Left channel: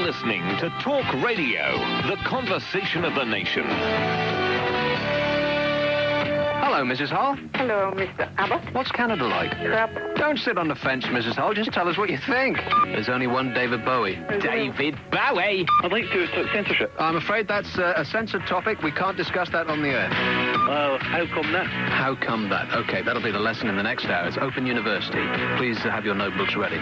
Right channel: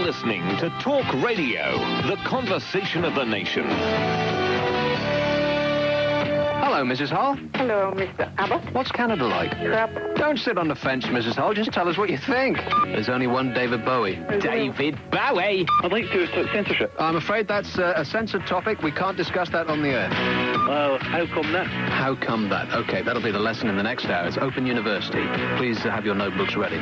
You're listening to Talk Radio, the conversation of the nation. Hello, Mrs. Hull. Hello, Mr. Abbott. What's Canada like? Crap. Don't sit on the fence, Mrs. Hull. Just tell us what you think. There's only one David Bowie. David Bowie! I'd like to talk censorship. I'm afraid that's a censored topic. We can't discuss that on the air. Well, how come that? How come that? Okay, that'll be the lesson in the next hour. It's Open University. Please have your notebooks ready.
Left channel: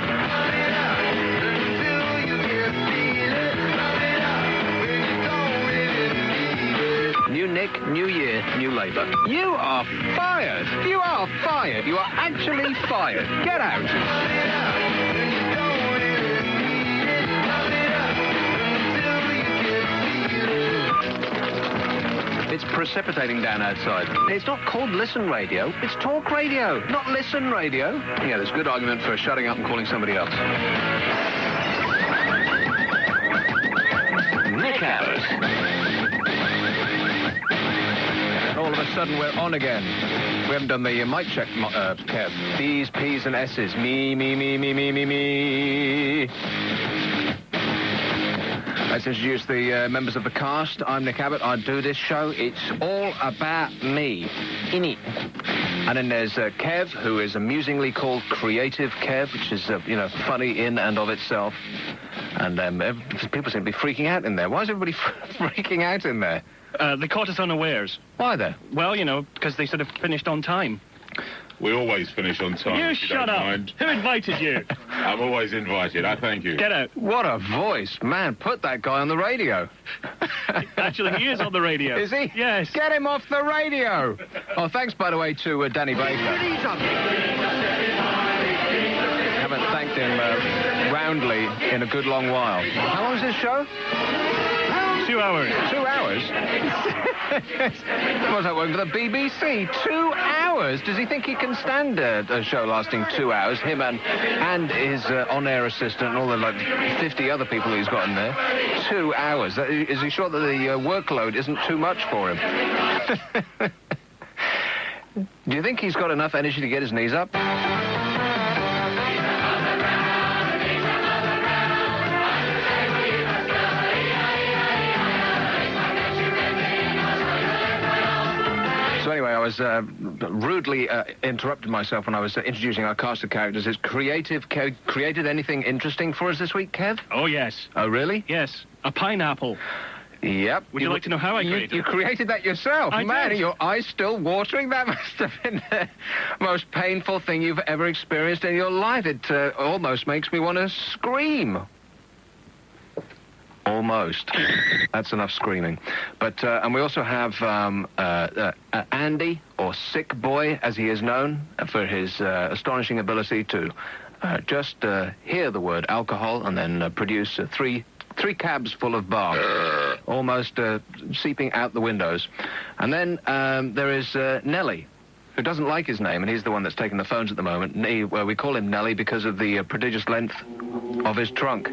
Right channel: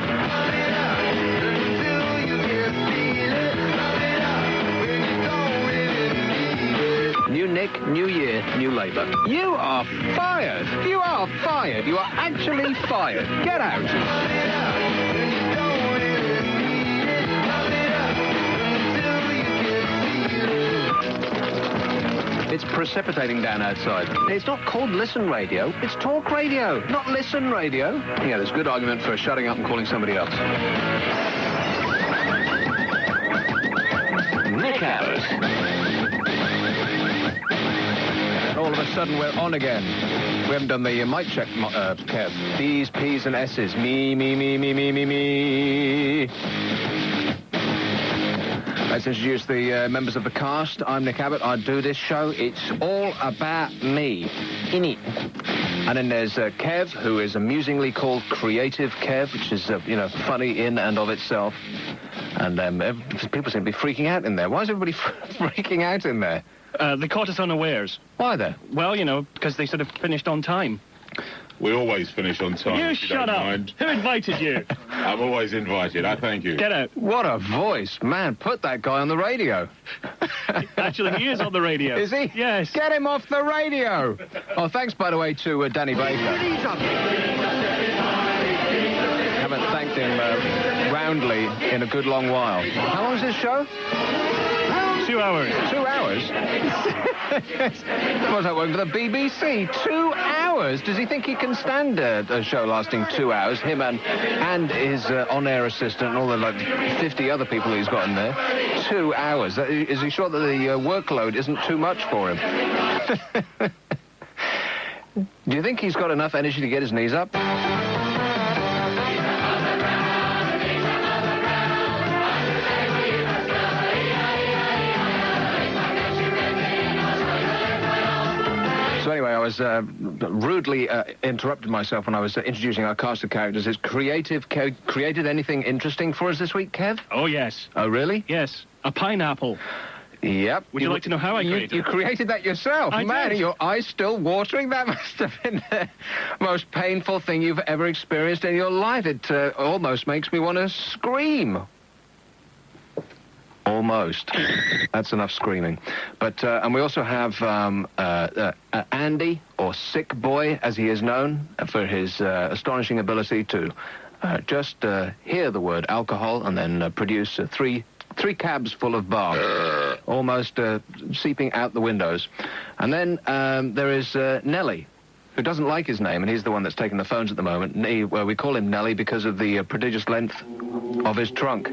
New Nick, new year, new Labour. You are fired. You are fired. You are actually fired. Get out. It's precipitating down outside. It's not called Listen Radio. It's Talk Radio, not Listen Radio. Yeah, there's good argument for shutting up and calling somebody up. Nick Abbott. All of a sudden, we're on again. We haven't done the mic check, Kev. B's, P's, and S's. Me. Let's introduce the members of the cast. I'm Nick Abbott. I do this show. It's all about me. In it. And then there's Kev, who is amusingly called Creative Kev, which is, funny in and of itself. And people seem to be freaking out in there. Why is everybody freaking out in there? They caught us unawares. Why there? Well, because they sort of finished on time. We always finish on time. You if you shut don't up. mind. Who invited you? I'm always invited. I thank you. Get out. What a voice. Man, put that guy on the radio. Actually, he is on the radio. Is he? Yes. Get him off the radio. Oh, thanks, by the way, to Danny Baker. Haven't thanked him roundly in a good long while. How long is this show? 2 hours. 2 hours? What's that one for the BBC? 2 hours? Does he think he can stand a show lasting 2 hours? Him and his on-air assistant and all the 50 other people he's got in there. 2 hours. Is he sure that the workload isn't too much for him? Do you think he's got enough energy to get his knees up? So anyway, I was rudely interrupted myself when I was introducing our cast of characters. Is created anything interesting for us this week, Kev? Oh, yes. Oh, really? Yes. A pineapple. Yep. Would you like to know how I created it? You created that yourself. I Man, did. are your eyes still watering? That must have been the most painful thing you've ever experienced in your life. It almost makes me want to scream. Almost. That's enough screaming. But, and we also have Andy, or Sick Boy, as he is known, for his astonishing ability to just hear the word alcohol and then produce three cabs full of barf, almost seeping out the windows. And then there is Nelly, who doesn't like his name, and he's the one that's taking the phones at the moment. We call him Nelly because of the prodigious length of his trunk.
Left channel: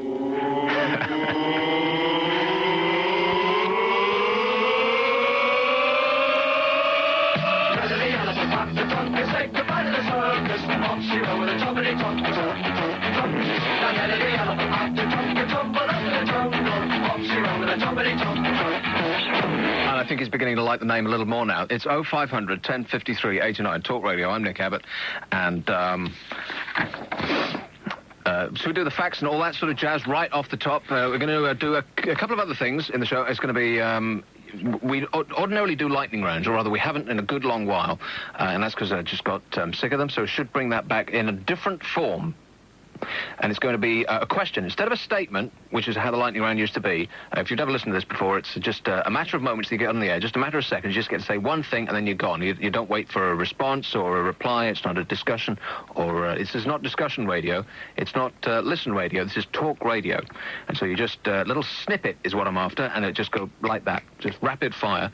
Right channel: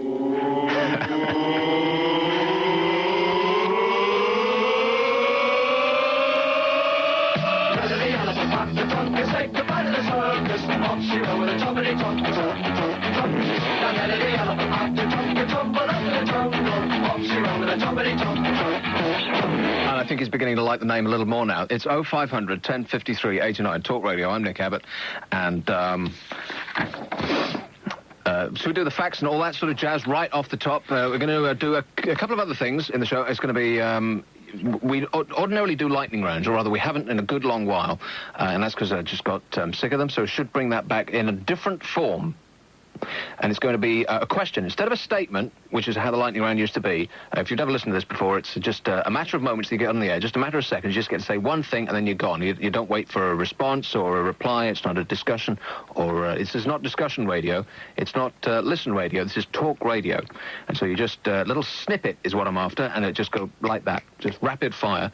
And I think he's beginning to like the name a little more now. It's 0500 1053 89 Talk Radio. I'm Nick Abbott, and so we do the facts and all that sort of jazz right off the top. We're going to do a couple of other things in the show. It's going to be we ordinarily do lightning rounds, or rather we haven't in a good long while, and that's because I just got sick of them, so we should bring that back in a different form. And it's going to be a question. Instead of a statement, which is how the lightning round used to be, if you've never listened to this before, it's just a matter of moments you get on the air, just a matter of seconds. You just get to say one thing and then you're gone. You don't wait for a response or a reply. It's not a discussion, or this is not discussion radio. It's not listen radio. This is talk radio. And so you just, little snippet is what I'm after, and it just go like that, just rapid fire.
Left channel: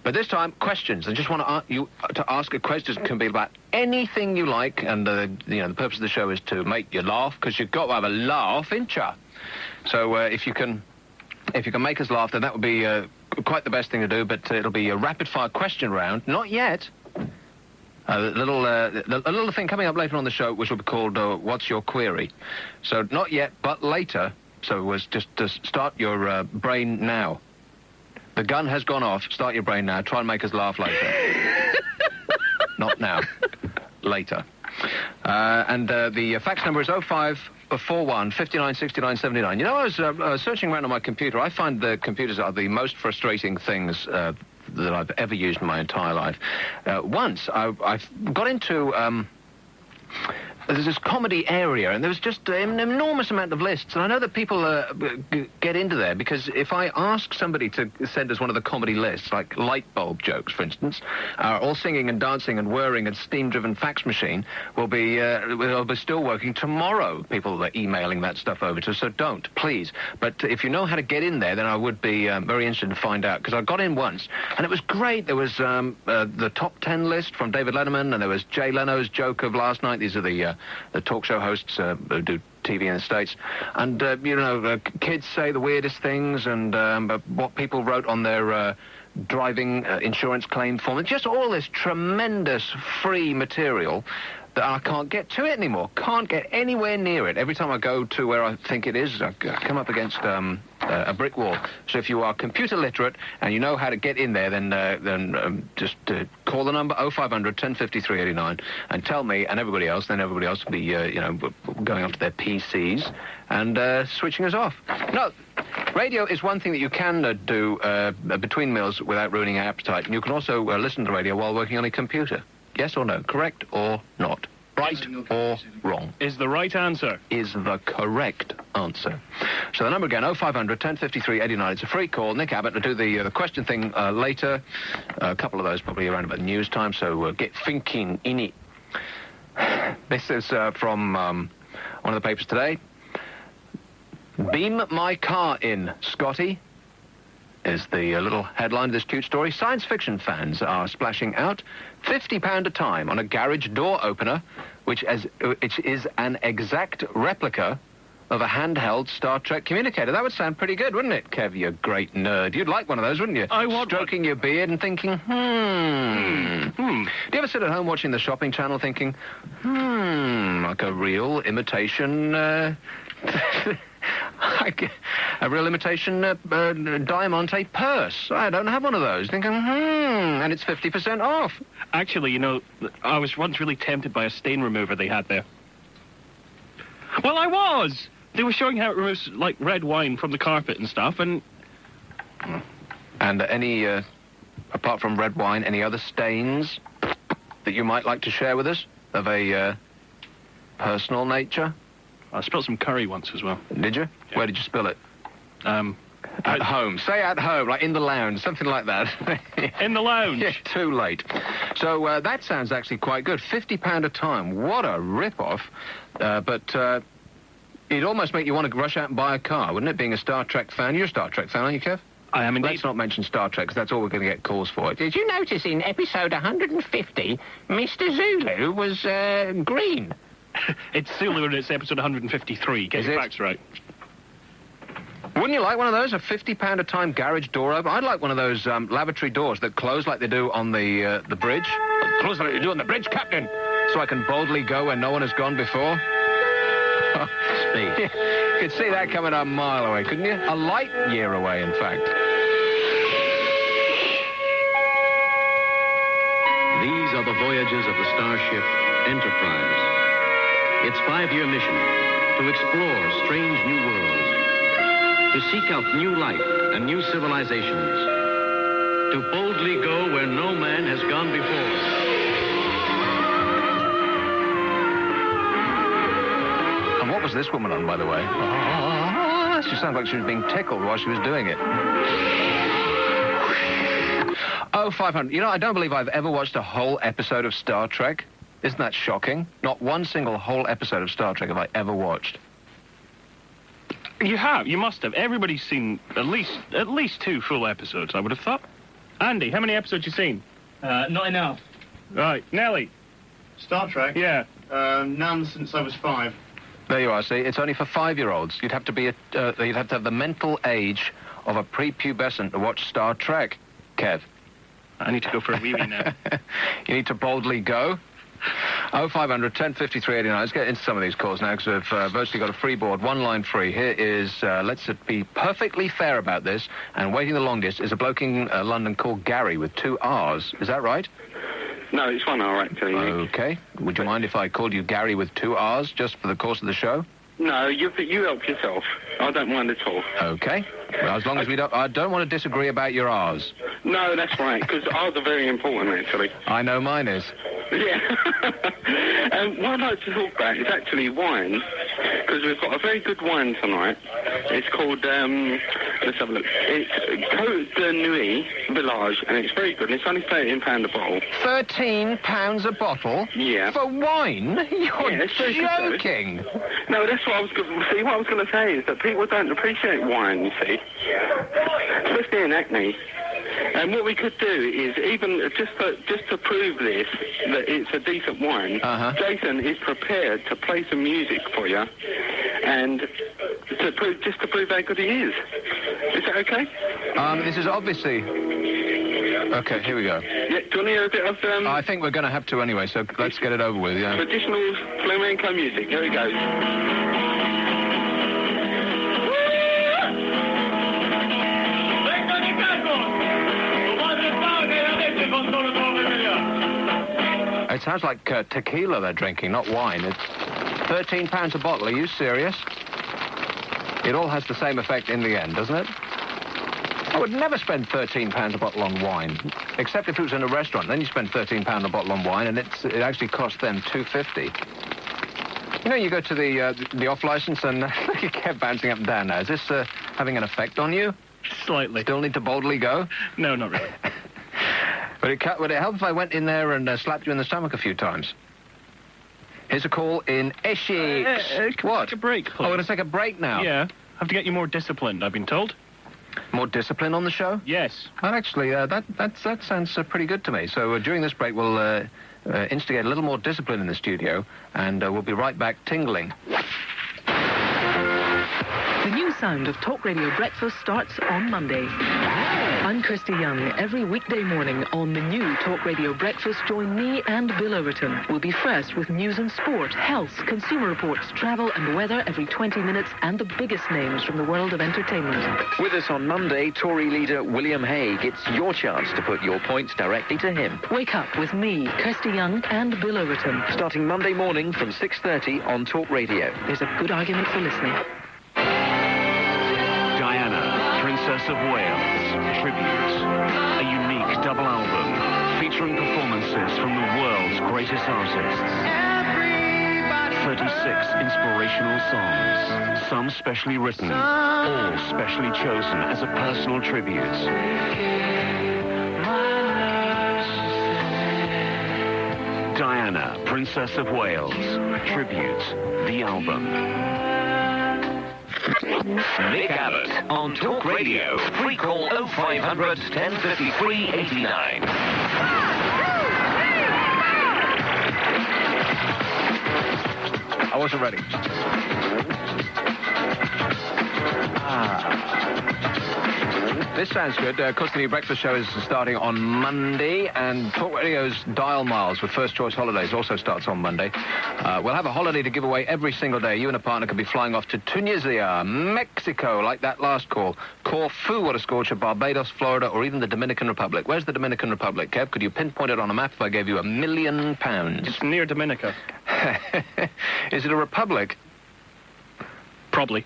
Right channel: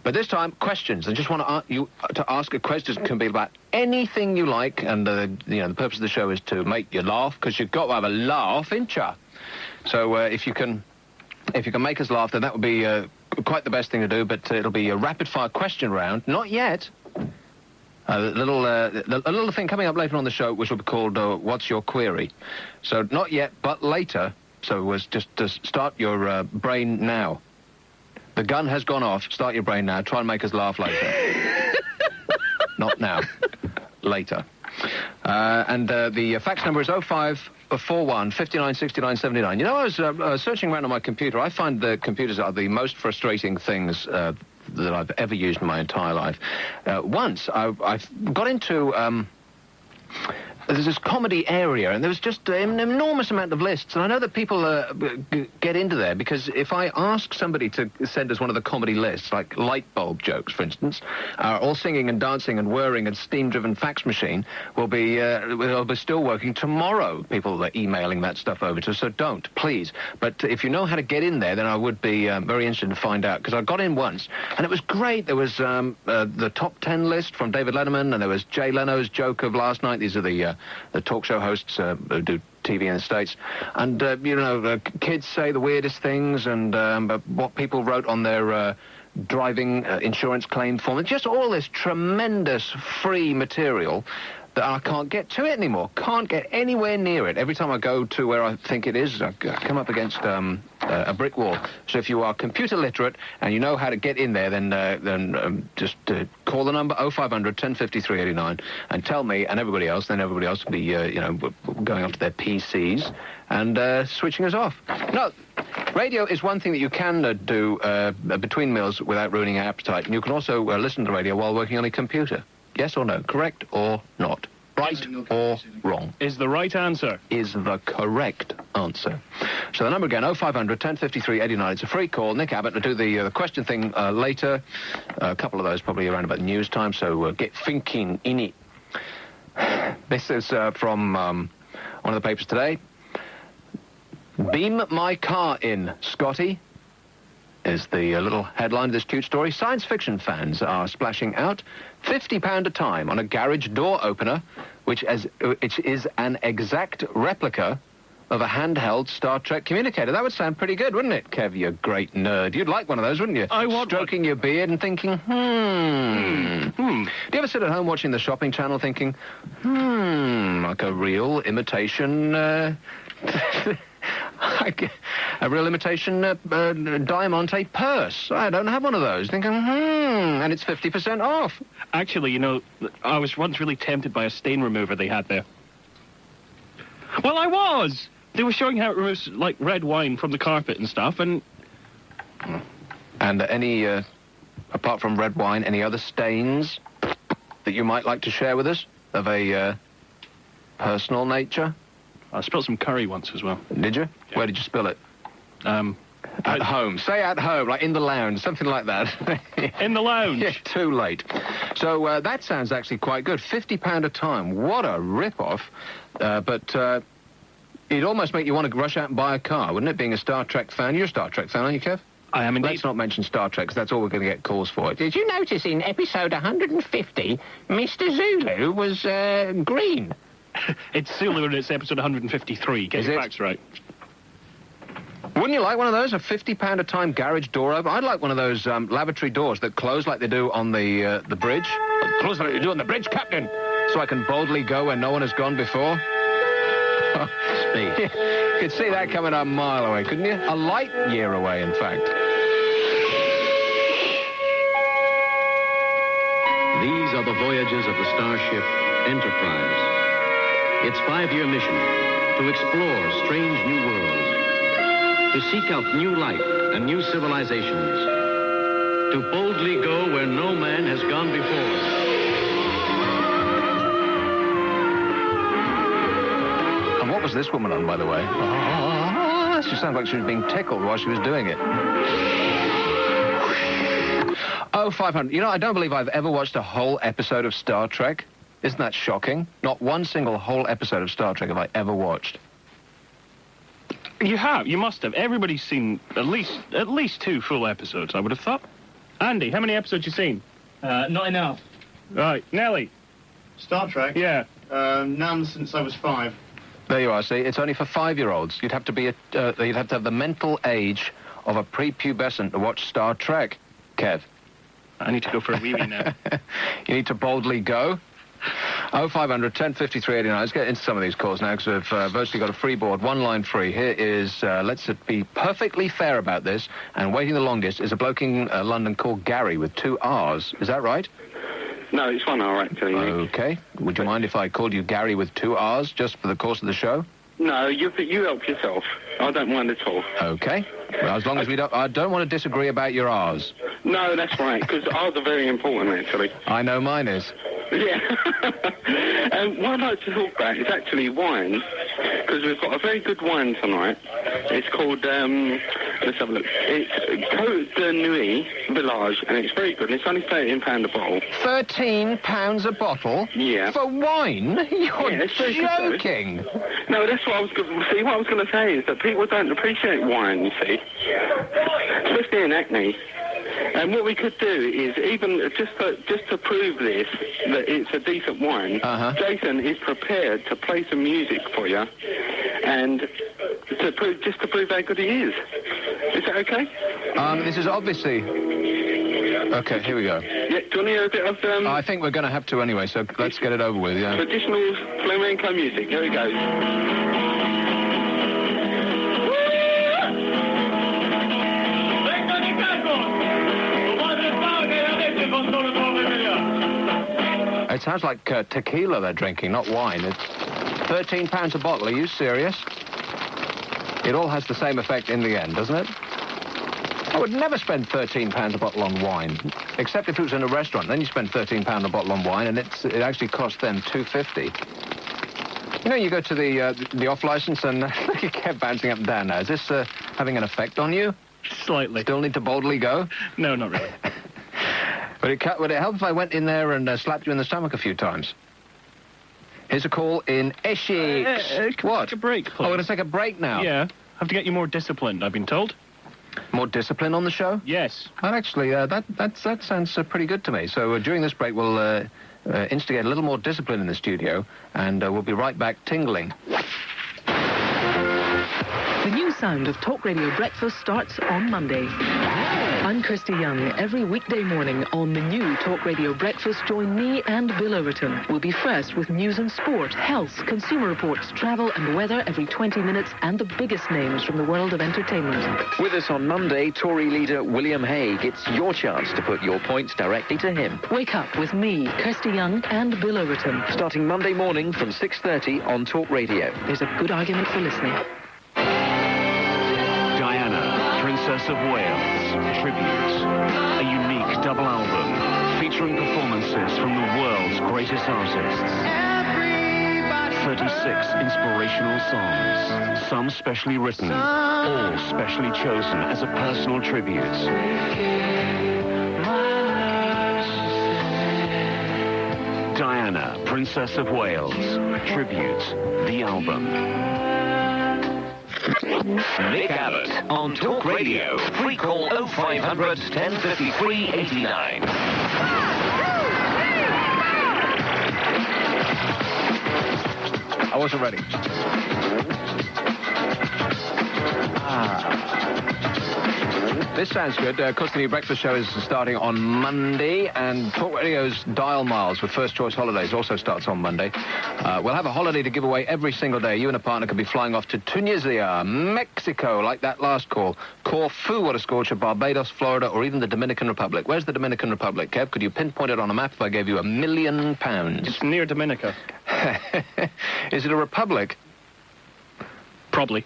But this time, questions. I just want you to ask a question. It can be about anything you like, and the purpose of the show is to make you laugh, because you've got to have a laugh, ain't ya? So if you can make us laugh, then that would be quite the best thing to do. But it'll be a rapid-fire question round. Not yet. A little thing coming up later on the show, which will be called "What's Your Query?" So not yet, but later. So it was just to start your brain now. The gun has gone off. Start your brain now. Try and make us laugh later. Not now. Later. And the fax number is 0541 59 69 79. You know, I was searching around on my computer. I find the computers are the most frustrating things that I've ever used in my entire life. Once, I got into... there's this comedy area, and there was just an enormous amount of lists. And I know that people get into there, because if I ask somebody to send us one of the comedy lists, like light bulb jokes, for instance, all singing and dancing and whirring and steam-driven fax machine will be still working tomorrow. People are emailing that stuff over to us, so don't, please. But if you know how to get in there, then I would be very interested to find out, because I got in once, and it was great. There was the top 10 list from David Letterman, and there was Jay Leno's joke of last night. These are the talk show hosts who do TV in the States. And, kids say the weirdest things, and what people wrote on their driving insurance claim form. It's just all this tremendous free material that I can't get to it anymore. Can't get anywhere near it. Every time I go to where I think it is, I come up against a brick wall. So if you are computer literate and you know how to get in there, then just call the number 0500 1053 89 and tell me and everybody else. Then everybody else will be, going up to their PCs and switching us off. No, radio is one thing that you can do between meals without ruining your appetite. And you can also listen to radio while working on a computer. Yes or no? Correct or not? Right or wrong? Is the right answer. Is the correct answer. So the number again, 0500 1053 89. It's a free call. Nick Abbott to do the question thing later. A couple of those probably around about news time, so get thinking in it. This is from one of the papers today. Beam my car in, Scotty, is the little headline of this cute story. Science fiction fans are splashing out £50 a time on a garage door opener, which is an exact replica of a handheld Star Trek communicator. That would sound pretty good, wouldn't it, Kev, you great nerd? You'd like one of those, wouldn't you? I would. Stroking your beard and thinking, Do you ever sit at home watching the shopping channel thinking, like a real imitation, a real imitation Diamante purse. I don't have one of those. Thinking, and it's 50% off. Actually, I was once really tempted by a stain remover they had there. Well, I was! They were showing how it removes, like, red wine from the carpet and stuff, and... And any, apart from red wine, any other stains that you might like to share with us of a personal nature? I spilled some curry once as well. Did you? Yeah. Where did you spill it? At home. Say at home, like in the lounge, something like that. In the lounge? Yeah, too late. So that sounds actually quite good. £50 a time. What a rip-off. But it'd almost make you want to rush out and buy a car, wouldn't it, being a Star Trek fan? You're a Star Trek fan, aren't you, Kev? I am indeed. Let's not mention Star Trek, because that's all we're going to get calls for. Did you notice in episode 150, Mr. Zulu was green? It's Zulu and it's episode 153. Get the facts right. Wouldn't you like one of those, a £50 a time garage door opener? I'd like one of those lavatory doors that close like they do on the bridge. Close like they do on the bridge, Captain, so I can boldly go where no one has gone before. You could see that coming a mile away, couldn't you? A light year away, in fact. These are the voyages of the starship Enterprise. Its 5-year mission, to explore strange new worlds, to seek out new life and new civilizations, to boldly go where no man has gone before. And what was this woman on, by the way? She sounded like she was being tickled while she was doing it. Oh, 500. I don't believe I've ever watched a whole episode of Star Trek. Isn't that shocking? Not one single whole episode of Star Trek have I ever watched. You have. You must have. Everybody's seen at least 2 full episodes, I would have thought. Andy, how many episodes have you seen? Not enough. Right. Nelly? Star Trek? Yeah. None since I was 5. There you are, see? It's only for 5-year-olds. You'd have to be you'd have to have the mental age of a prepubescent to watch Star Trek, Kev. I need to go for a wee-wee now. You need to boldly go. 0500 1053 89. Let's get into some of these calls now, because we've virtually got a free board, one line free. Here is, let's be perfectly fair about this, and waiting the longest is a bloke in London called Gary with 2 R's. Is that right? No, it's 1 hour, actually. Okay. Would you mind if I called you Gary with 2 R's just for the course of the show? No, you help yourself. I don't mind at all. Okay. Well, as long as we don't... I don't want to disagree about your R's. No, that's right, because R's are very important, actually. I know mine is. Yeah. What I'd like to talk about is actually wine, because we've got a very good wine tonight. It's called, let's have a look. It's Côte de Nuit Village, and it's very good. It's only £13 a bottle. £13 a bottle? Yeah. For wine? You're it's very good, joking. No, that's what I was going to see. What I was going to say is that people don't appreciate wine, you see, especially in Acme. And what we could do is, even just to prove this, that it's a decent wine, Jason is prepared to play some music for you, and to prove how good he is. Is that okay? This is obviously... Okay, here we go. Yeah, do you want to hear a bit of... I think we're going to have to anyway, so let's get it over with, yeah. Traditional flamenco music. Here we go. It sounds like tequila they're drinking, not wine. It's £13 a bottle. Are you serious? It all has the same effect in the end, doesn't it? I would never spend £13 a bottle on wine, except if it was in a restaurant. Then you spend £13 a bottle on wine, and it actually costs them $2.50. You know, you go to the off license, and you kept bouncing up and down now. Is this having an effect on you? Slightly. Still need to boldly go? No, not really. Would it help if I went in there and slapped you in the stomach a few times? Here's a call in Essex. What? Take a break, please. Oh, we're going to take a break now? Yeah. Have to get you more disciplined, I've been told. More discipline on the show? Yes. Well, actually, that sounds pretty good to me. So during this break, we'll instigate a little more discipline in the studio, and we'll be right back tingling. The new sound of Talk Radio Breakfast starts on Monday. I'm Kirsty Young. Every weekday morning on the new Talk Radio Breakfast, join me and Bill Overton. We'll be first with news and sport, health, consumer reports, travel and weather every 20 minutes, and the biggest names from the world of entertainment. With us on Monday, Tory leader William Hague. It's your chance to put your points directly to him. Wake up with me, Kirsty Young, and Bill Overton. Starting Monday morning from 6:30 on Talk Radio. There's a good argument for listening. Princess of Wales, Tributes, a unique double album featuring performances from the world's greatest artists. 36 inspirational songs, some specially written, all specially chosen as a personal tribute. Diana, Princess of Wales, Tribute, the album. Nick Abbott on Talk Radio. Free call 0500 1053 89. I wasn't ready. This sounds good. Of course, the new breakfast show is starting on Monday, and Talk Radio's Dial Miles with First Choice Holidays also starts on Monday. We'll have a holiday to give away every single day. You and a partner can be flying off to Tunisia, Mexico, like that last call, Corfu, what a scorcher, Barbados, Florida, or even the Dominican Republic. Where's the Dominican Republic, Kev? Could you pinpoint it on a map if I gave you £1 million? It's near Dominica. Is it a republic? Probably.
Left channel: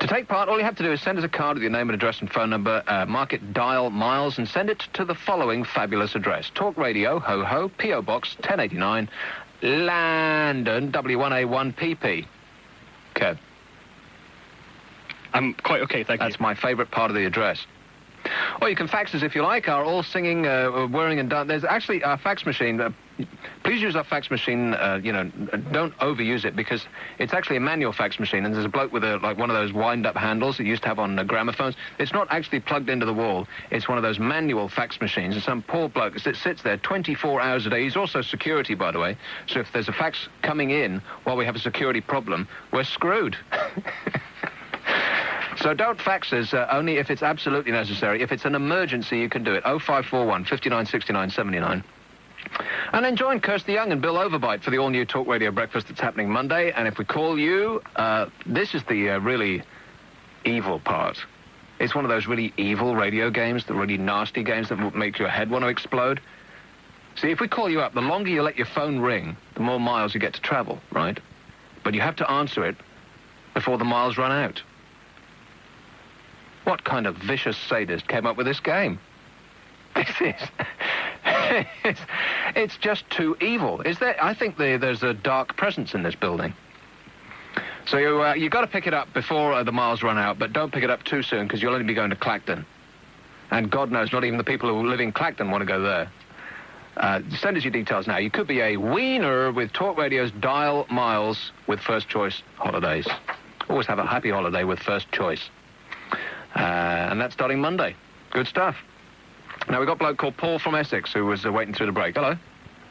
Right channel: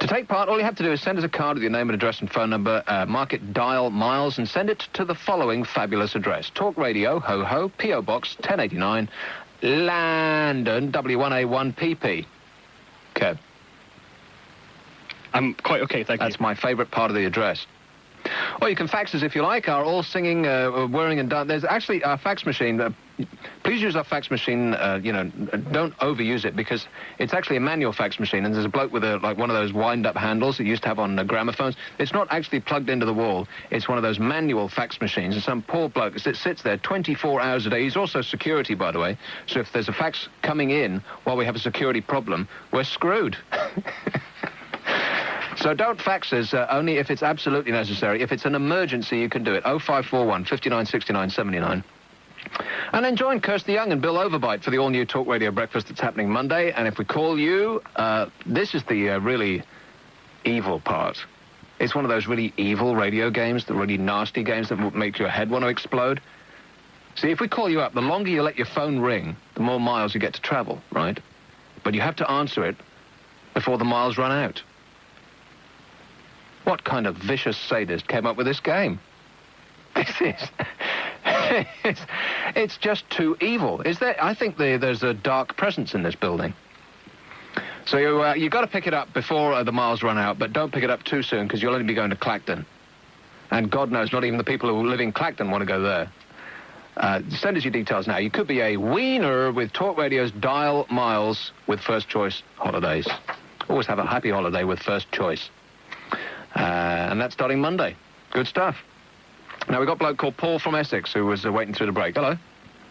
To take part, all you have to do is send us a card with your name and address and phone number, mark it Dial Miles, and send it to the following fabulous address. Talk Radio, Ho Ho, P.O. Box 1089, London, W1A1PP. Kev. I'm quite okay, thank you. That's my favourite part of the address. Or you can fax us if you like. Our all singing, whirring and dancing. There's actually our fax machine. Please use our fax machine. Don't overuse it, because it's actually a manual fax machine, and there's a bloke with one of those wind-up handles that you used to have on gramophones. It's not actually plugged into the wall. It's one of those manual fax machines, and some poor bloke sits there 24 hours a day. He's also security, by the way. So if there's a fax coming in while we have a security problem, we're screwed. So don't fax us, only if it's absolutely necessary. If it's an emergency, you can do it. 0541 59 69 79. And then join Kirsty Young and Bill Overbite for the all-new Talk Radio Breakfast that's happening Monday. And if we call you, this is the really evil part. It's one of those really evil radio games, the really nasty games that will make your head want to explode. See, if we call you up, the longer you let your phone ring, the more miles you get to travel, right? But you have to answer it before the miles run out. What kind of vicious sadist came up with this game? This is... it's just too evil. Is there? I think there's a dark presence in this building. So you've got to pick it up before the miles run out, but don't pick it up too soon because you'll only be going to Clacton. And God knows, not even the people who live in Clacton want to go there. Send us your details now. You could be a wiener with Talk Radio's Dial Miles with First Choice Holidays. Always have a happy holiday with First Choice. And that's starting Monday. Good stuff. Now, we've got a bloke called Paul from Essex who was waiting through the break. Hello.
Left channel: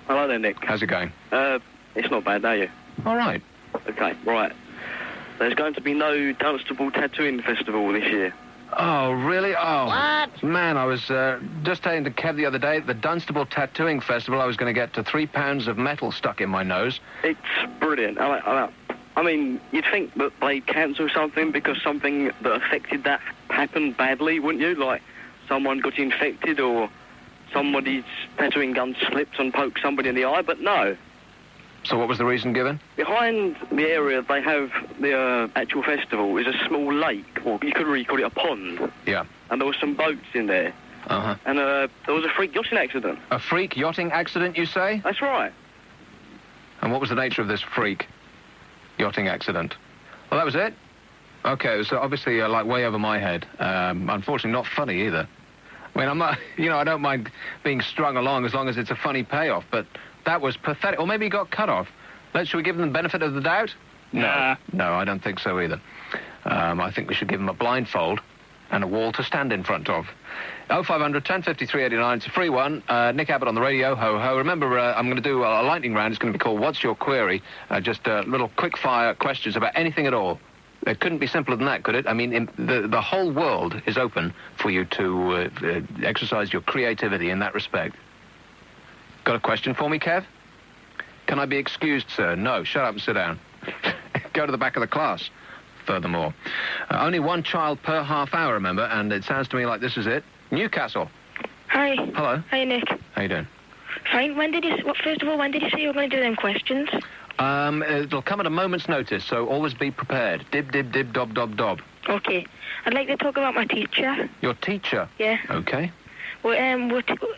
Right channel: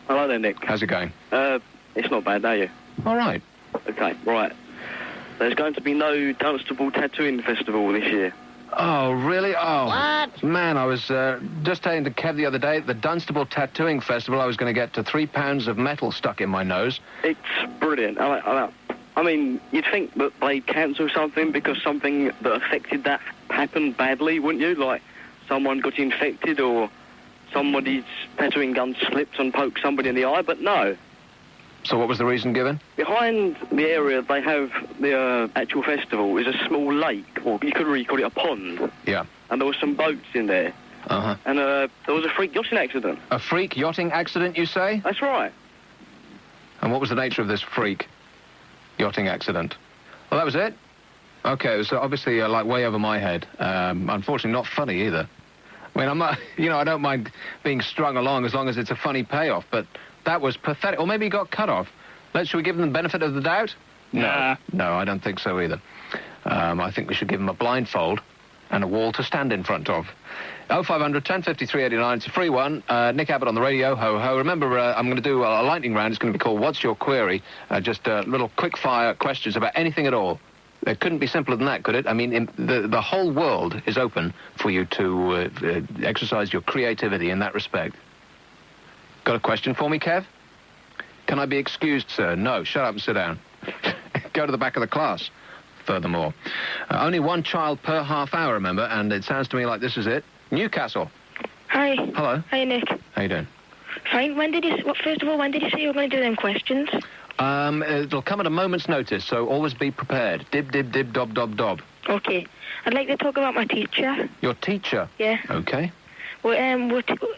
Hello there, Nick. How's it going? It's not bad, are you? All right. Okay, right. There's going to be no Dunstable Tattooing Festival this year. Oh, really? Oh. What? Man, I was just saying to Kev the other day, at the Dunstable Tattooing Festival, I was going to get to 3 pounds of metal stuck in my nose. It's brilliant. I mean, you'd think that they'd cancel something because something that affected that happened badly, wouldn't you? Like, someone got infected or somebody's tattooing gun slips and pokes somebody in the eye, but no. So what was the reason given? Behind the area they have the actual festival is a small lake, or you could really call it a pond. Yeah. And there were some boats in there. Uh-huh. And there was a freak yachting accident. A freak yachting accident, you say? That's right. And what was the nature of this freak yachting accident? Well, that was it? Okay, it was obviously like way over my head. Unfortunately, not funny either. I mean, I'm not, I don't mind being strung along as long as it's a funny payoff, but that was pathetic. Or maybe he got cut off. Should we give him the benefit of the doubt? No. No, I don't think so either. I think we should give him a blindfold and a wall to stand in front of. 0500 1053 89, it's a free one. Nick Abbott on the radio, ho ho. Remember, I'm going to do a lightning round. It's going to be called What's Your Query? Just little quick-fire questions about anything at all. It couldn't be simpler than that, could it? I mean, the whole world is open for you to exercise your creativity in that respect. Got a question for me, Kev? Can I be excused, sir? No, shut up and sit down. Go to the back of the class, furthermore. Only one child per half hour, remember, and it sounds to me like this is it. Newcastle. Hi. Hello. Hi, Nick. How you doing? Fine. First of all, when did you say you were going to do them questions? It'll come at a moment's notice, so always be prepared. Dib, dib, dib, dob, dob, dob. Okay. I'd like to talk about my teacher. Your teacher? Yeah. Okay. Well,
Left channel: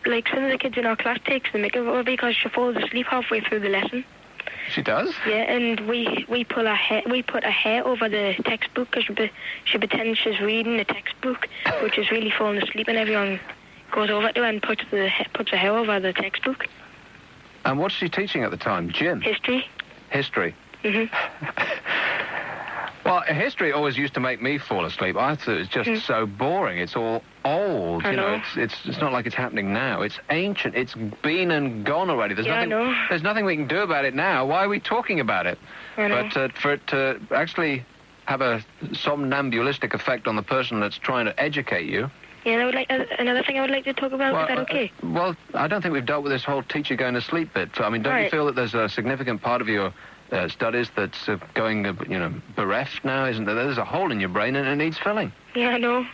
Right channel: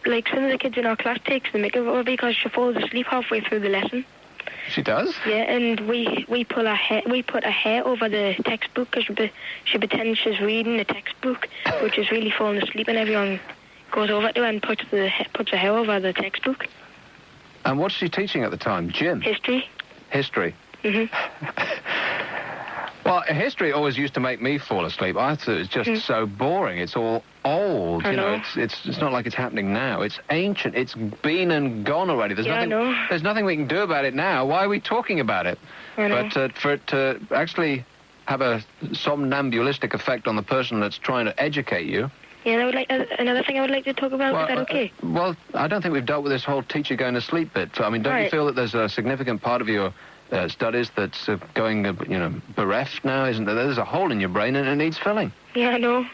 like some of the kids in our class takes the mick of her because she falls asleep halfway through the lesson. She does? Yeah, and we put her hair over the textbook because she pretends she's reading the textbook, but she's really falling asleep, and everyone goes over to her and puts her hair over the textbook. And what's she teaching at the time? Gym? History. History? Well, history always used to make me fall asleep. I thought it's just so boring. It's all old. I know. It's not like it's happening now. It's ancient. It's been and gone already. There's nothing we can do about it now. Why are we talking about it? I know. But for it to actually have a somnambulistic effect on the person that's trying to educate you. Yeah, another thing I would like to talk about. Is that okay? Well, I don't think we've dealt with this whole teacher going to sleep bit. I mean, don't you feel that there's a significant part of your studies that's going, bereft now, isn't there? There's a hole in your brain and it needs filling. Yeah, I know.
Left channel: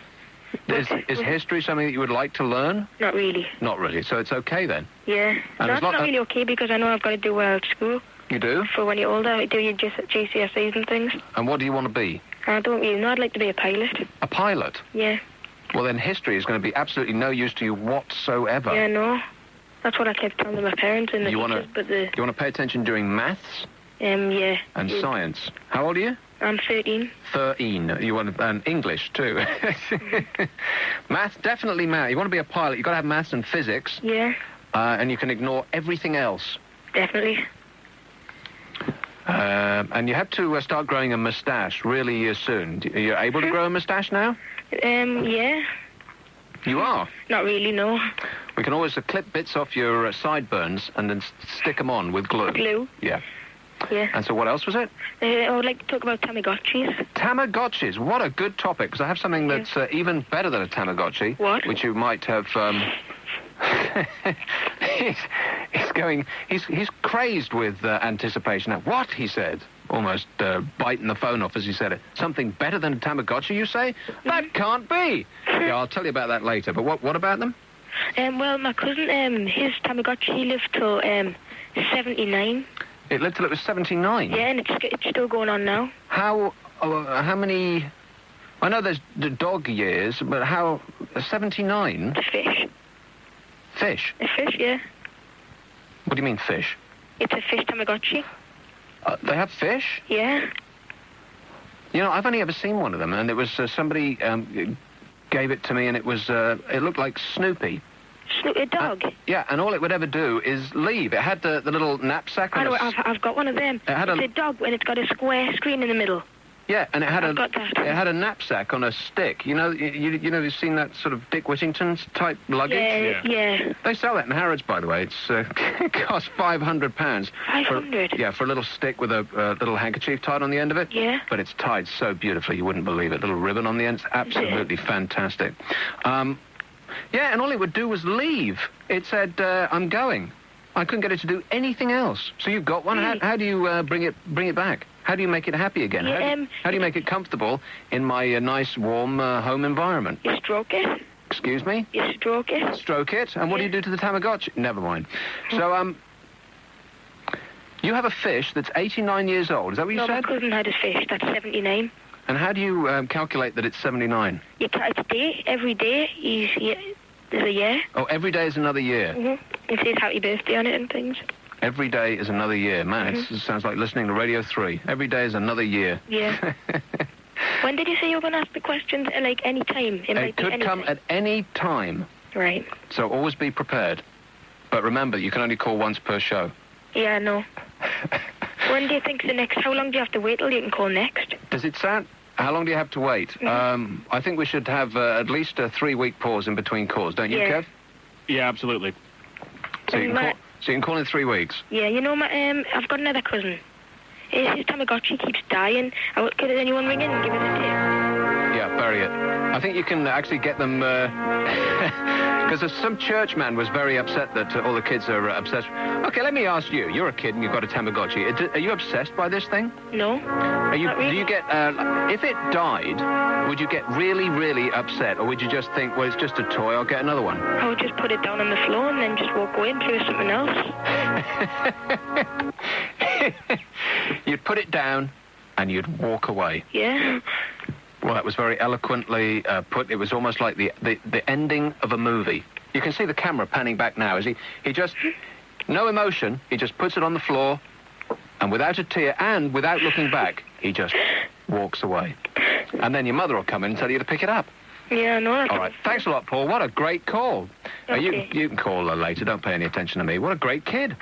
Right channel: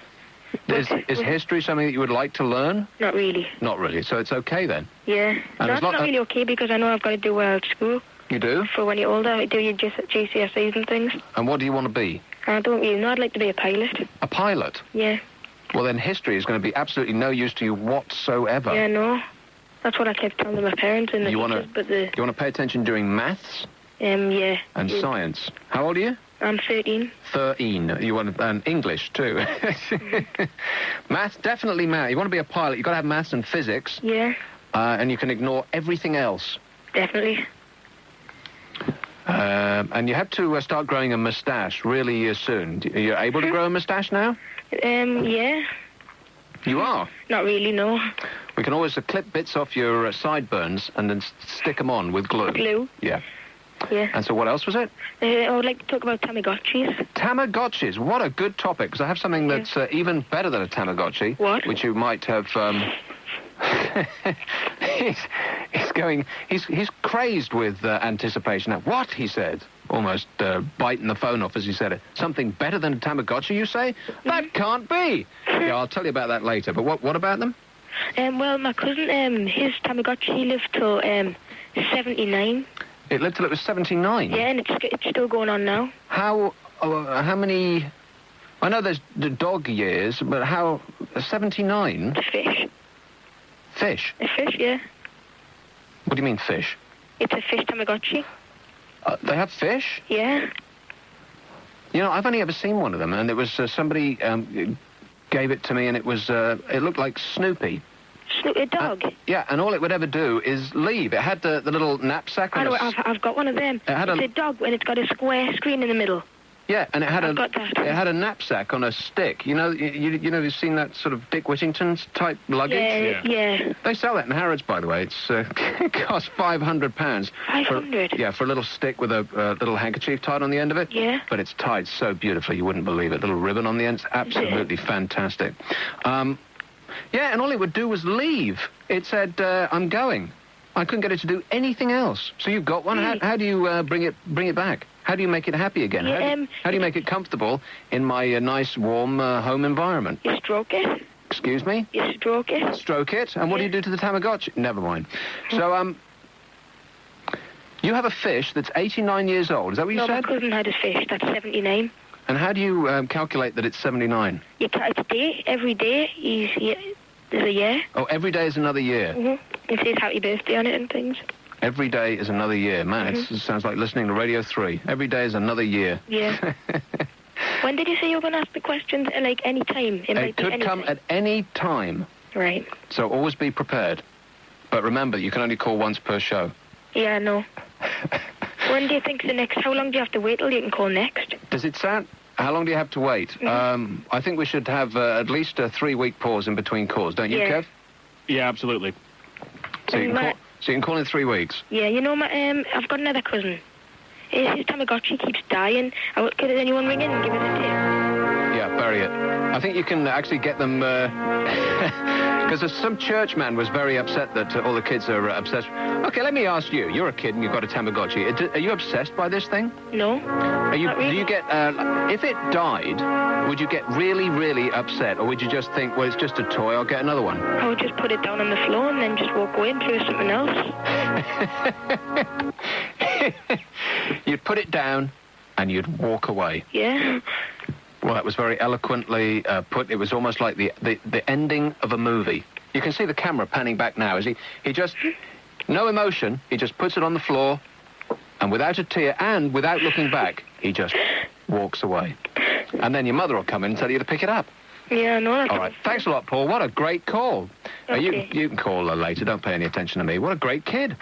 Is history something that you would like to learn? Not really. Not really, so it's okay then? Yeah. That's not really okay because I know I've got to do well at school. You do? For when you're older, do your GCSEs and things. And what do you want to be? I don't really know. I'd like to be a pilot. A pilot? Yeah. Well, then history is going to be absolutely no use to you whatsoever. Yeah, I know. That's what I kept telling my parents and the teachers, but you want to pay attention during maths? Yeah. And science. How old are you? I'm 13. 13. You want English, too. Maths, definitely math. You want to be a pilot, you've got to have maths and physics. Yeah. And you can ignore everything else. Definitely. And you had to start growing a moustache really soon. Are you able to grow a moustache now? Yeah. You are? Not really, no. We can always clip bits off your sideburns and then stick them on with glue. Glue? Yeah. Yeah. And so what else was it? I would like to talk about Tamagotchis. Tamagotchis. What a good topic, because I have something that's even better than a Tamagotchi. What? Which you might have... He's He's crazed with anticipation. Now, what, he said, almost biting the phone off as he said it. Something better than a Tamagotchi, you say? That can't be. Yeah, I'll tell you about that later. But what about them? Well, my cousin, his Tamagotchi lived till 79. It lived till it was 79? Yeah, and it's still going on now. How many... I know there's the dog years, but how... 79? Fish. Fish? A fish, yeah. What do you mean, fish? It's a fish Tamagotchi. They have fish? Yeah. You know, I've only ever seen one of them, and it was somebody gave it to me, and it was it looked like Snoopy. A dog? Yeah, and all it would ever do is leave. It had the little knapsack. I've got one of them. It's a dog, and it's got a square screen in the middle. Yeah, and it had it had a knapsack on a stick. You know, you've seen that sort of Dick Whittington's type luggage. Yeah. They sell it in Harrods, by the way. It's it costs £500. 500. For a little stick with a little handkerchief tied on the end of it. Yeah. But it's tied so beautifully you wouldn't believe it. Little ribbon on the end. It's absolutely fantastic. Yeah, and all it would do was leave. It said, "I'm going." I couldn't get it to do anything else. So you've got one. How do you bring it back? How do you make it happy again? How do you make it comfortable in my nice, warm home environment? You stroke it. Excuse me? You stroke it. Stroke it? And what do you do to the Tamagotchi? Never mind. So, you have a fish that's 89 years old. Is that what you said? No, my cousin had a fish that's 79. And how do you calculate that it's 79? You count a day. Every day is a year. Oh, every day is another year? Mm-hmm. It says happy birthday on it and things. Every day is another year. Man, it sounds like listening to Radio 3. Every day is another year. Yeah. When did you say you were going to ask the questions at, like, any time? It could come at any time. Right. So always be prepared. But remember, you can only call once per show. Yeah, I know. When do you think how long do you have to wait till you can call next? Does it sound... How long do you have to wait? I think we should have at least a 3-week pause in between calls, don't you, Kev? Yeah, absolutely. So you can call in 3 weeks? Yeah, you know, I've got another cousin. His Tamagotchi keeps dying. Could anyone ring in and give him a tip? Yeah, bury it. I think you can actually get them... Because some churchman was very upset that all the kids are obsessed. Okay, let me ask you. You're a kid and you've got a Tamagotchi. Are you obsessed by this thing? No. Do you get... if it died, would you get really, really upset? Or would you just think, well, it's just a toy, I'll get another one? I would just put it down on the floor and then just walk away and do something else. You'd put it down and you'd walk away. Yeah. Well, that was very eloquently put. It was almost like the ending of a movie. You can see the camera panning back now. He just... No emotion. He just puts it on the floor, and without a tear and without looking back, he just walks away. And then your mother will come in and tell you to pick it up. Yeah, I know. All right. Thanks a lot, Paul. What a great call. Okay. You can call later. Don't pay any attention to me. What a great kid.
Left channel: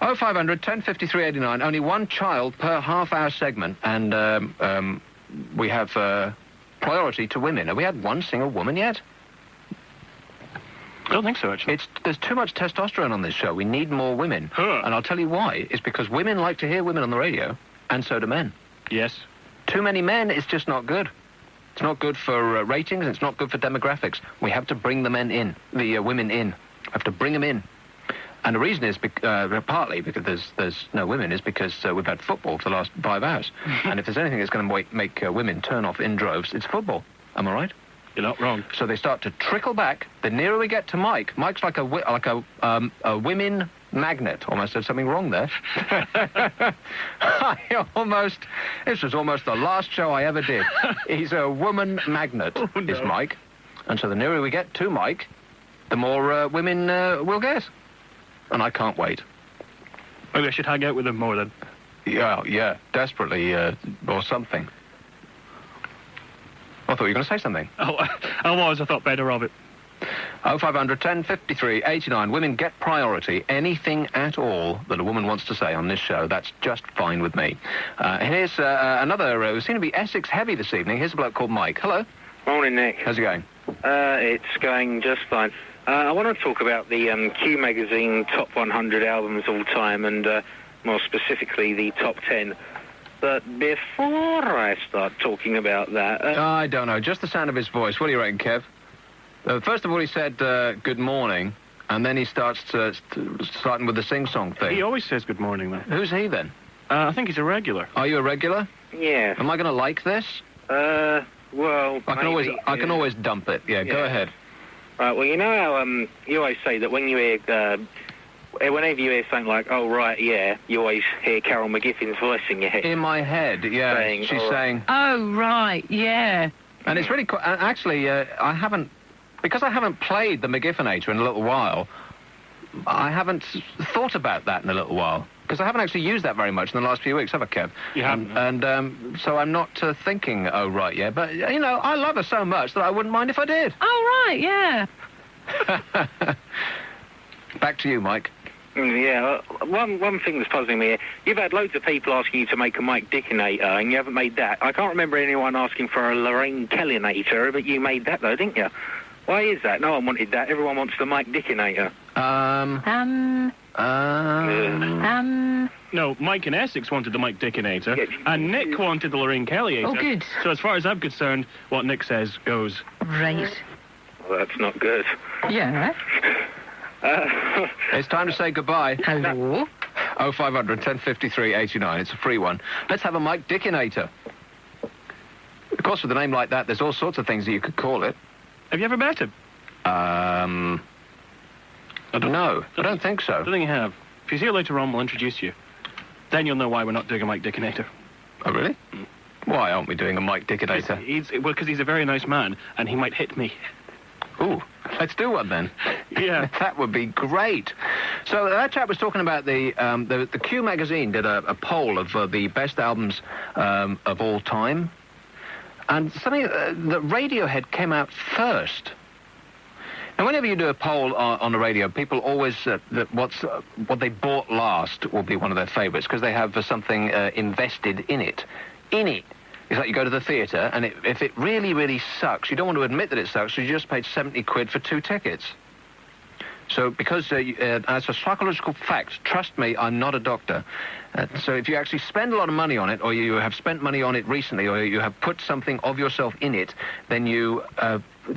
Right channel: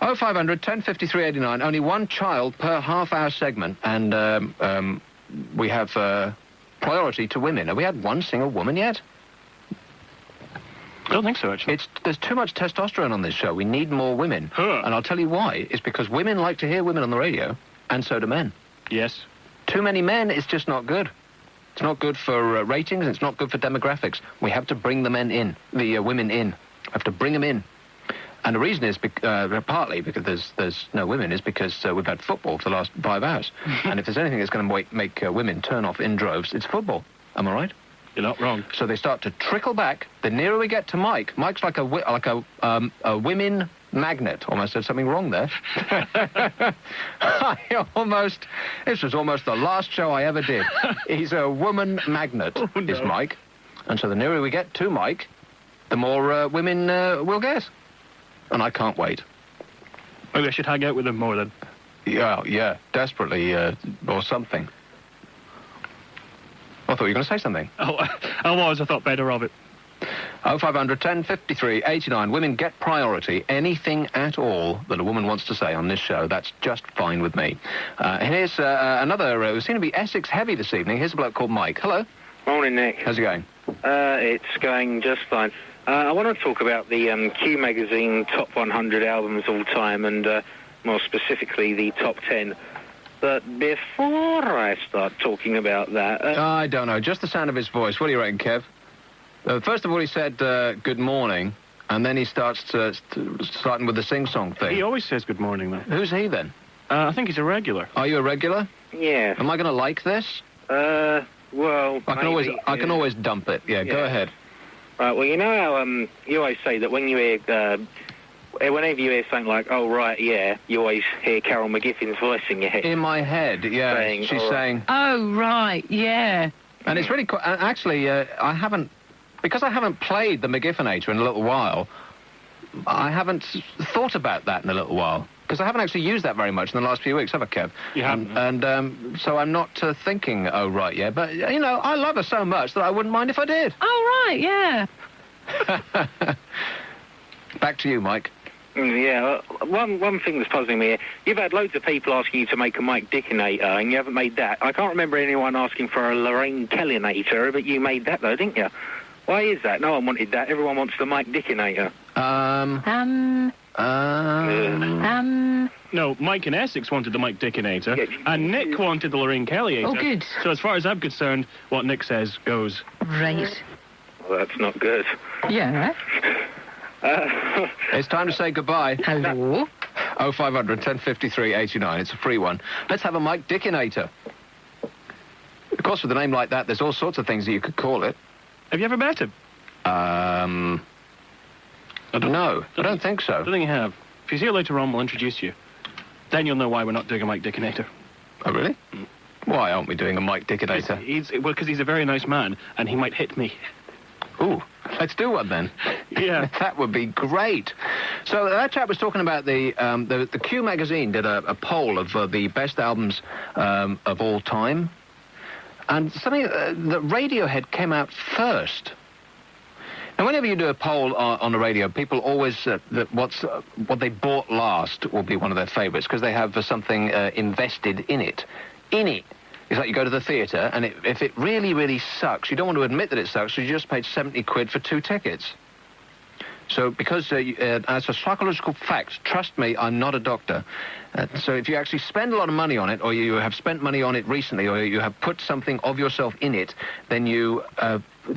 0500 1053 89. Only one child per half-hour segment, and we have priority to women. Have we had one single woman yet? I don't think so, actually. There's too much testosterone on this show. We need more women. And I'll tell you why. It's because women like to hear women on the radio, and so do men. Yes. Too many men is just not good. It's not good for ratings, and it's not good for demographics. We have to bring the women in. Have to bring them in. And the reason is partly because there's no women is because we've had football for the last 5 hours. And if there's anything that's going to make women turn off in droves, it's football. Am I right? You're not wrong. So they start to trickle back. The nearer we get to Mike, Mike's like a women magnet. Almost said something wrong there. This was almost the last show I ever did. He's a woman magnet, is Mike. And so the nearer we get to Mike, the more women we'll get. And I can't wait. Maybe I should hang out with them more then. Yeah, desperately, or something. I thought you were going to say something. Oh, I thought better of it. 0500 1053 89. Women get priority. Anything at all that a woman wants to say on this show, that's just fine with me. Here's another, we seem to be Essex heavy this evening. Here's a bloke called Mike. Hello. Morning, Nick. How's it going? It's going just fine. I want to talk about the Q Magazine Top 100 albums all time, and more specifically the Top 10. But before I start talking about that... I don't know. Just the sound of his voice. What do you reckon, Kev? First of all, he said, good morning. And then he starts starting with the sing-song thing. He always says good morning, though. Who's he, then? I think he's a regular. Are you a regular? Yeah. Am I going to like this? Well, I can always dump it. Yeah, go ahead. Well, you know how you always say that when you hear, whenever you hear something like, "Oh right, yeah," you always hear Carol McGiffin's voice in your head. In my head, yeah. She's saying, "Oh right, yeah." And it's really actually, I haven't, because I haven't played the McGiffinator in a little while. I haven't thought about that in a little while. Because I haven't actually used that very much in the last few weeks, have I, Kev? You haven't. And so I'm not thinking, oh, right, yeah. But, you know, I love her so much that I wouldn't mind if I did. Oh, right, yeah. Back to you, Mike. Yeah, one thing that's puzzling me, you've had loads of people asking you to make a Mike Dickinator, and you haven't made that. I can't remember anyone asking for a Lorraine Kellinator, but you made that, though, didn't you? Why is that? No one wanted that. Everyone wants the Mike Dickinator. No, Mike in Essex wanted the Mike Dickinator, and Nick wanted the Lorraine Kellyator. Oh, good. So as far as I'm concerned, what Nick says goes. Right. Well, that's not good. Yeah. It's time to say goodbye. Hello? 0500 1053 89. It's a free one. Let's have a Mike Dickinator. Of course, with a name like that, there's all sorts of things that you could call it. Have you ever met him? No, I don't think so. I don't think you have. If he's here later on, we'll introduce you. Then you'll know why we're not doing a Mike Dickinator. Oh, really? Why aren't we doing a Mike Dickinator? Because he's a very nice man, and he might hit me. Ooh, let's do one then. Yeah. That would be great. So that chap was talking about the Q magazine did a poll of the best albums of all time. And something that Radiohead came out first. And whenever you do a poll on the radio, people always what they bought last will be one of their favourites because they have something invested in it. It's like you go to the theatre, and if it really, really sucks, you don't want to admit that it sucks, so you just paid 70 quid for 2 tickets. So because, as for psychological facts, trust me, I'm not a doctor. So if you actually spend a lot of money on it, or you have spent money on it recently, or you have put something of yourself in it, then you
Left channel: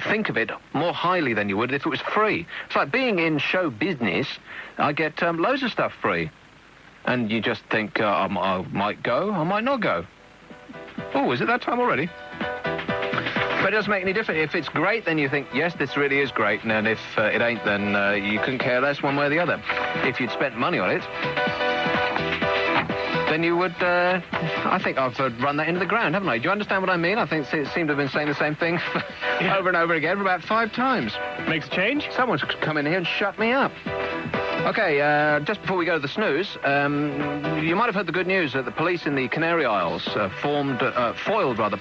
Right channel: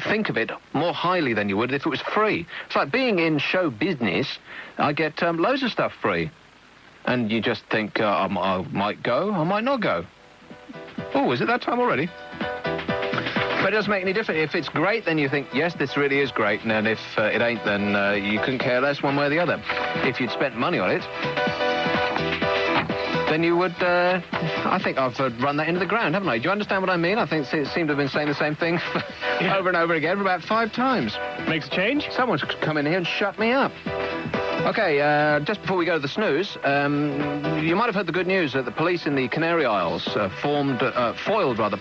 think of it more highly than you would if it was free. It's like being in show business. I get loads of stuff free. And you just think, I might go, I might not go. Oh, is it that time already? But it doesn't make any difference. If it's great, then you think, yes, this really is great. And if it ain't, then you couldn't care less one way or the other. If you'd spent money on it, then you would, I think I've run that into the ground, haven't I? Do you understand what I mean? I think it seemed to have been saying the same thing over and over again for about 5 times. Makes a change? Someone's come in here and shut me up. Okay, just before we go to the snooze, you might have heard the good news that the police in the Canary Isles foiled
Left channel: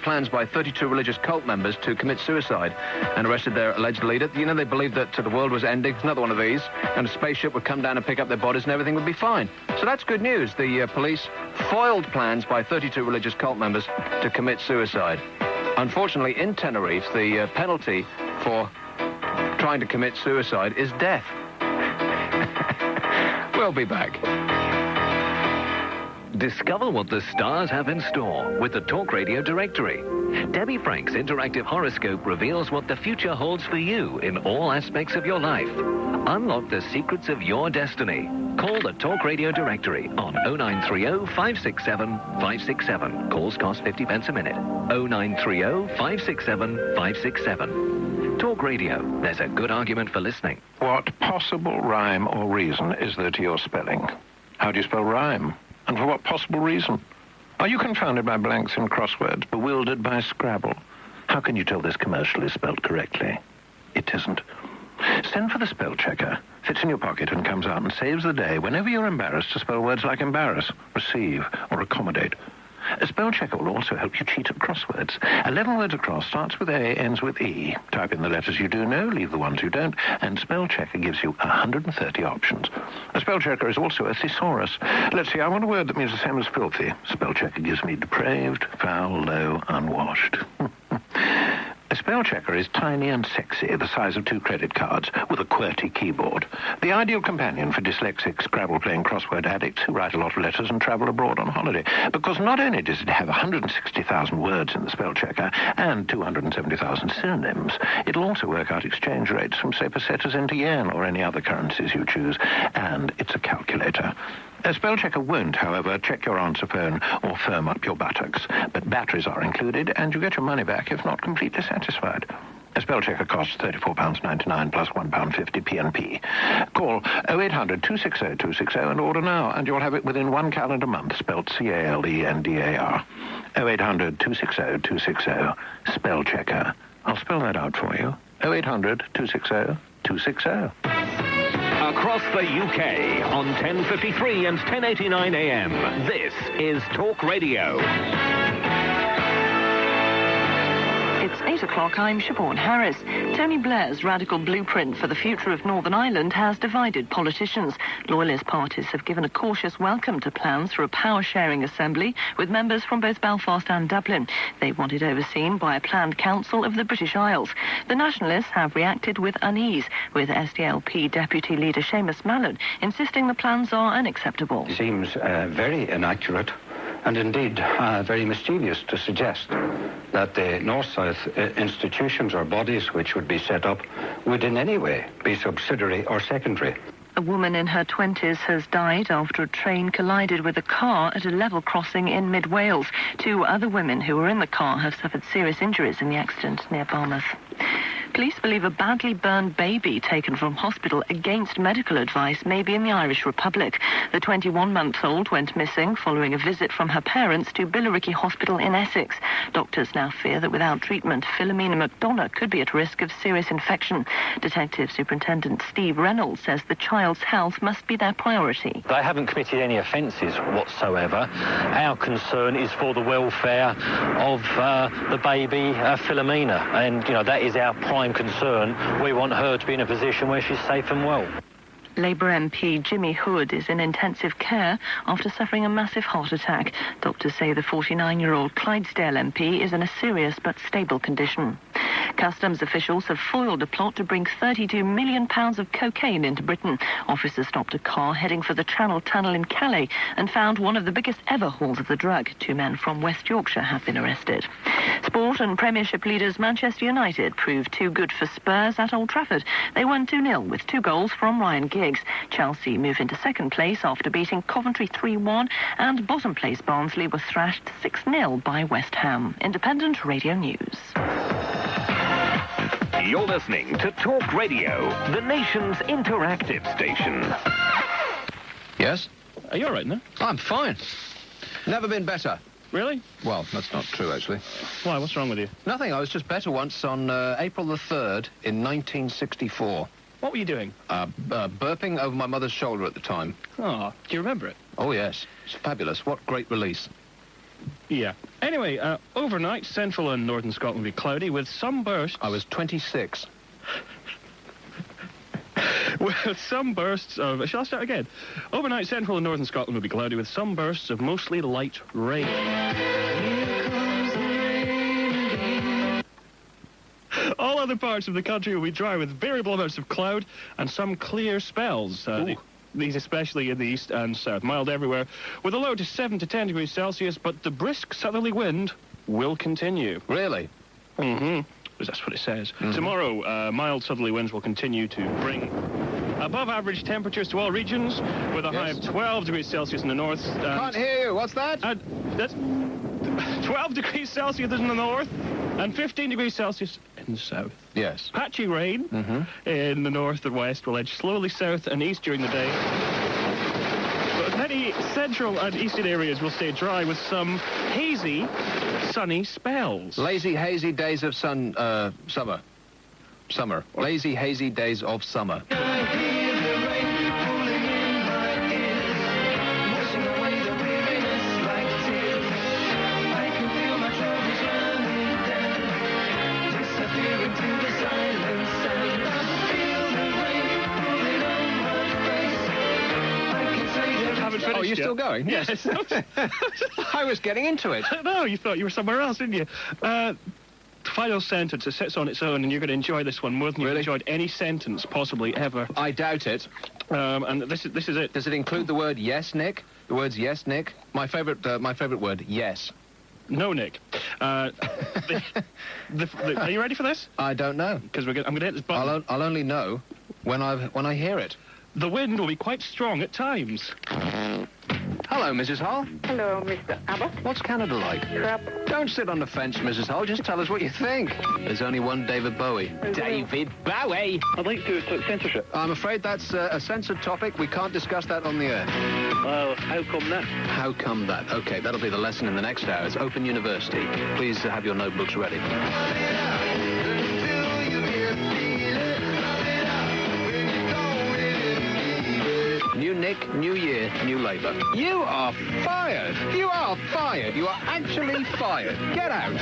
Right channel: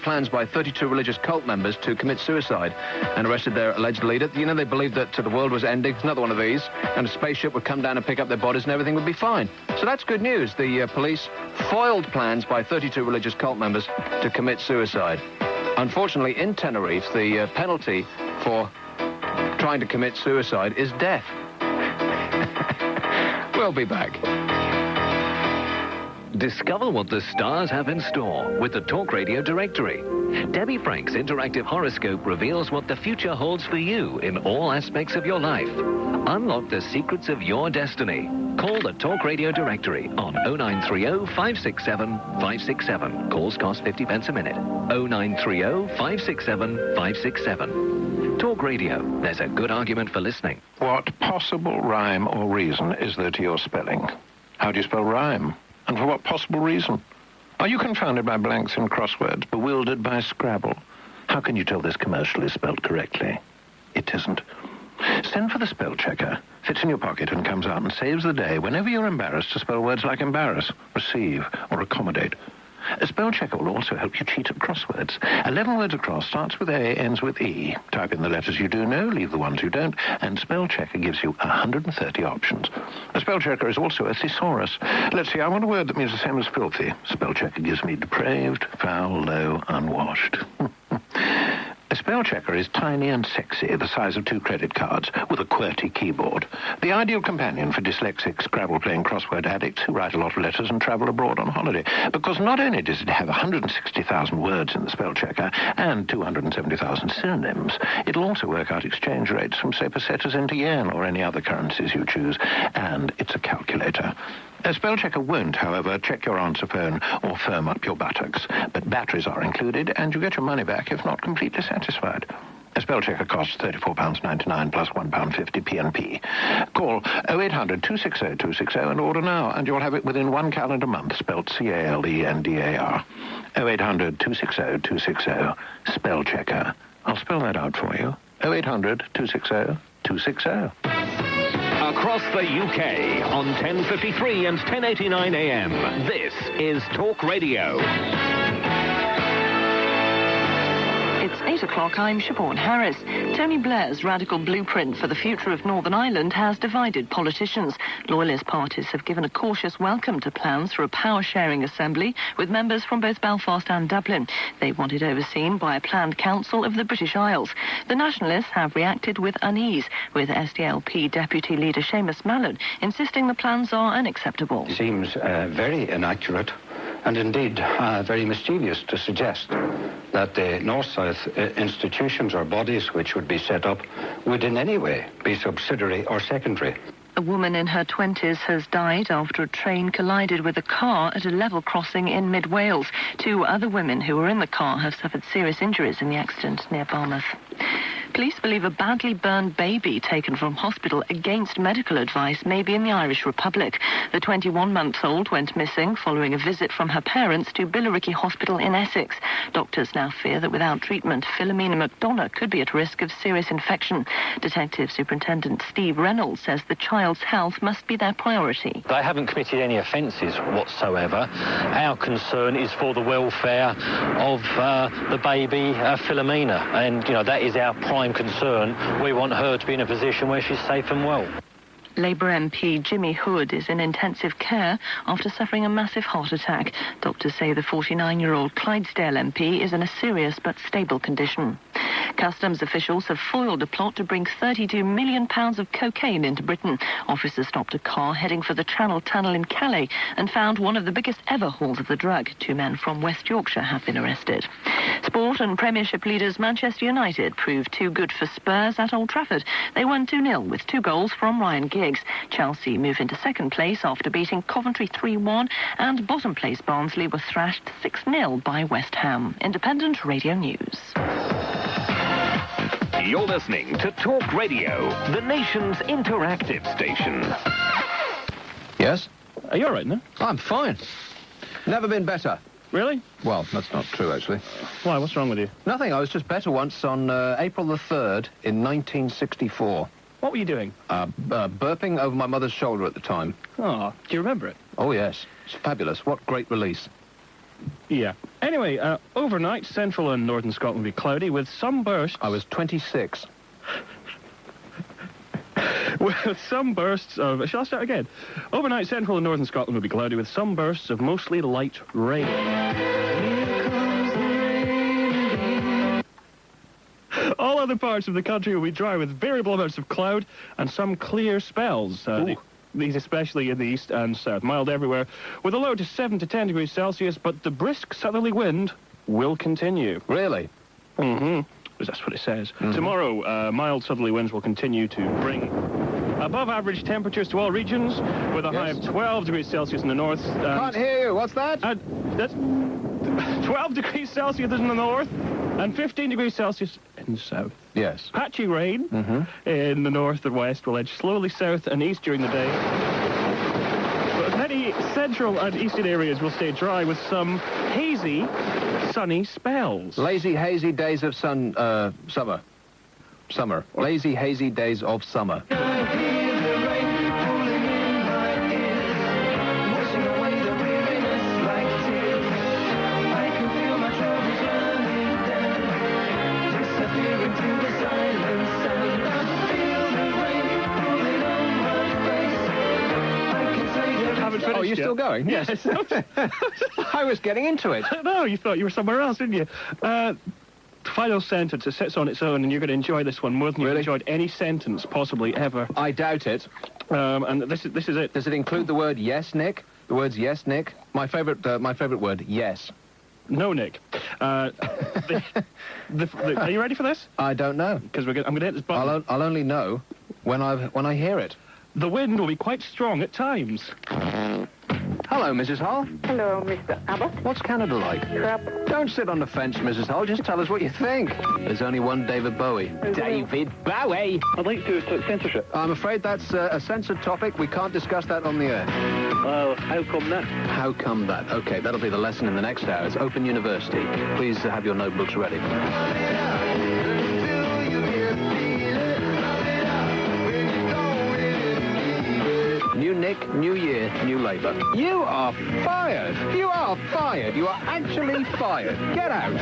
plans by 32 religious cult members to commit suicide and arrested their alleged leader. You know, they believed that the world was ending. It's another one of these, and a spaceship would come down and pick up their bodies and everything would be fine. So that's good news. The police foiled plans by 32 religious cult members to commit suicide. Unfortunately, in Tenerife, the penalty for trying to commit suicide is death. We'll be back. Discover what the stars have in store with the Talk Radio Directory. Debbie Frank's interactive horoscope reveals what the future holds for you in all aspects of your life. Unlock the secrets of your destiny. Call the Talk Radio Directory on 0930 567 567. Calls cost 50 pence a minute. 0930 567 567. Talk Radio. There's a good argument for listening. What possible rhyme or reason is there to your spelling? How do you spell rhyme? And for what possible reason? Are you confounded by blanks in crosswords, bewildered by Scrabble? How can you tell this commercial is spelled correctly? It isn't. Send for the spell checker. Sits in your pocket and comes out and saves the day whenever you're embarrassed to spell words like embarrass, receive, or accommodate. A spell checker will also help you cheat at crosswords. 11 words across starts with A, ends with E. Type in the letters you do know, leave the ones you don't, and spell checker gives you 130 options. A spell checker is also a thesaurus. Let's see, I want a word that means the same as filthy. Spell checker gives me depraved, foul, low, unwashed. A spell checker is tiny and sexy, the size of 2 credit cards, with a QWERTY keyboard. The ideal companion for dyslexic, Scrabble-playing crossword addicts who write a lot of letters and travel abroad on holiday. Because not only does it have 160,000 words in the spell checker and 270,000 synonyms, it'll also work out exchange rates from, say, pesetas into yen or any other currencies you choose. And it's a calculator. A spell checker won't, however, check your answer phone or firm up your buttocks. But batteries are included, and you get your money back if not completely satisfied. A spell checker costs £34.99 plus £1.50 PNP. Call 0800 260 260 and order now, and you'll have it within 1 calendar month, spelled CALENDAR. 0800 260 260. Spell checker. I'll spell that out for you. 0800 260 260. Across the UK on 10:53 and 10:89 a.m. This is Talk Radio. It's 8 o'clock. I'm Siobhan Harris. Tony Blair's radical blueprint for the future of Northern Ireland has divided politicians. Loyalist parties have given a cautious welcome to plans for a power-sharing assembly with members from both Belfast and Dublin. They want it overseen by a planned council of the British Isles. The Nationalists have reacted with unease, with SDLP Deputy Leader Seamus Mallon insisting the plans are unacceptable. It seems very inaccurate and indeed very mischievous to suggest that the North-South institutions or bodies which would be set up would in any way be subsidiary or secondary. A woman in her 20s has died after a train collided with a car at a level crossing in mid-Wales. 2 other women who were in the car have suffered serious injuries in the accident near Bournemouth. Police believe a badly burned baby taken from hospital against medical advice may be in the Irish Republic. The 21-month-old went missing following a visit from her parents to Billericay Hospital in Essex. Doctors now fear that without treatment, Philomena McDonough could be at risk of serious infection. Detective Superintendent Steve Reynolds says the child's health must be their priority. They haven't committed any offences whatsoever. Our concern is for the welfare of the baby, Philomena, and, that is our prime concern. We want her to be in a position where she's safe and well. Labour MP Jimmy Hood is in intensive care after suffering a massive heart attack. Doctors say the 49-year-old Clydesdale MP is in a serious but stable condition. Customs officials have foiled a plot to bring £32 million of cocaine into Britain. Officers stopped a car heading for the Channel Tunnel in Calais and found one of the biggest ever hauls of the drug. 2 men from West Yorkshire have been arrested. Sport and Premiership leaders Manchester United proved too good for Spurs at Old Trafford. They won 2-0 with 2 goals from Ryan Giggs. Chelsea move into second place after beating Coventry 3-1, and bottom place Barnsley were thrashed 6-0 by West Ham. Independent Radio News. You're listening to Talk Radio, the nation's interactive station. Yes? Are you all right, then? I'm fine. Never been better. Really? Well, that's not true, actually. Why? What's wrong with you? Nothing. I was just better once on April the 3rd in 1964. What were you doing? Burping over my mother's shoulder at the time. Oh, do you remember it? Oh, yes. It's fabulous. What great release. Yeah. Anyway, overnight, central and northern Scotland will be cloudy with some bursts. I was 26. With some bursts of... Shall I start again? Overnight, central and northern Scotland will be cloudy with some bursts of mostly light rain. All other parts of the country will be dry with variable amounts of cloud and some clear spells. These especially in the east and south. Mild everywhere, with a low to 7 to 10 degrees Celsius, but the brisk southerly wind will continue. Really? Mm-hmm. That's what it says. Mm-hmm. Tomorrow, mild southerly winds will continue to bring above average temperatures to all regions, with a high of 12 degrees Celsius in the north. Can't hear you. What's that? That's 12 degrees Celsius in the north and 15 degrees Celsius in the south. Yes. Patchy rain in the north and west will edge slowly south and east during the day. But many central and eastern areas will stay dry with some hazy, sunny spells. Lazy, hazy days of summer. Lazy, hazy days of summer. Oh, you're still going? Yes. I was getting into it. No, you thought you were somewhere else, didn't you? final sentence. It sits on its own, and you're going to enjoy this one more than you've enjoyed any sentence possibly ever. I doubt it. And this is it. Does it include the word yes, Nick? The words yes, Nick? My favourite word, yes. No, Nick. Are you ready for this? I don't know. Because I'm going to hit this button. I'll only know when I hear it. The wind will be quite strong at times. Hello, Mrs. Hull. Hello, Mr. Abbott. What's Canada like? Crap. Don't sit on the fence, Mrs. Hull. Just tell us what you think. There's only one David Bowie. David Bowie! I'd like to talk censorship. I'm afraid that's a censored topic. We can't discuss that on the air. Well, how come that? How come that? Okay, that'll be the lesson in the next hour. It's Open University. Please have your notebooks ready. New Nick, new year, new Labour. You are fired! You are fired! You are actually fired! Get out!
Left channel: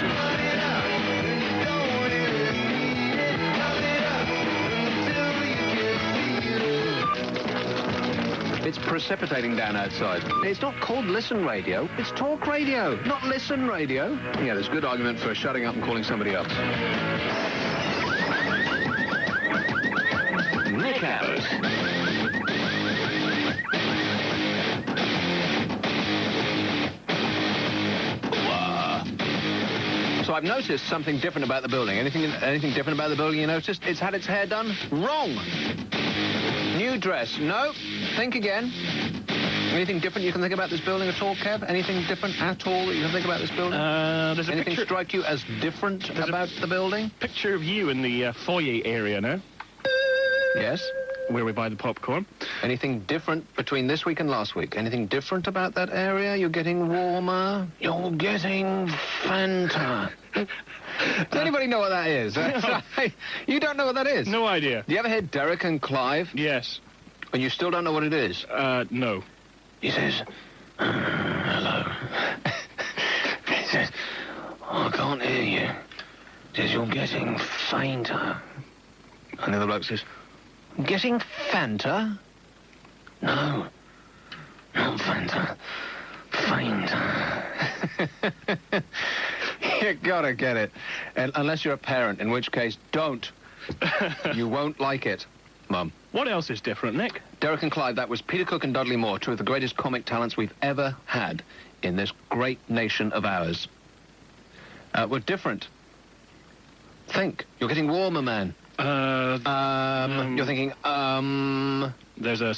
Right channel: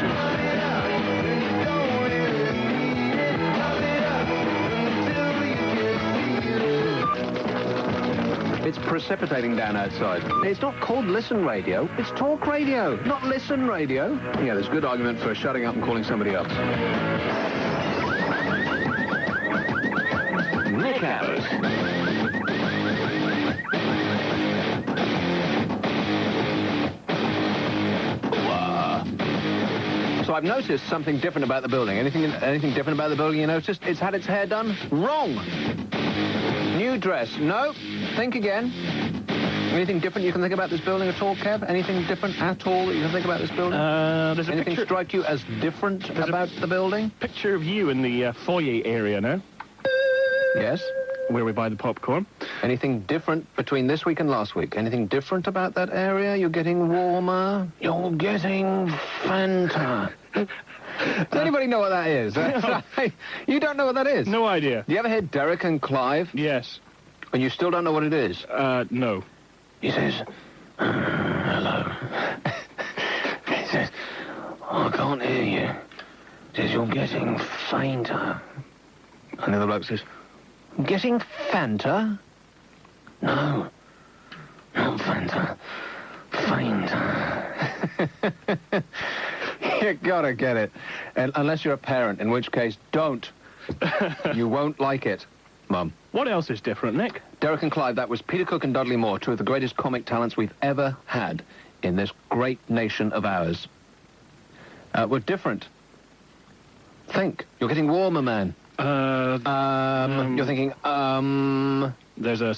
It's precipitating down outside. It's not called Listen Radio. It's Talk Radio, not Listen Radio. Yeah, there's good argument for shutting up and calling somebody else. Nick Abbott. So I've noticed something different about the building. Anything different about the building you noticed? It's had its hair done? Wrong. New dress. No. Think again. Anything different you can think about this building at all, Kev? Anything different at all that you can think about this building? There's a Anything picture... strike you as different about the building? Picture of you in the foyer area now. Yes. Where we buy the popcorn. Anything different between this week and last week? Anything different about that area? You're getting warmer. You're getting Fanta. Does anybody know what that is? You don't know what that is? No idea. You ever hear Derek and Clive? Yes. And you still don't know what it is? No. He says, hello. He says, I can't hear you. He says, you're getting fainter. And the other bloke says, getting Fanta? No. Not Fanta. Fainter. You gotta get it. And unless you're a parent, in which case, don't. You won't like it, Mum. What else is different, Nick? Derek and Clive, that was Peter Cook and Dudley Moore, two of the greatest comic talents we've ever had in this great nation of ours. We're different. Think. You're getting warmer, man. You're thinking, There's a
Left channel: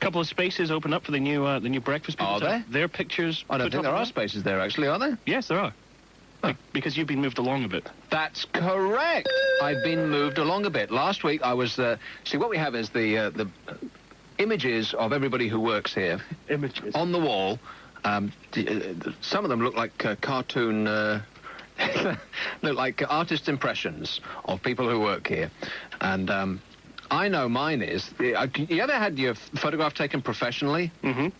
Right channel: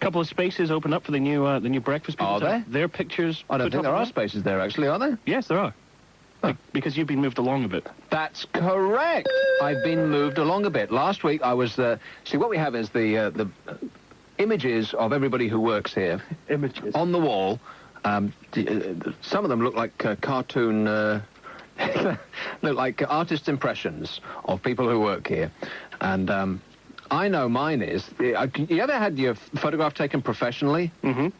couple of spaces open up for the new breakfast people. Are there? Their pictures. I don't think there are spaces there, actually, are there? Yes, there are. Because you've been moved along a bit. That's correct. I've been moved along a bit. Last week I was... see, what we have is the images of everybody who works here. Images. On the wall. Some of them look like cartoon... look like artist impressions of people who work here. And I know mine is... You ever had your photograph taken professionally? Mm-hmm.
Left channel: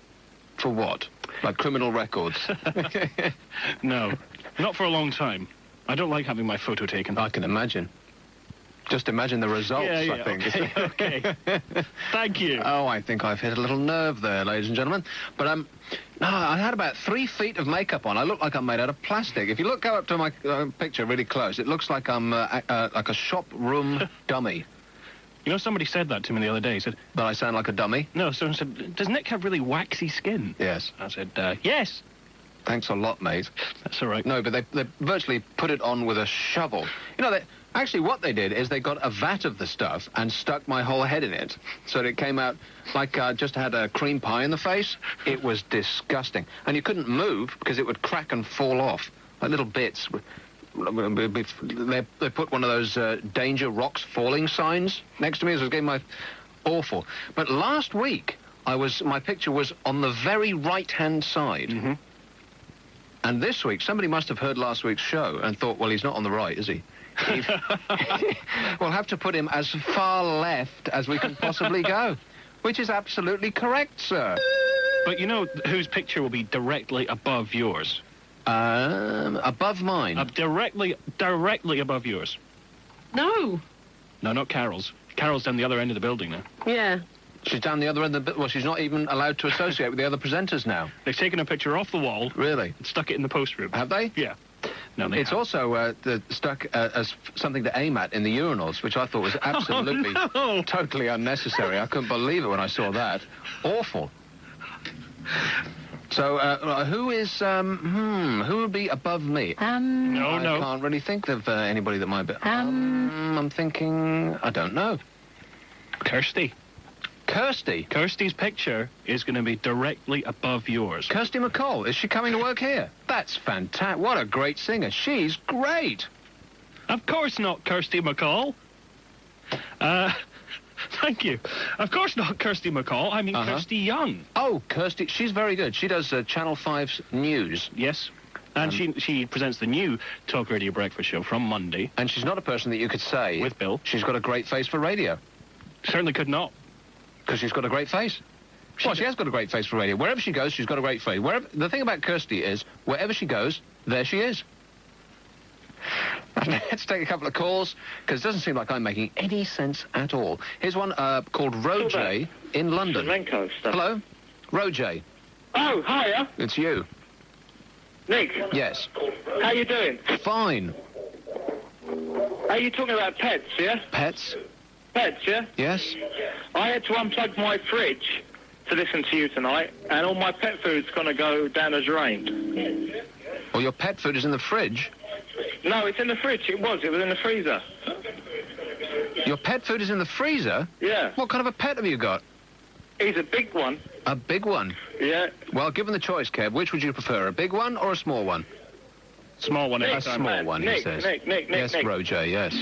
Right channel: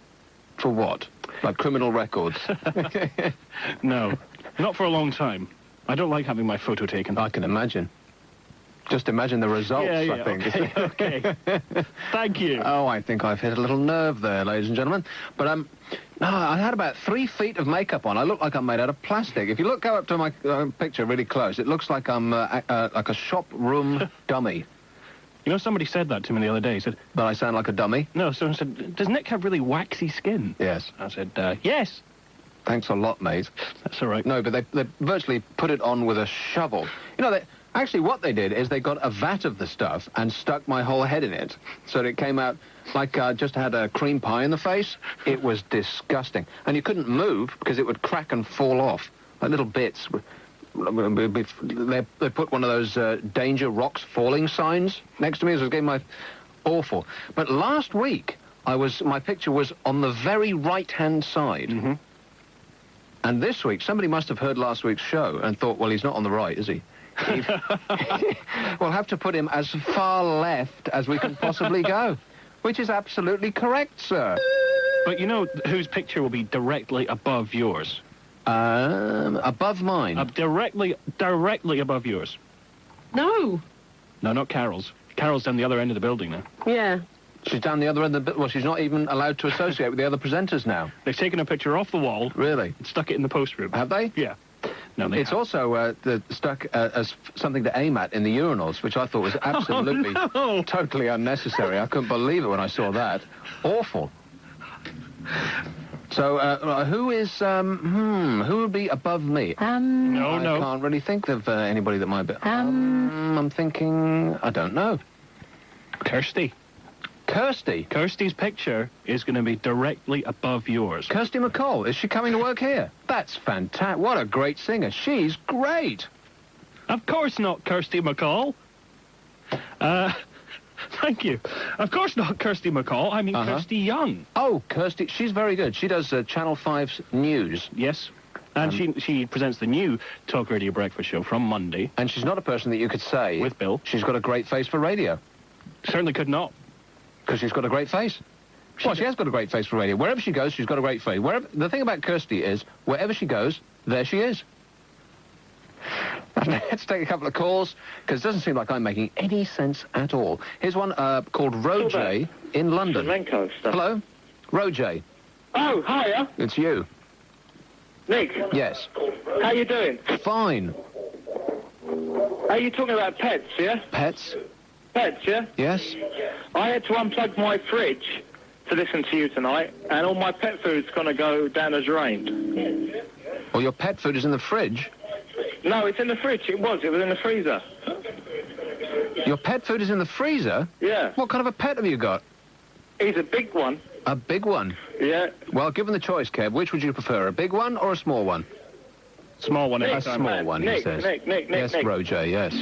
For what? Like criminal records? No. Not for a long time. I don't like having my photo taken. I can imagine. Just imagine the results, yeah, I think. Okay. Thank you. Oh, I think I've hit a little nerve there, ladies and gentlemen. But, no, I had about 3 feet of makeup on. I look like I'm made out of plastic. If you go up to my picture really close, it looks like I'm like a shop room dummy. You know, somebody said that to me the other day. He said... That I sound like a dummy? No, someone said, does Nick have really waxy skin? Yes. I said, yes. Thanks a lot, mate. That's all right. No, but they virtually put it on with a shovel. You know, actually what they did is they got a vat of the stuff and stuck my whole head in it. So that it came out like I just had a cream pie in the face. It was disgusting. And you couldn't move because it would crack and fall off. Like little bits. They put one of those danger rocks falling signs next to me as I was getting my... Awful. But last week, my picture was on the very right-hand side. Mm-hmm. And this week, somebody must have heard last week's show and thought, well, he's not on the right, is he? We'll have to put him as far left as we can possibly go. Which is absolutely correct, sir. But you know whose picture will be directly above yours? Above mine? Directly above yours. No. No, not Carol's. Carol's down the other end of the building now. Yeah. She's down the other end of the... Well, she's not even allowed to associate with the other presenters now. They've taken a picture off the wall. Really? And stuck it in the post room. Have they? Yeah. No, they It's also stuck as something to aim at in the urinals, which I thought was absolutely, totally unnecessary. I couldn't believe it when I saw that. Awful. So, who is, who would be above me? I can't really think of anybody that might be... I'm thinking... I don't know. Kirsty. Kirsty? Kirsty's picture is going to be directly above yours. Kirsty McCall, is she coming to work here? That's fantastic. What a great singer. She's great. Of course not, Kirsty McCall. Thank you. Of course not Kirsty McCall. I mean Kirsty Young. Oh, Kirsty. She's very good. She does Channel 5's news. Yes. And she presents the new Talk Radio Breakfast Show from Monday. And she's not a person that you could say... With Bill. She's got a great face for radio. Certainly could not. Because she's got a great face. Well, she has got a great face for radio. Wherever she goes, she's got a great face. The thing about Kirsty is, wherever she goes, there she is. Let's take a couple of calls, because it doesn't seem like I'm making any sense at all. Here's one called Roj in London. Hello? Roj. Oh, hiya. It's you. Nick. Yes. How you doing? Fine. Are you talking about pets, yeah? Pets? Pets, yeah? Yes. I had to unplug my fridge to listen to you tonight, and all my pet food's going to go down the drain. Well, your pet food is in the fridge? No, it's in the fridge. It was in the freezer. Your pet food is in the freezer? Yeah. What kind of a pet have you got? He's a big one. A big one? Yeah. Well, given the choice, Kev, which would you prefer, a big one or a small one? Small one. A small one, he says. Nick. Yes, Roj, yes.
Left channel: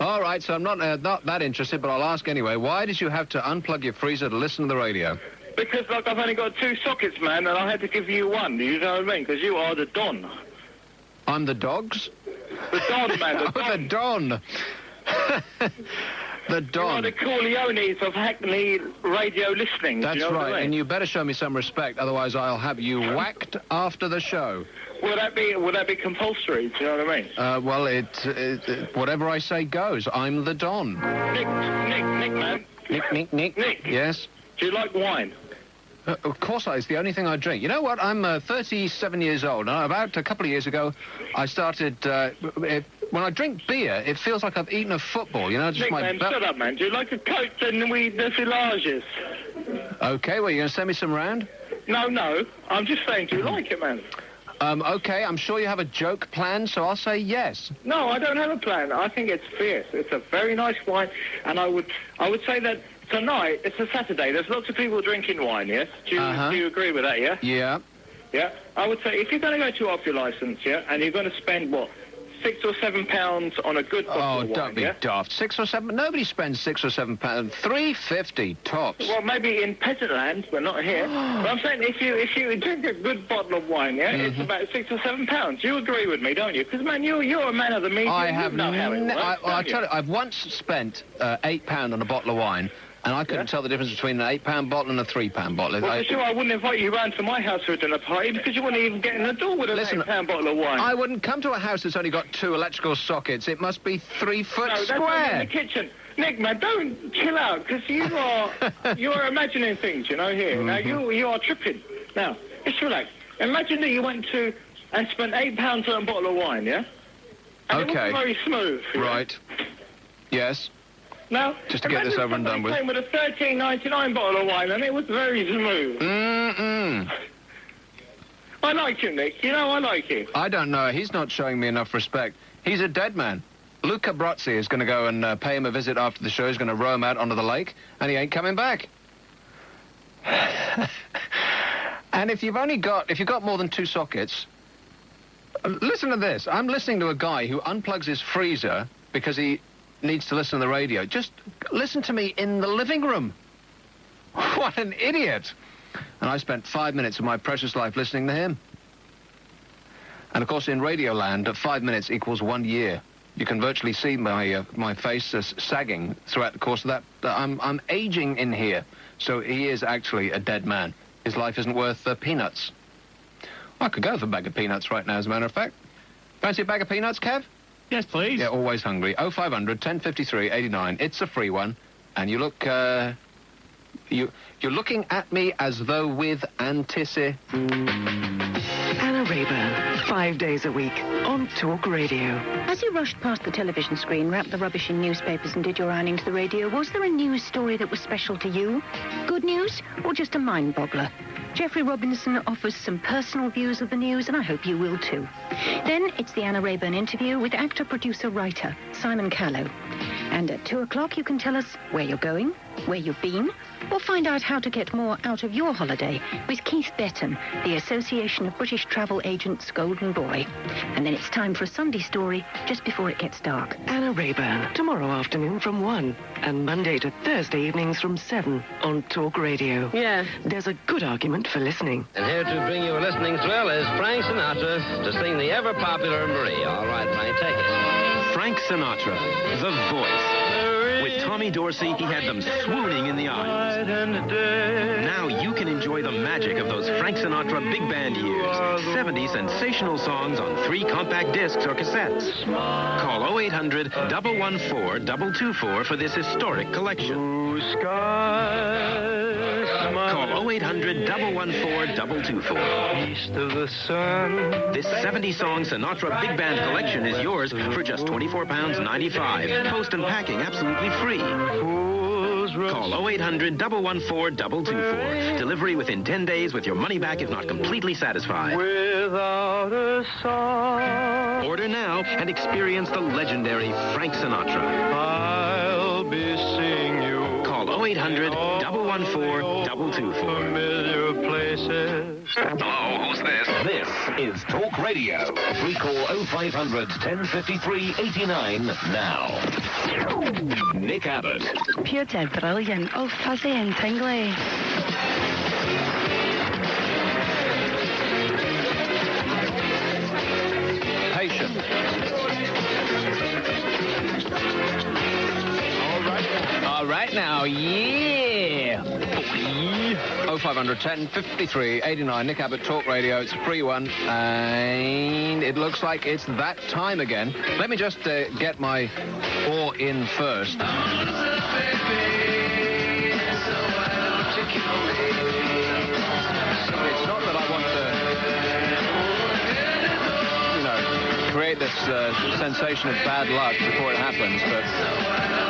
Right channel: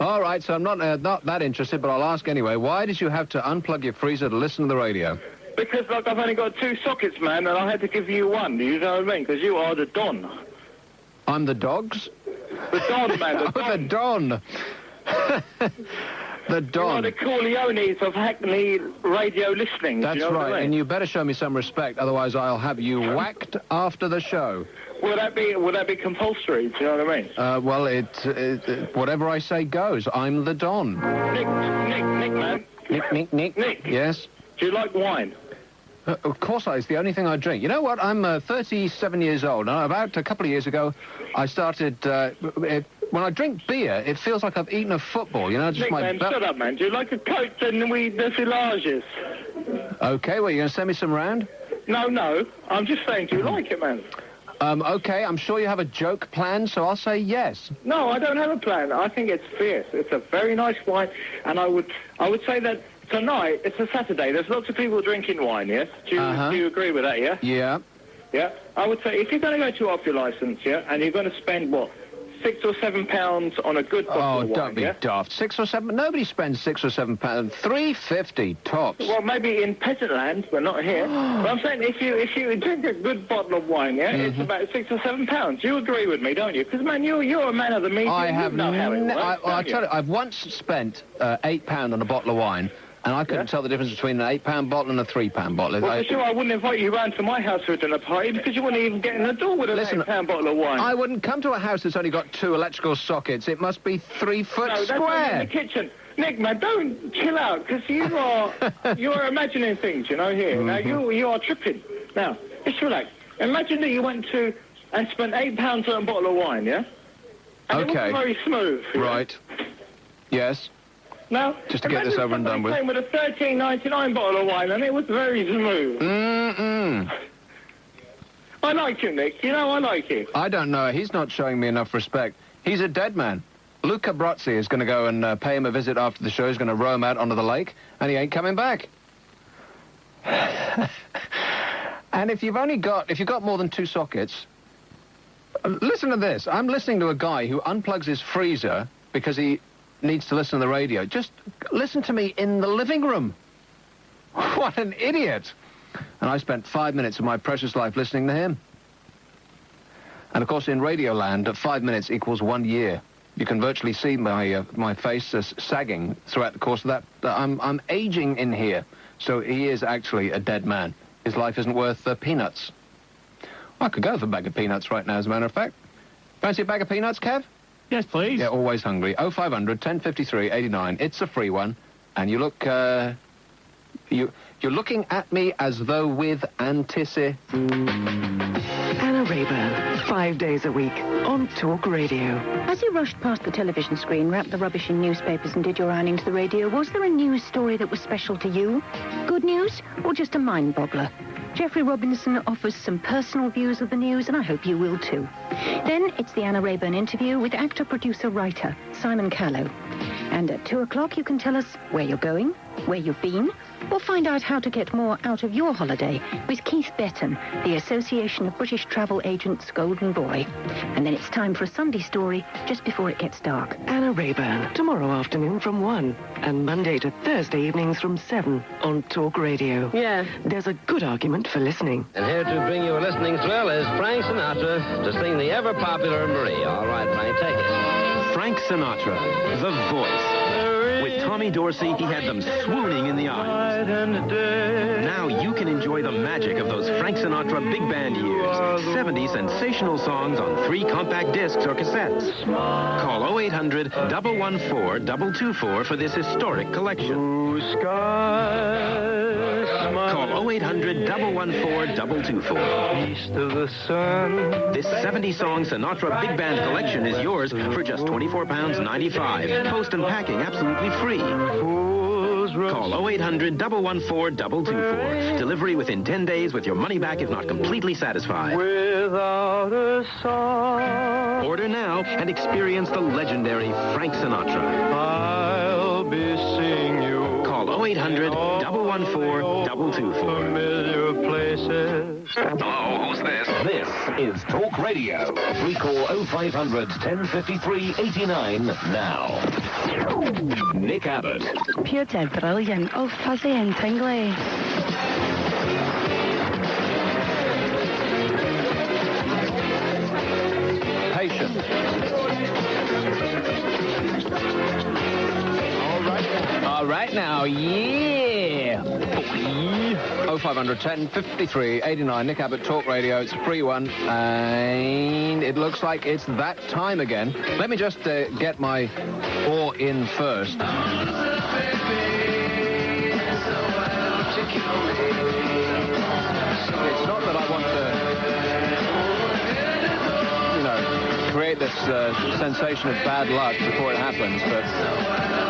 All right, so I'm not that interested, but I'll ask anyway. Why did you have to unplug your freezer to listen to the radio? Because, like, I've only got 2 sockets, man, and I had to give you one. You know what I mean? Because you are the Don. I'm the dogs? The Don, man. The Don. The Don. You are the Corleones of Hackney radio listening. That's you know right, what I mean? and you better show me some respect, otherwise I'll have you whacked after the show. Would that be compulsory? Do you know what I mean? Well, whatever I say goes. I'm the Don. Nick, man. Nick. Yes? Do you like wine? Of course it's the only thing I drink. You know what? I'm 37 years old, and about a couple of years ago, I started... when I drink beer, it feels like I've eaten a football, you know? Just Nick, shut up, man. Do you like a Coke and the filages? Okay, well, you going to send me some round? No. I'm just saying, do you like it, man? Okay, I'm sure you have a joke planned, so I'll say yes. No, I don't have a plan. I think it's fierce. It's a very nice wine, and I would say that tonight, it's a Saturday, there's lots of people drinking wine, yes? Do you agree with that, yeah? Yeah. Yeah? I would say, if you're going to go to off your licence, yeah, and you're going to spend, what, £6 or £7 on a good bottle of wine, don't be daft. 6 or 7? Nobody spends £6 or £7. £3.50 tops. Well, maybe in peasant land, but not here. But I'm saying, if you drink a good bottle of wine, yeah, it's about £6 or £7. You agree with me, don't you? Because, man, you're a man of the media. I have you know how it works, I tell you, I've once spent £8 on a bottle of wine. And I couldn't tell the difference between an £8 bottle and a £3 bottle. Well, for sure, I wouldn't invite you round to my house for a dinner party because you wouldn't even get in the door with an £8 bottle of wine. I wouldn't come to a house that's only got 2 electrical sockets. It must be 3 foot no, that's square. in the kitchen. Nick, man, don't chill out because you are imagining things, you know, here. Now, you are tripping. Now, just relax. Imagine that you went to and spent £8 on a bottle of wine, yeah? And it wasn't very smooth. Right. Yes. Now, just to get this over and done with. Came with a $13.99 bottle of wine, and it was very smooth. I like him, Nick. You know, I like him. I don't know. He's not showing me enough respect. He's a dead man. Luca Brozzi is going to go and pay him a visit after the show. He's going to row him out onto the lake, and he ain't coming back. And if you've got more than 2 sockets, listen to this. I'm listening to a guy who unplugs his freezer because he needs to listen to the radio. Just listen to me in the living room. What an idiot. And I spent 5 minutes of my precious life listening to him. And, of course, in Radioland, 5 minutes equals 1 year. You can virtually see my face sagging throughout the course of that. I'm aging in here. So he is actually a dead man. His life isn't worth peanuts. I could go for a bag of peanuts right now, as a matter of fact. Fancy a bag of peanuts, Kev? Yes, please. Yeah, always hungry. 0500 1053 89. It's a free one. And you look, You're looking at me as though with Anna Rayburn, 5 days a week on Talk Radio. As you rushed past the television screen, wrapped the rubbish in newspapers and did your ironing to the radio, was there a news story that was special to you? Good news or just a mind-boggler? Jeffrey Robinson offers some personal views of the news, and I hope you will too. Then it's the Anna Rayburn interview with actor, producer, writer Simon Callow. And at 2 o'clock you can tell us where you're going, where you've been, or find out how to get more out of your holiday with Keith Betton, the Association of British Travel Agents' Golden Boy. And then it's time for a Sunday story just before it gets dark. Anna Rayburn, tomorrow afternoon from 1, and Monday to Thursday evenings from 7 on Talk Radio. Yeah. There's a good argument for listening. And here to bring you a listening thrill is Frank Sinatra to sing the ever-popular Marie. All right, Frank, take it. Frank Sinatra, the voice. With Tommy Dorsey, he had them swooning in the audience. Now you can enjoy the magic of those Frank Sinatra big band years. 70 sensational songs on 3 compact discs or cassettes. Call 0800-114-224 for this historic collection. Call 0800-114-224. East of the sun. This 70-song Sinatra Big Band collection is yours for just £24.95. Post and packing absolutely free. Call 0800-114-224. Delivery within 10 days with your money back if not completely satisfied. Without a song. Order now and experience the legendary Frank Sinatra. I'll be seeing you. Call 0800-114-224. Familiar places. Hello, who's this? This is Talk Radio. We call 0500 1053 89 now. Nick Abbott. Pure brilliant. Oh, fuzzy and tingly. Patient. All right now, yeah. 0500 1053 89. Nick Abbott Talk Radio. It's a free one, and it looks like it's that time again. Let me just get my oar in first. It's not that I want to, create this sensation of bad luck before it happens, but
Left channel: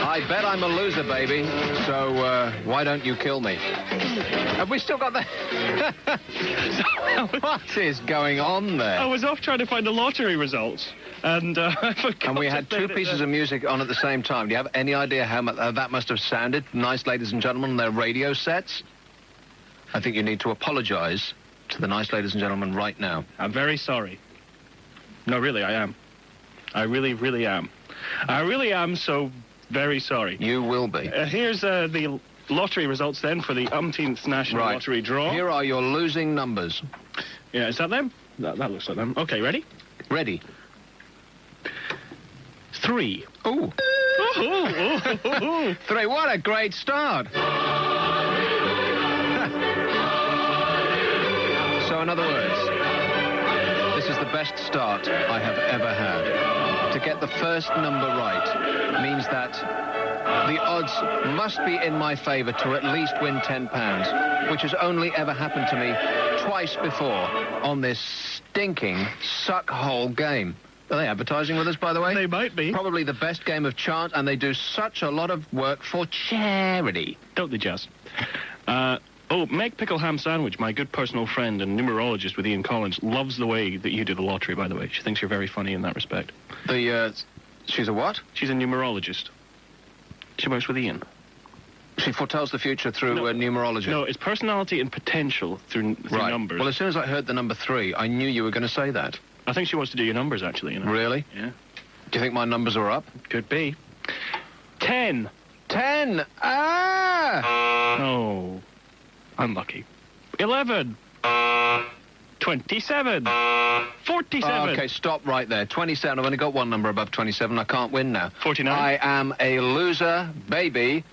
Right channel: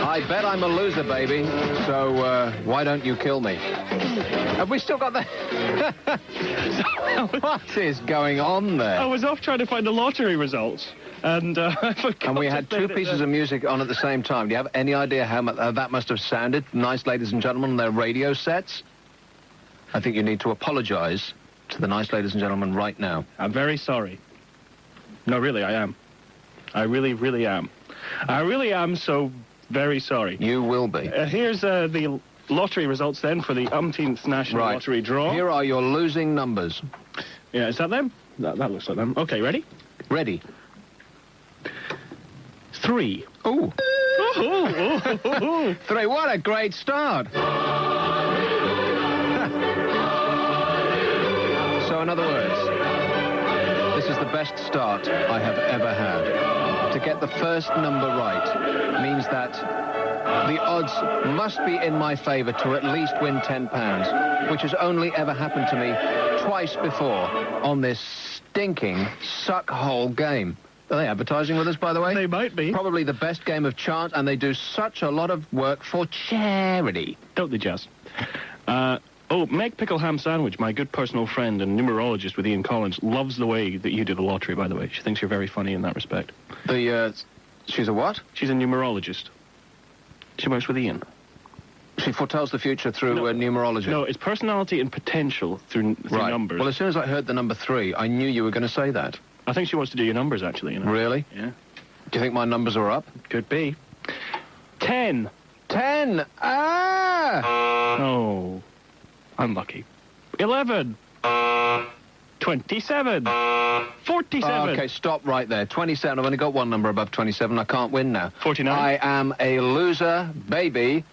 I bet I'm a loser, baby, so why don't you kill me? Have we still got that? What is going on there? I was off trying to find the lottery results, and I forgot. And we had 2 pieces of music on at the same time. Do you have any idea how that must have sounded? Nice ladies and gentlemen on their radio sets? I think you need to apologize to the nice ladies and gentlemen right now. I'm very sorry. No, really, I am. I really, really am. I really am so very sorry. You will be. Here's the lottery results then for the umpteenth national lottery draw. Here are your losing numbers. Yeah, is that them? That looks like them. Okay, ready? Ready. 3. Ooh. 3. What a great start. So, in other words, this is the best start I have ever had. To get the first number right means that the odds must be in my favour to at least win £10, which has only ever happened to me twice before on this stinking suck-hole game. Are they advertising with us, by the way? They might be. Probably the best game of chance, and they do such a lot of work for charity. Don't they just? Meg Pickle Ham Sandwich, my good personal friend and numerologist with Ian Collins, loves the way that you do the lottery, by the way. She thinks you're very funny in that respect. She's a what? She's a numerologist. She works with Ian. She foretells the future through numerology. No, it's personality and potential through numbers. Well, as soon as I heard the number 3, I knew you were going to say that. I think she wants to do your numbers, actually. Really? Yeah. Do you think my numbers are up? Could be. 10. 10! Ah! Oh. Unlucky. 11. 27. 47. Okay, stop right there. 27. I've only got one number above 27. I can't win now. 49. I am a loser, baby.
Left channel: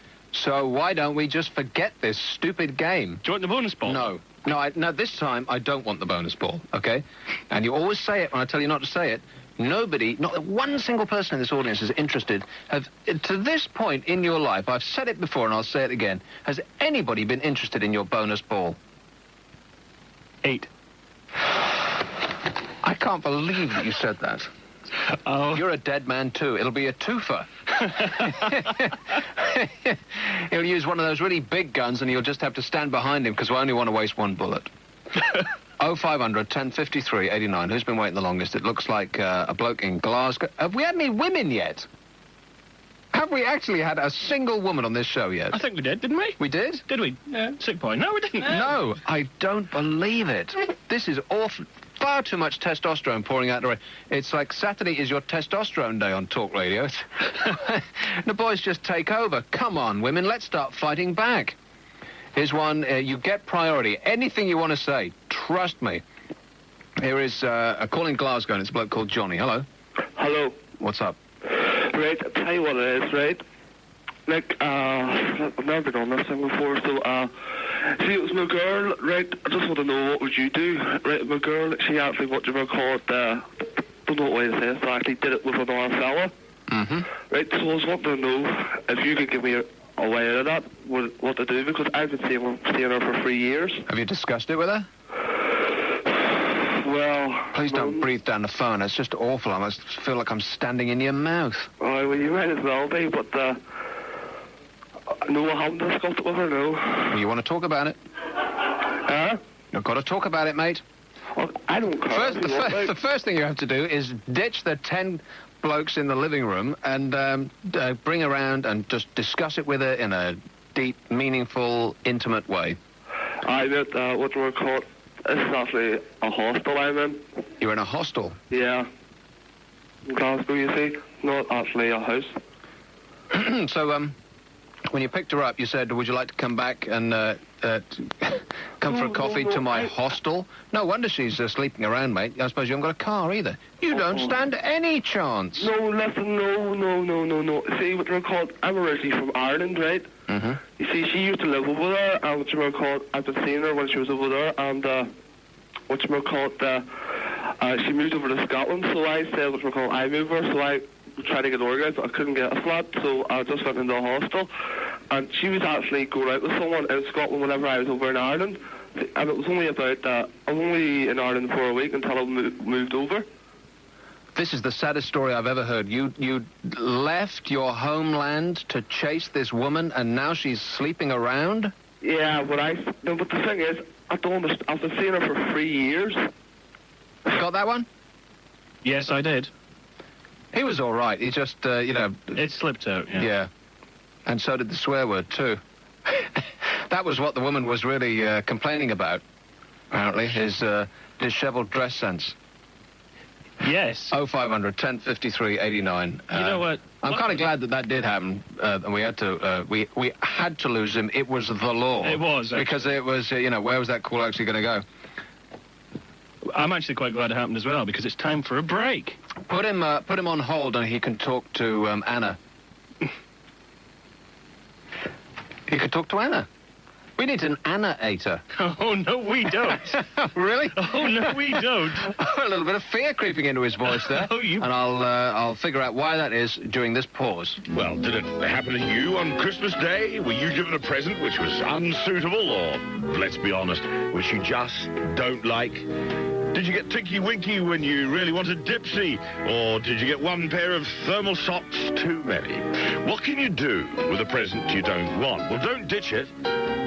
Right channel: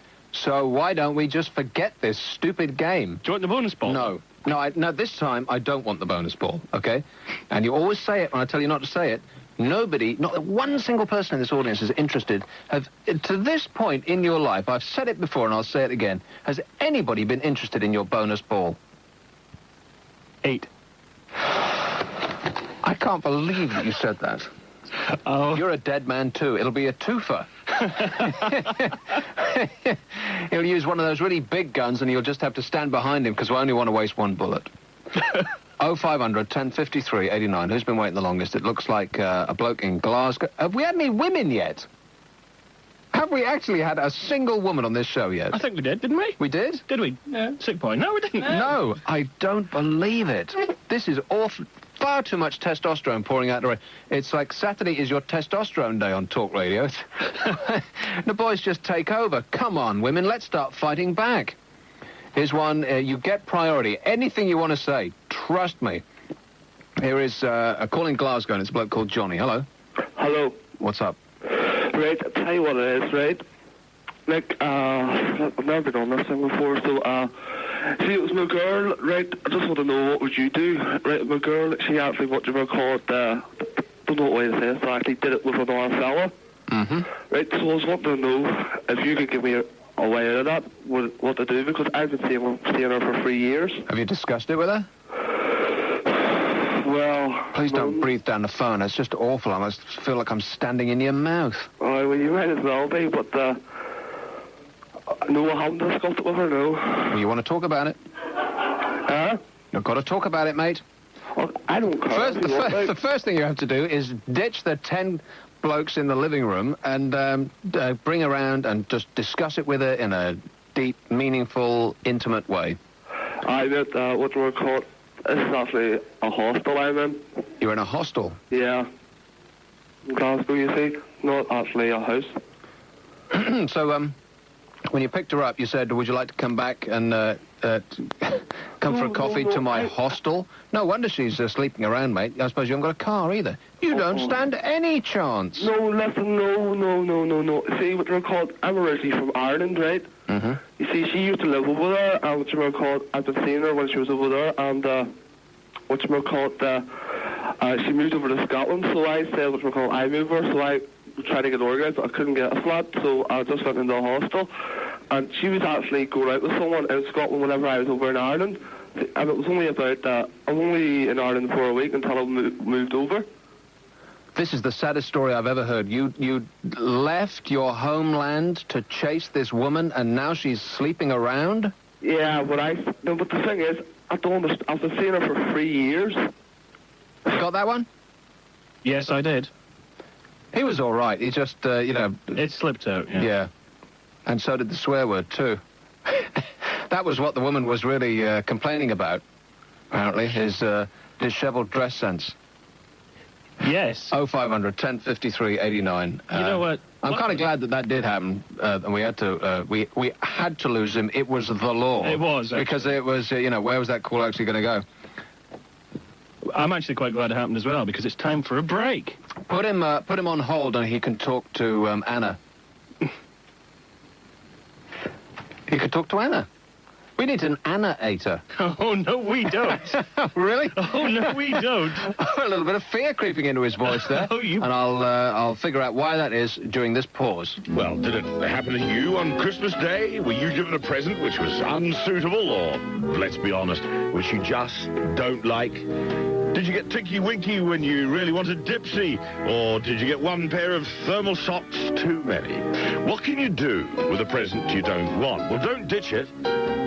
So why don't we just forget this stupid game? Do you want the bonus ball? No. No, this time I don't want the bonus ball, okay? And you always say it when I tell you not to say it. Nobody, not one single person in this audience is interested. To this point in your life, I've said it before and I'll say it again, has anybody been interested in your bonus ball? 8. I can't believe that you said that. Oh. You're a dead man, too. It'll be a twofer. He'll use one of those really big guns and you'll just have to stand behind him because we only want to waste one bullet. 0500 1053 89. Who's been waiting the longest? It looks like a bloke in Glasgow. Have we had any women yet? Have we actually had a single woman on this show yet? I think we did, didn't we? We did? Did we? Yeah. 6 point. No, we didn't. No, I don't believe it. This is awful. Far too much testosterone pouring out the way. It's like Saturday is your testosterone day on Talk Radio. The boys just take over. Come on, women, let's start fighting back. Here's one. You get priority. Anything you want to say, trust me. Here is a call in Glasgow, and it's a bloke called Johnny. Hello. Hello. What's up? Right, I'll tell you what it is, right? Like, I've never been on this thing before, so, see, it was my girl, right? I just want to know, what would you do? Right, my girl, she actually, what you call it, don't know what way to say this, I actually did it with another fella. Mm-hmm. Right, so I was wanting to know if you could give me a way out of that, what to do, because I've been seeing her for 3 years. Have you discussed it with her? Well... Please don't breathe down the phone. It's just awful. I must feel like I'm standing in your mouth. Oh, well, you might as well be, but, no, I haven't discussed it with her, no. Well, you want to talk about it? Huh? You've got to talk about it, mate. Well, I don't care. The first thing you have to do is ditch the 10 blokes in the living room and bring her around and just discuss it with her in a deep, meaningful, intimate way. I bet, what do we call it? This is actually a hostel I'm in. You're in a hostel? Yeah. In Glasgow, you see. Not actually a house. So, when you picked her up, you said, would you like to come back and come for a coffee to my hostel? No wonder she's sleeping around, mate. I suppose you haven't got a car either. You don't stand any chance. No, listen, no. See, what they're called, I'm originally from Ireland, right? Mm-hmm. You see, she used to live over there, and what you called, I've been seeing her when she was over there, and what you called, she moved over to Scotland, so I said, what you called, I moved her, so I tried to get organised, but I couldn't get a flat, so I just went into a hostel, and she was actually going out with someone in Scotland whenever I was over in Ireland, and it was only about, I'm only in Ireland for a week until I moved over. This is the saddest story I've ever heard. You left your homeland to chase this woman, and now she's sleeping around? Yeah, but the thing is, I don't understand. I've been seeing her for 3 years. You got that one? Yes, I did. He was all right. He just, It slipped out, yeah. Yeah. And so did the swear word, too. That was what the woman was really complaining about, apparently, his disheveled dress sense. Yes. 0500 1053 89. You know what? I'm kind of glad that did happen, and we had to we had to lose him. It was the law. It was, actually. Because it was where was that call actually going to go? I'm actually quite glad it happened as well because it's time for a break. Put him on hold, and he can talk to Anna. He could talk to Anna. We need an Anna-ator. Oh, no, we don't. Really? Oh, no, we don't. A little bit of fear creeping into his voice there. And I'll figure out why that is during this pause. Well, did it happen to you on Christmas Day? Were you given a present which was unsuitable, or, let's be honest, which you just don't like? Did you get Tinky Winky when you really wanted Dipsy? Or did you get one pair of thermal socks too many? What can you do with a present you don't want? Well, don't ditch it.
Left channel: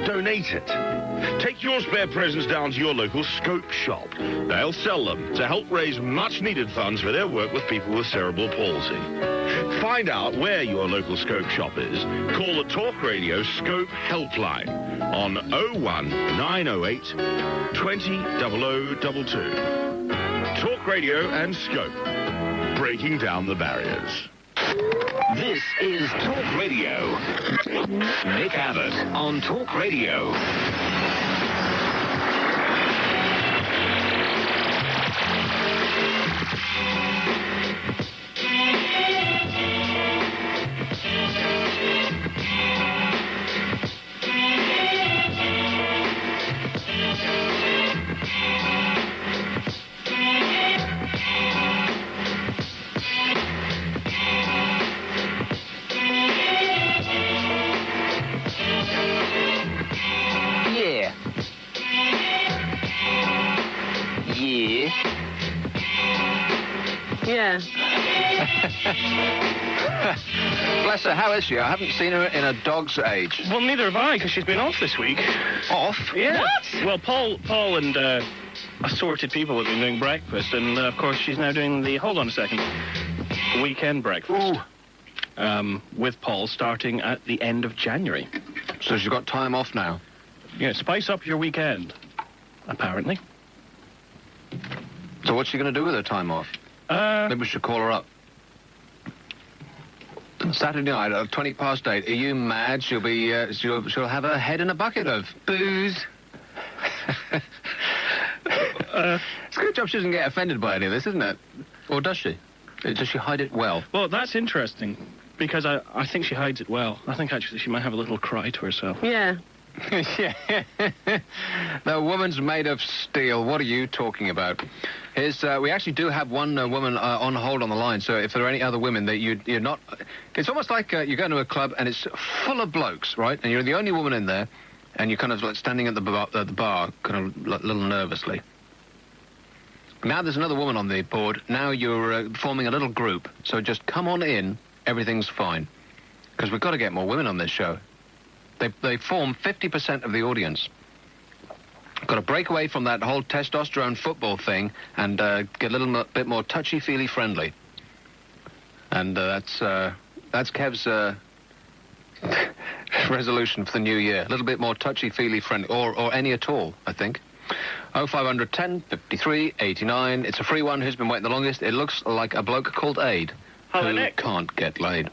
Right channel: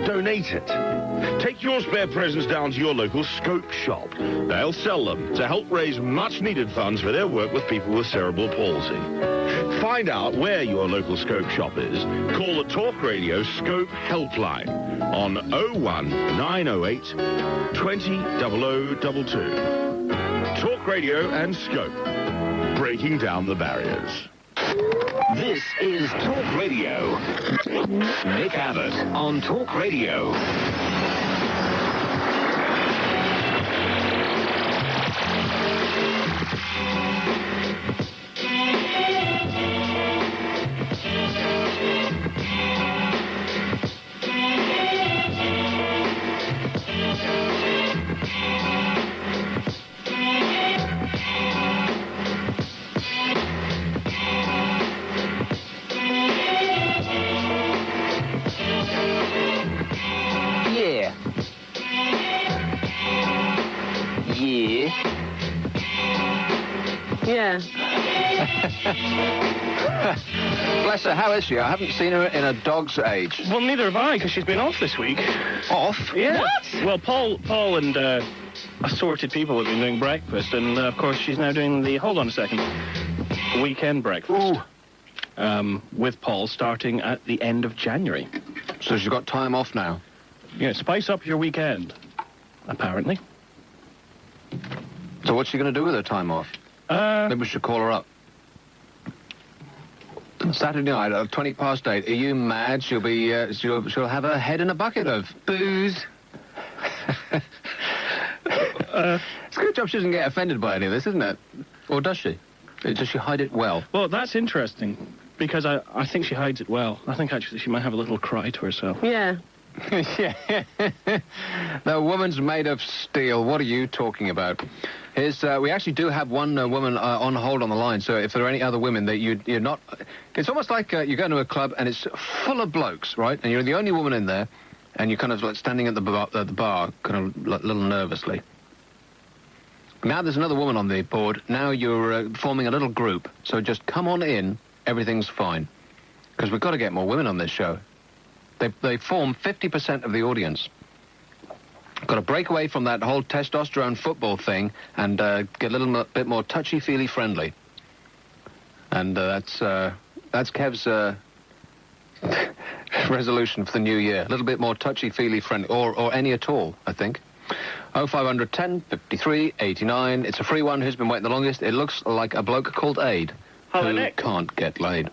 Donate it. Take your spare presents down to your local Scope shop. They'll sell them to help raise much-needed funds for their work with people with cerebral palsy. Find out where your local Scope shop is. Call the Talk Radio Scope helpline on 01908 200022. Talk Radio and Scope, breaking down the barriers. This is Talk Radio. Nick Abbott on Talk Radio. Yeah. Bless her, how is she? I haven't seen her in a dog's age. Well, neither have I, because she's been off this week. Off? Yeah. What? Well, Paul and assorted people have been doing breakfast, and of course she's now doing the, hold on a second, weekend breakfast. Ooh. With Paul starting at the end of January. So she's got time off now? Yeah, spice up your weekend, apparently. So what's she going to do with her time off? Maybe we should call her up. Saturday night, 20 past 8. Are you mad? She'll be, she'll have her head in a bucket of booze. It's a good job she doesn't get offended by any of this, isn't it? Or does she? Does she hide it well? Well, that's interesting, because I think she hides it well. I think actually she might have a little cry to herself. Yeah. Yeah. The woman's made of steel. What are you talking about? We actually do have one woman on hold on the line, so if there are any other women that you're not... It's almost like you go to a club and it's full of blokes, right? And you're the only woman in there, and you're kind of like standing at the bar kind of a little nervously. Now there's another woman on the board. Now you're forming a little group, so just come on in. Everything's fine. Because we've got to get more women on this show. They form 50% of the audience. Got to break away from that whole testosterone football thing and get a little bit more touchy-feely friendly. And that's Kev's resolution for the new year. A little bit more touchy-feely friendly, or any at all, I think. 0500 10 53 89. It's a free one. Who's been waiting the longest? It looks like a bloke called Aid. Hello, who Nick. Can't get laid.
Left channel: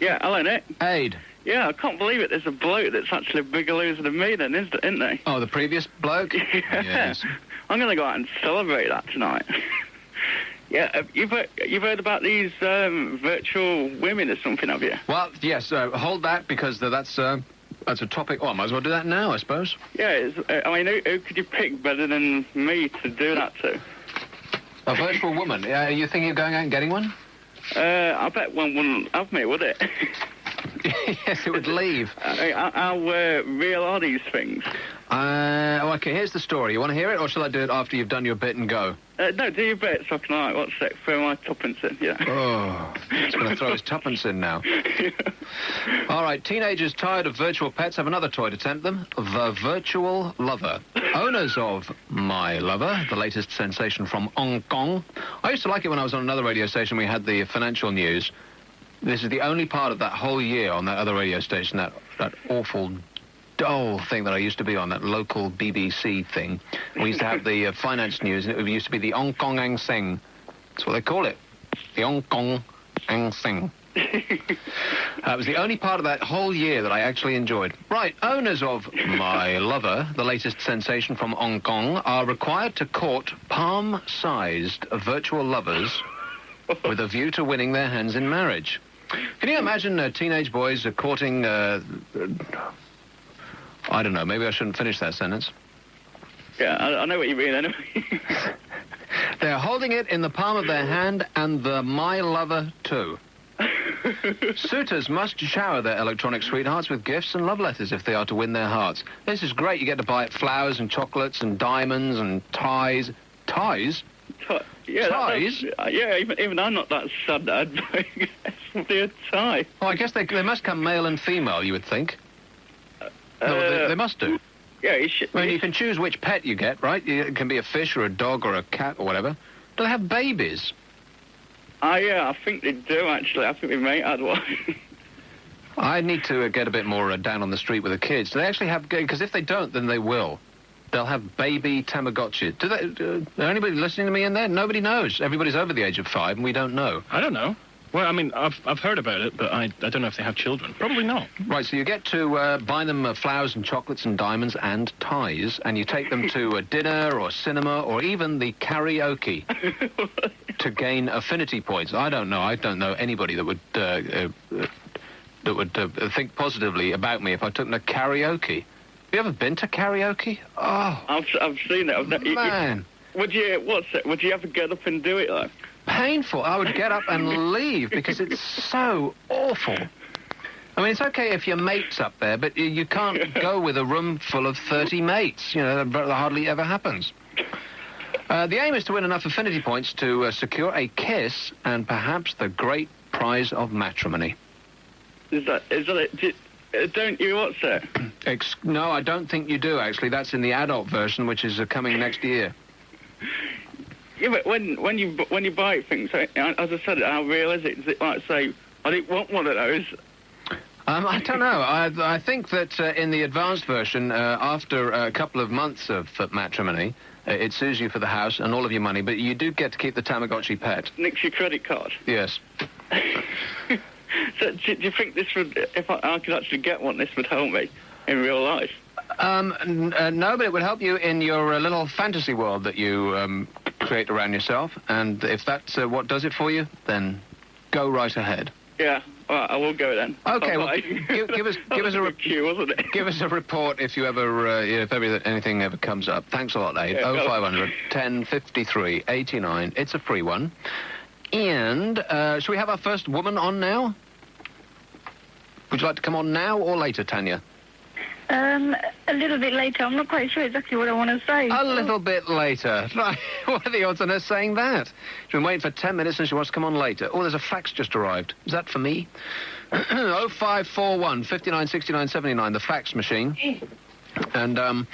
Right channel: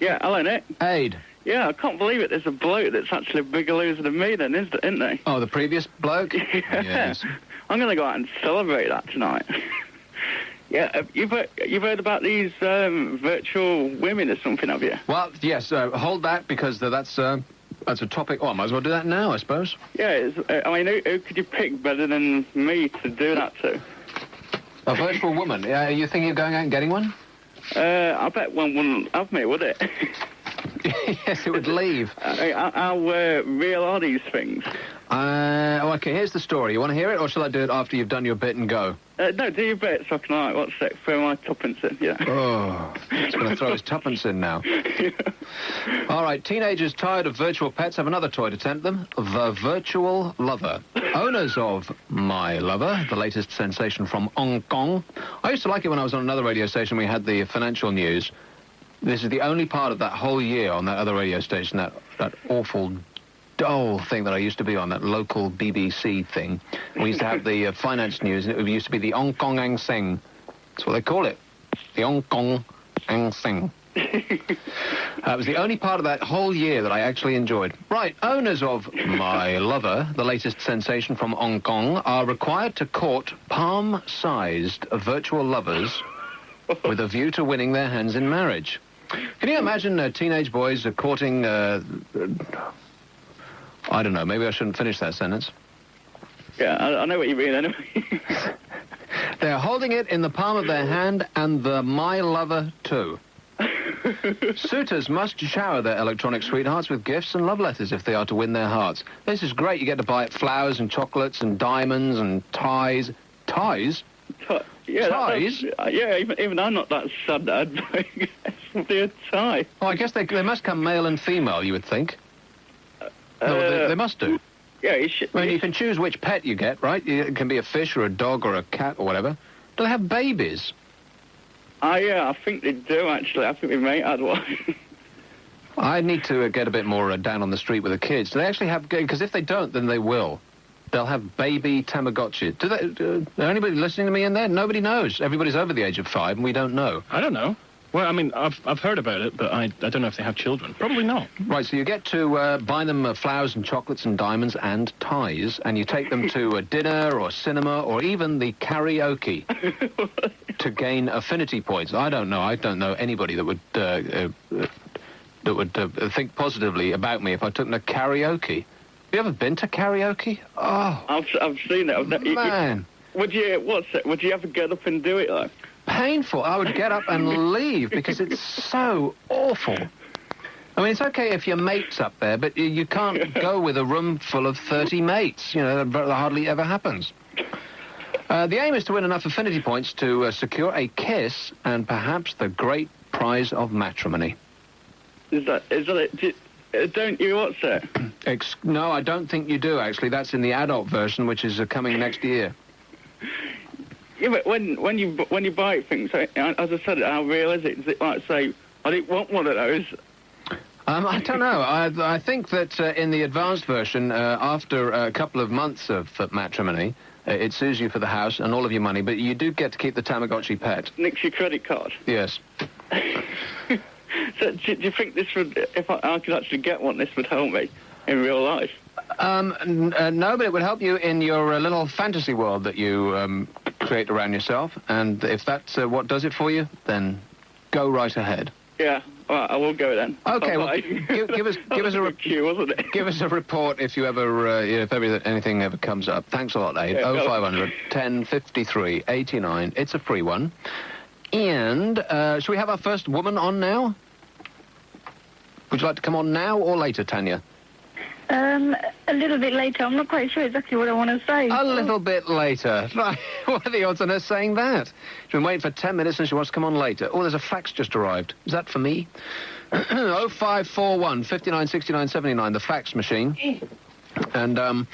Yeah, hello, Nick. Aid. Yeah, I can't believe it. There's a bloke that's actually a bigger loser than me then, isn't there? Oh, the previous bloke? Yeah. Yes. I'm going to go out and celebrate that tonight. Yeah, you've heard about these virtual women or something, have you? Well, yes, hold that, because that's a topic... Oh, I might as well do that now, I suppose. Yeah, I mean, who could you pick better than me to do that to? A virtual woman. You think you're going out and getting one? I bet one wouldn't have me, would it? Yes, it would leave. How real are these things? Okay, here's the story. You want to hear it, or shall I do it after you've done your bit and go? No, do your bit so I can, throw my tuppence in, yeah. Oh, he's going to throw his tuppence in now. All right, teenagers tired of virtual pets have another toy to tempt them, the virtual lover. Owners of My Lover, the latest sensation from Hong Kong. I used to like it when I was on another radio station. We had the financial news. This is the only part of that whole year on that other radio station, that awful, dull thing that I used to be on, that local BBC thing. We used to have the finance news, and it used to be the Hong Kong Ang Seng. That's what they call it. The Hong Kong Ang Seng. That was the only part of that whole year that I actually enjoyed. Right, owners of My Lover, the latest sensation from Hong Kong, are required to court palm-sized virtual lovers with a view to winning their hands in marriage. Can you imagine teenage boys courting... I don't know, maybe I shouldn't finish that sentence. Yeah, I know what you mean, anyway. They're holding it in the palm of their hand, and the My Lover, too. Suitors must shower their electronic sweethearts with gifts and love letters if they are to win their hearts. This is great. You get to buy flowers and chocolates and diamonds and ties. Ties? Yeah, ties? Yeah, even I'm not that sad that I'd buy a tie. Oh, I guess they must come male and female, you would think. No, they must do. Yeah, you should. I mean, you can choose which pet you get, right? It can be a fish or a dog or a cat or whatever. Do they have babies? Yeah, I think they do, actually. I think my mate had one. I need to get a bit more down on the street with the kids. Do they actually have... Because if they don't, then they will. They'll have baby Tamagotchis. Is there anybody listening to me in there? Nobody knows. Everybody's over the age of 5, and we don't know. I don't know. Well, I mean, I've heard about it, but I don't know if they have children. Probably not. Right, so you get to buy them flowers and chocolates and diamonds and ties, and you take them to a dinner or cinema or even the karaoke to gain affinity points. I don't know anybody that would think positively about me if I took them to karaoke. Have you ever been to karaoke? Oh, I've seen it. Man. Would you ever get up and do it, though? Painful. I would get up and leave because it's so awful. I mean, it's okay if your mate's up there, but you can't go with a room full of 30 mates. You know, that hardly ever happens. The aim is to win enough affinity points to secure a kiss and perhaps the great prize of matrimony. Is that it? Don't you watch it? No, I don't think you do, actually. That's in the adult version, which is coming next year. Yeah, but when you buy things, as I said, how real is it? Does it like say, I didn't want one of those? I don't know. I think that in the advanced version, after a couple of months of matrimony, it sues you for the house and all of your money, but you do get to keep the Tamagotchi pet. Nicks your credit card? Yes. So do you think this would, if I could actually get one, this would help me in real life? No, but it would help you in your little fantasy world that you create around yourself, and if that's what does it for you, then go right ahead. Yeah, all right, I will go then. Okay, well, give us give us a report if you ever anything ever comes up. Thanks a lot, Aid. 0500 10 53 89. It's a free one. And shall we have our first woman on now? Would you like to come on now or later, Tanya? A little bit later. I'm not quite sure exactly what I want to say. A little bit later. Right. What are the odds on her saying that? She's been waiting for 10 minutes and she wants to come on later. Oh, there's a fax just arrived. Is that for me? 0541 59 69 79, the fax machine. And,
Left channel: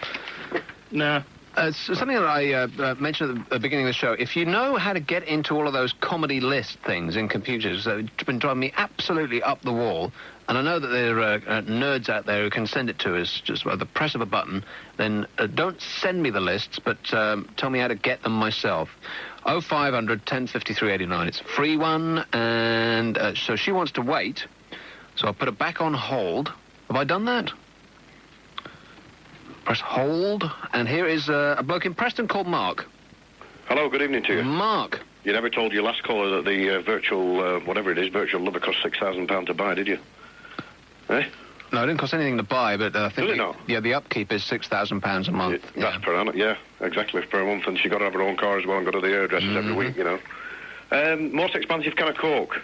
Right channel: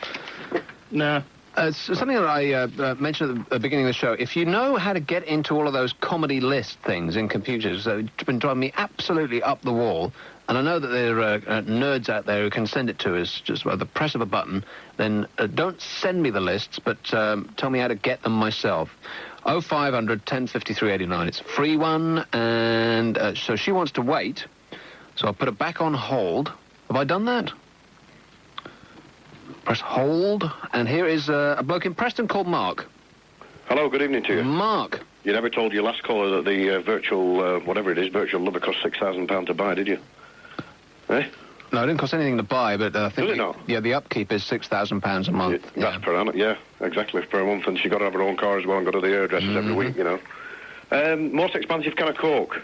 no. It's something that I mentioned at the beginning of the show. If you know how to get into all of those comedy list things in computers, it's been driving me absolutely up the wall. And I know that there are nerds out there who can send it to us just by the press of a button. Then don't send me the lists, but tell me how to get them myself. 0500 10 53 89. It's a free one, and so she wants to wait. So I'll put it back on hold. Have I done that? Press hold, and here is a bloke in Preston called Mark. Hello, good evening to you. Mark. You never told your last caller that the virtual, whatever it is, virtual lover cost £6,000 to buy, did you? Eh? No, it didn't cost anything to buy, but I think... Does it not? Yeah, the upkeep is £6,000 a month. That's per annum, yeah, exactly, per month, and she got to have her own car as well and go to the hairdressers every week, you know. Most expensive can of Coke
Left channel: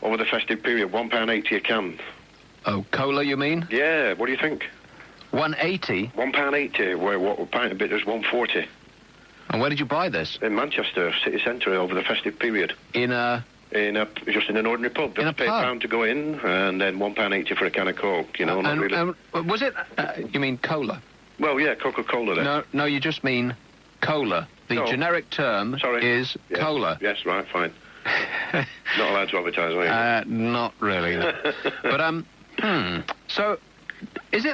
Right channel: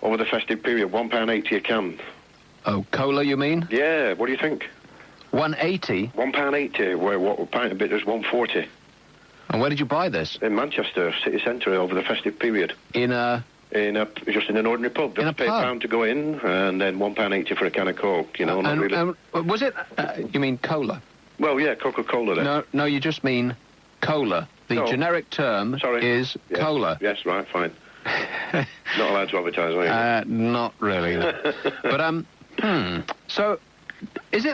over the festive period, £1.80 a can. Oh, cola, you mean? Yeah, what do you think? 180? £1.80, where what a pint of it is £1.40. And where did you buy this? In Manchester city centre over the festive period. Just in an ordinary pub. Just pay £1 to go in, and then £1.80 for a can of Coke, you know, not really. Was it, you mean cola? Well, yeah, Coca-Cola then. No, you just mean cola. The generic term is cola. Yes, right, fine. Not allowed to advertise, are you? Not really. But, so... Did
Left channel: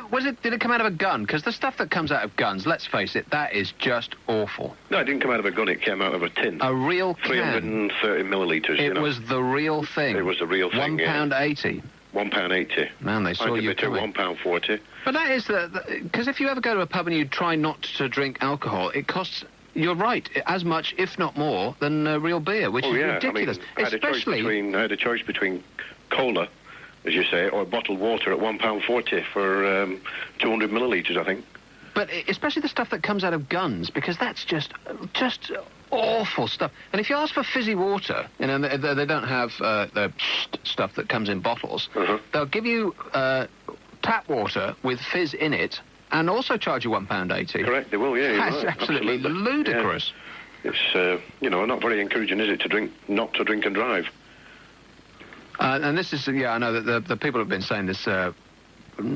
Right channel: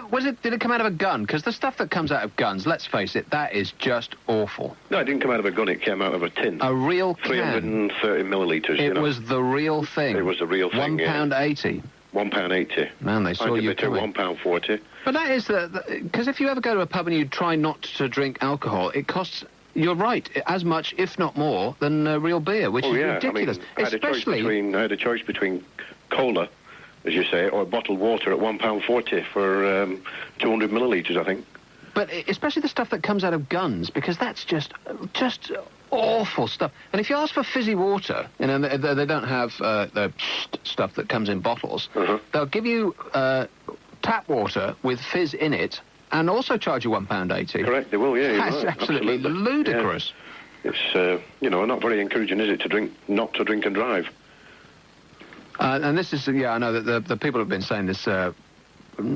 it come out of a gun? Because the stuff that comes out of guns, let's face it, that is just awful. No, it didn't come out of a gun, it came out of a tin. A real can. 330 millilitres, you know. It was the real thing. It was the real thing, £1.80. £1.80. Man, they saw you coming. £1.40. But that is because if you ever go to a pub and you try not to drink alcohol, it costs... You're right, as much, if not more, than real beer, which is ridiculous. I had a choice between cola, as you say, or bottled water at £1.40 for 200 millilitres, I think. But especially the stuff that comes out of guns, because that's just awful stuff. And if you ask for fizzy water, you know, they don't have the stuff that comes in bottles. They'll give you tap water with fizz in it, and also charge you £1.80. Correct, they will, yeah. That's absolutely ludicrous. Yeah. It's, not very encouraging, is it, not to drink and drive? And this is, I know that the people have been saying this,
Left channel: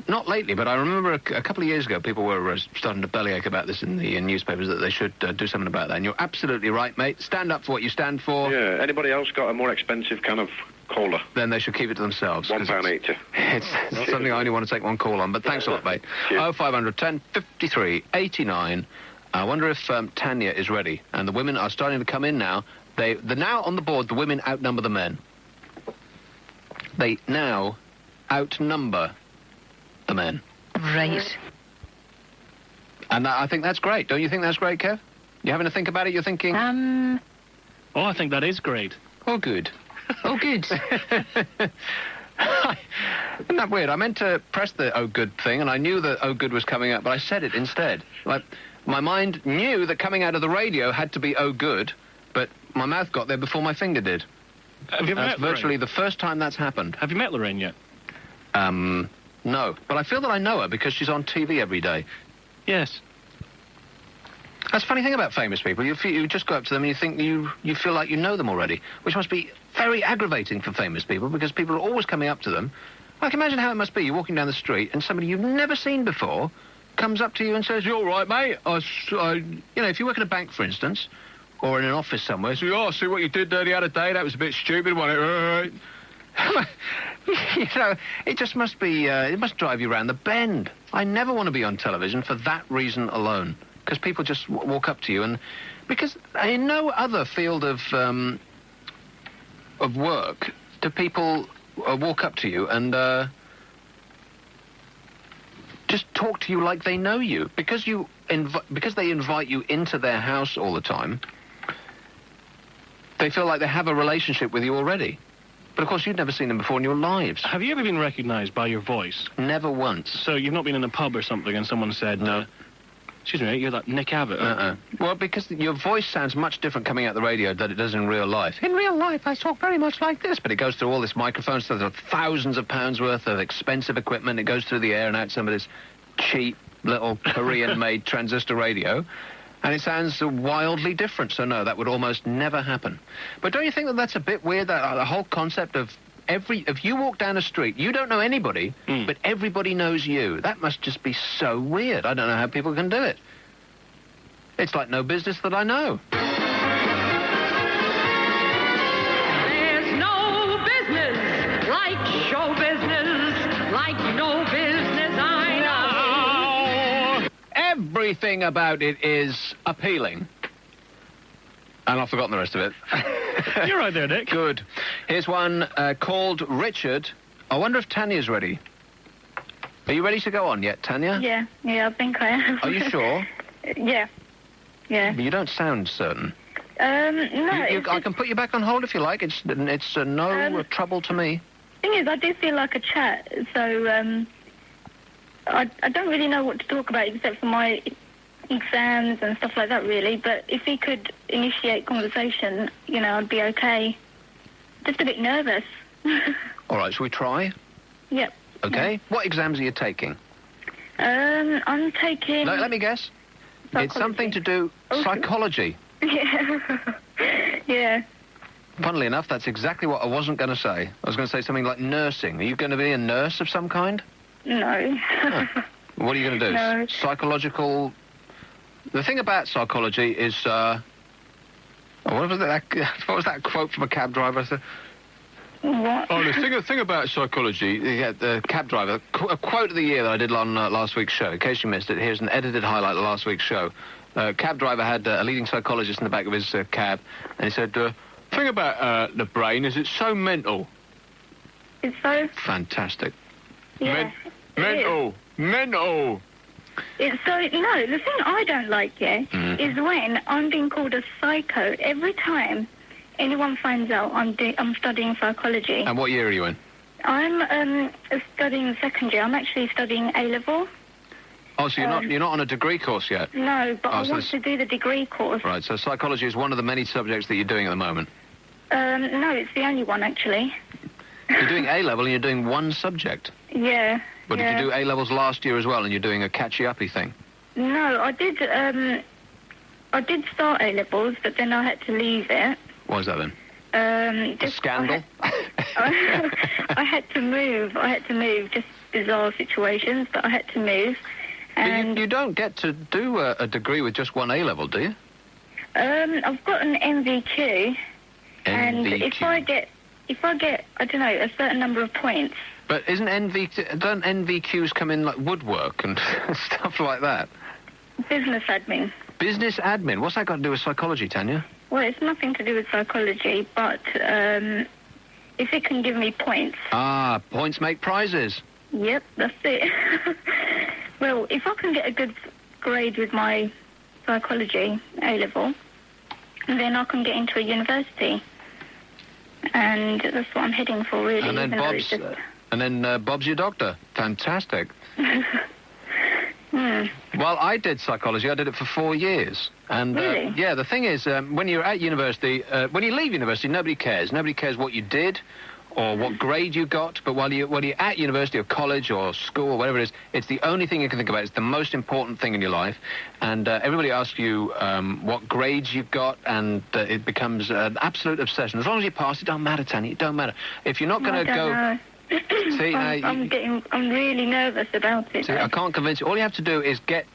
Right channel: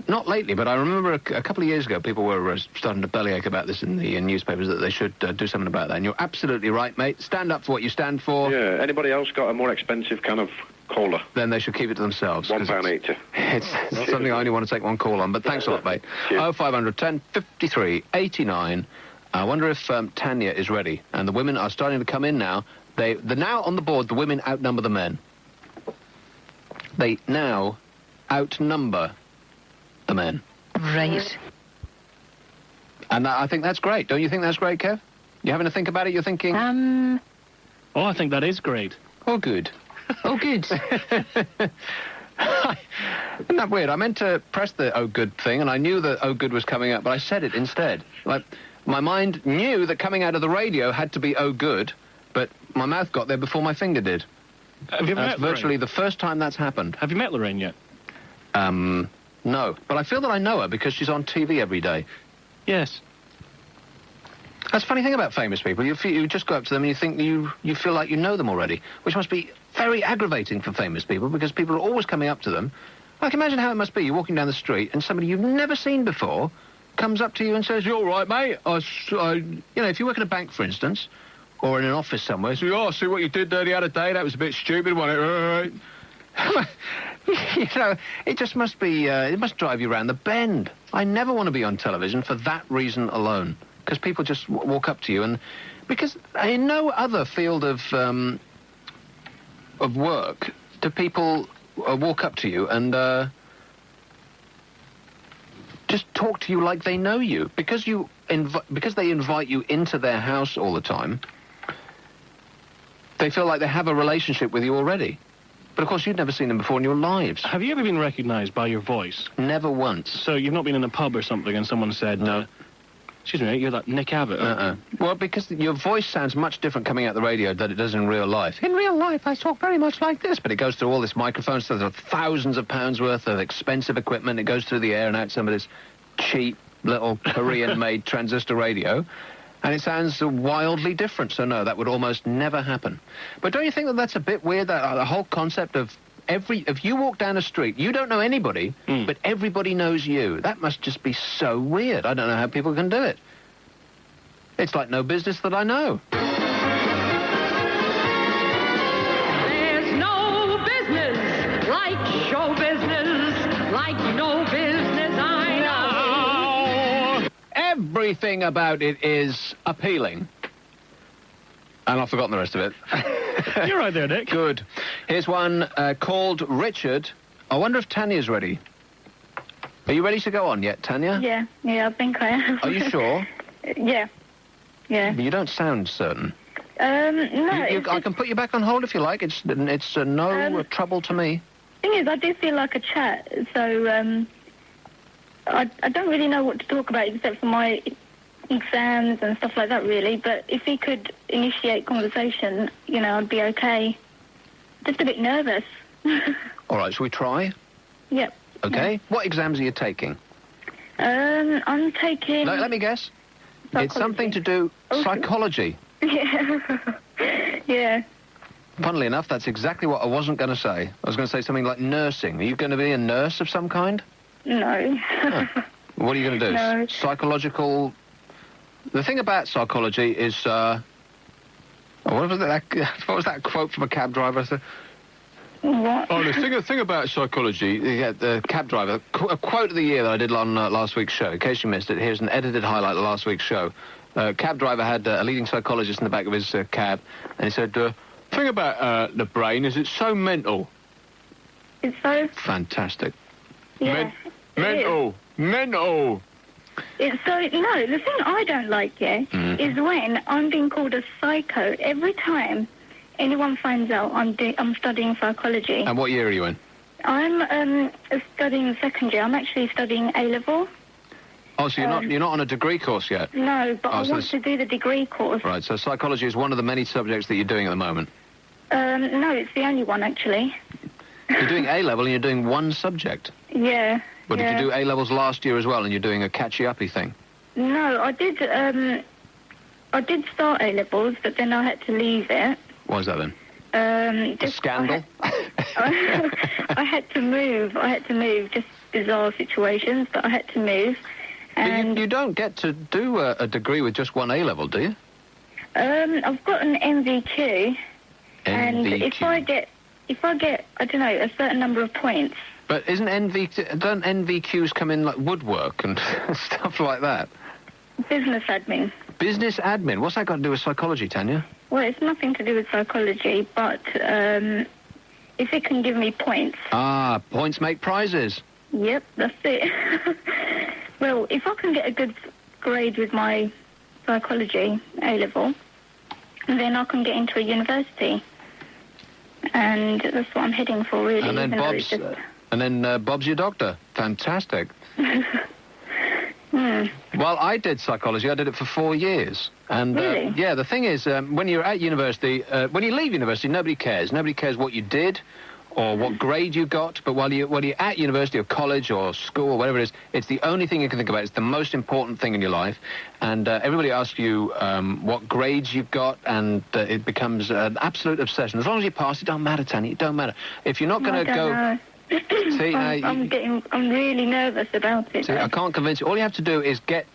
not lately, but I remember a couple of years ago, people were starting to bellyache about this in the newspapers, that they should do something about that. And you're absolutely right, mate. Stand up for what you stand for. Yeah, anybody else got a more expensive kind of cola? Then they should keep it to themselves. £1.80. It's something I only want to take one call on, but thanks a lot, mate. 0500 10 53 89. I wonder if Tanya is ready. And the women are starting to come in now. They're now on the board, the women outnumber the men. They now outnumber the men. Right. And I think that's great. Don't you think that's great, Kev? You having to think about it? You're thinking... Oh, I think that is great. Oh, good. Oh, good. Isn't that weird? I meant to press the oh, good thing, and I knew that oh, good was coming up, but I said it instead. Like, my mind knew that coming out of the radio had to be oh, good, but my mouth got there before my finger did. Have you met Lorraine? Virtually the first time that's happened. Have you met Lorraine yet? No. But I feel that I know her because she's on TV every day. Yes. That's the funny thing about famous people. You just go up to them and you think you feel like you know them already, which must be very aggravating for famous people because people are always coming up to them. Like, imagine how it must be. You're walking down the street and somebody you've never seen before comes up to you and says, "You all right, mate?" You know, if you work in a bank, for instance, or in an office somewhere, so, "Oh, see what you did there the other day? That was a bit stupid, wasn't it?" You know, it just must be, it must drive you round the bend. I never want to be on television for that reason alone. Because people just walk up to you and... Because in no other field of work do people walk up to you and just talk to you like they know you. Because they invite you into their house all the time, they feel like they have a relationship with you already. But, of course, you've never seen them before in your lives. Have you ever been recognised by your voice? Never once. So you've not been in a pub or something and someone said, "No, excuse me, you're that Nick Abbott." Well, because your voice sounds much different coming out the radio than it does in real life. In real life, I talk very much like this, but it goes through all this microphone stuff. There's thousands of pounds worth of expensive equipment. It goes through the air and out some of this cheap little Korean-made transistor radio. And it sounds wildly different, so no, that would almost never happen. But don't you think that that's a bit weird, the whole concept of if you walk down a street, you don't know anybody, but everybody knows you. That must just be so weird. I don't know how people can do it. It's like no business that I know. There's no business like show business, like no business I know. Everything about it is appealing. And I've forgotten the rest of it. You're right there, Nick. Good. Here's one called Richard. I wonder if Tanya's ready. Are you ready to go on yet, Tanya? Yeah, I think I am. Are you sure? Yeah. But you don't sound certain. No. I can put you back on hold if you like. It's no trouble to me. Thing is, I do feel like a chat, so I don't really know what to talk about except for my exams and stuff like that, really. But if he could initiate conversation, you know, I'd be okay. Just a bit nervous. All right, shall we try? Yep. Okay. Yeah. What exams are you taking? I'm taking... Let me guess. Psychology. It's something to do... Psychology. Yeah. Funnily enough, that's exactly what I wasn't going to say. I was going to say something like nursing. Are you going to be a nurse of some kind? No. What are you going to do? No. Psychological... The thing about psychology is, what was that quote from a cab driver? What? Oh, the thing about psychology, the cab driver, a quote of the year that I did on last week's show. In case you missed it, here's an edited highlight of last week's show. Cab driver had a leading psychologist in the back of his cab, and he said, the thing about the brain is it's so mental. It's so... Fantastic. Yeah. Mental. It's so... No, the thing I don't like, is when I'm being called a psycho every time anyone finds out I'm studying psychology. And what year are you in? I'm studying secondary. I'm actually studying A-level. Oh, so you're not on a degree course yet? No, but I want to do the degree course. Right, so psychology is one of the many subjects that you're doing at the moment? No, it's the only one, actually. You're doing A-level and you're doing one subject? Yeah. But did you do A-levels last year as well and you're doing a catchy-uppy thing? No, I did start A-levels, but then I had to leave it. What was that then? A scandal? I had to move. Just bizarre situations, but I had to move. And you don't get to do a degree with just one A-level, do you? I've got an NVQ. And if I get, I don't know, a certain number of points. But don't NVQs come in like woodwork and stuff like that? Business admin. Business admin? What's that got to do with psychology, Tanya? Well, it's nothing to do with psychology, but if it can give me points. Ah, points make prizes. Yep, that's it. Well, if I can get a good grade with my psychology A-level, then I can get into a university. And that's what I'm heading for, really. And then Bob's your doctor. Fantastic. Well, I did psychology. I did it for 4 years. And really? Yeah, the thing is, when you're at university, when you leave university, nobody cares. Nobody cares what you did or what grade you got, but while you're at university or college or school or whatever it is, it's the only thing you can think about. It's the most important thing in your life. And everybody asks you what grades you've got, and it becomes an absolute obsession. As long as you pass, it don't matter, Tanya. It don't matter. If you're not going to go... See, I'm really nervous about it. See, I can't convince you. All you have to do is get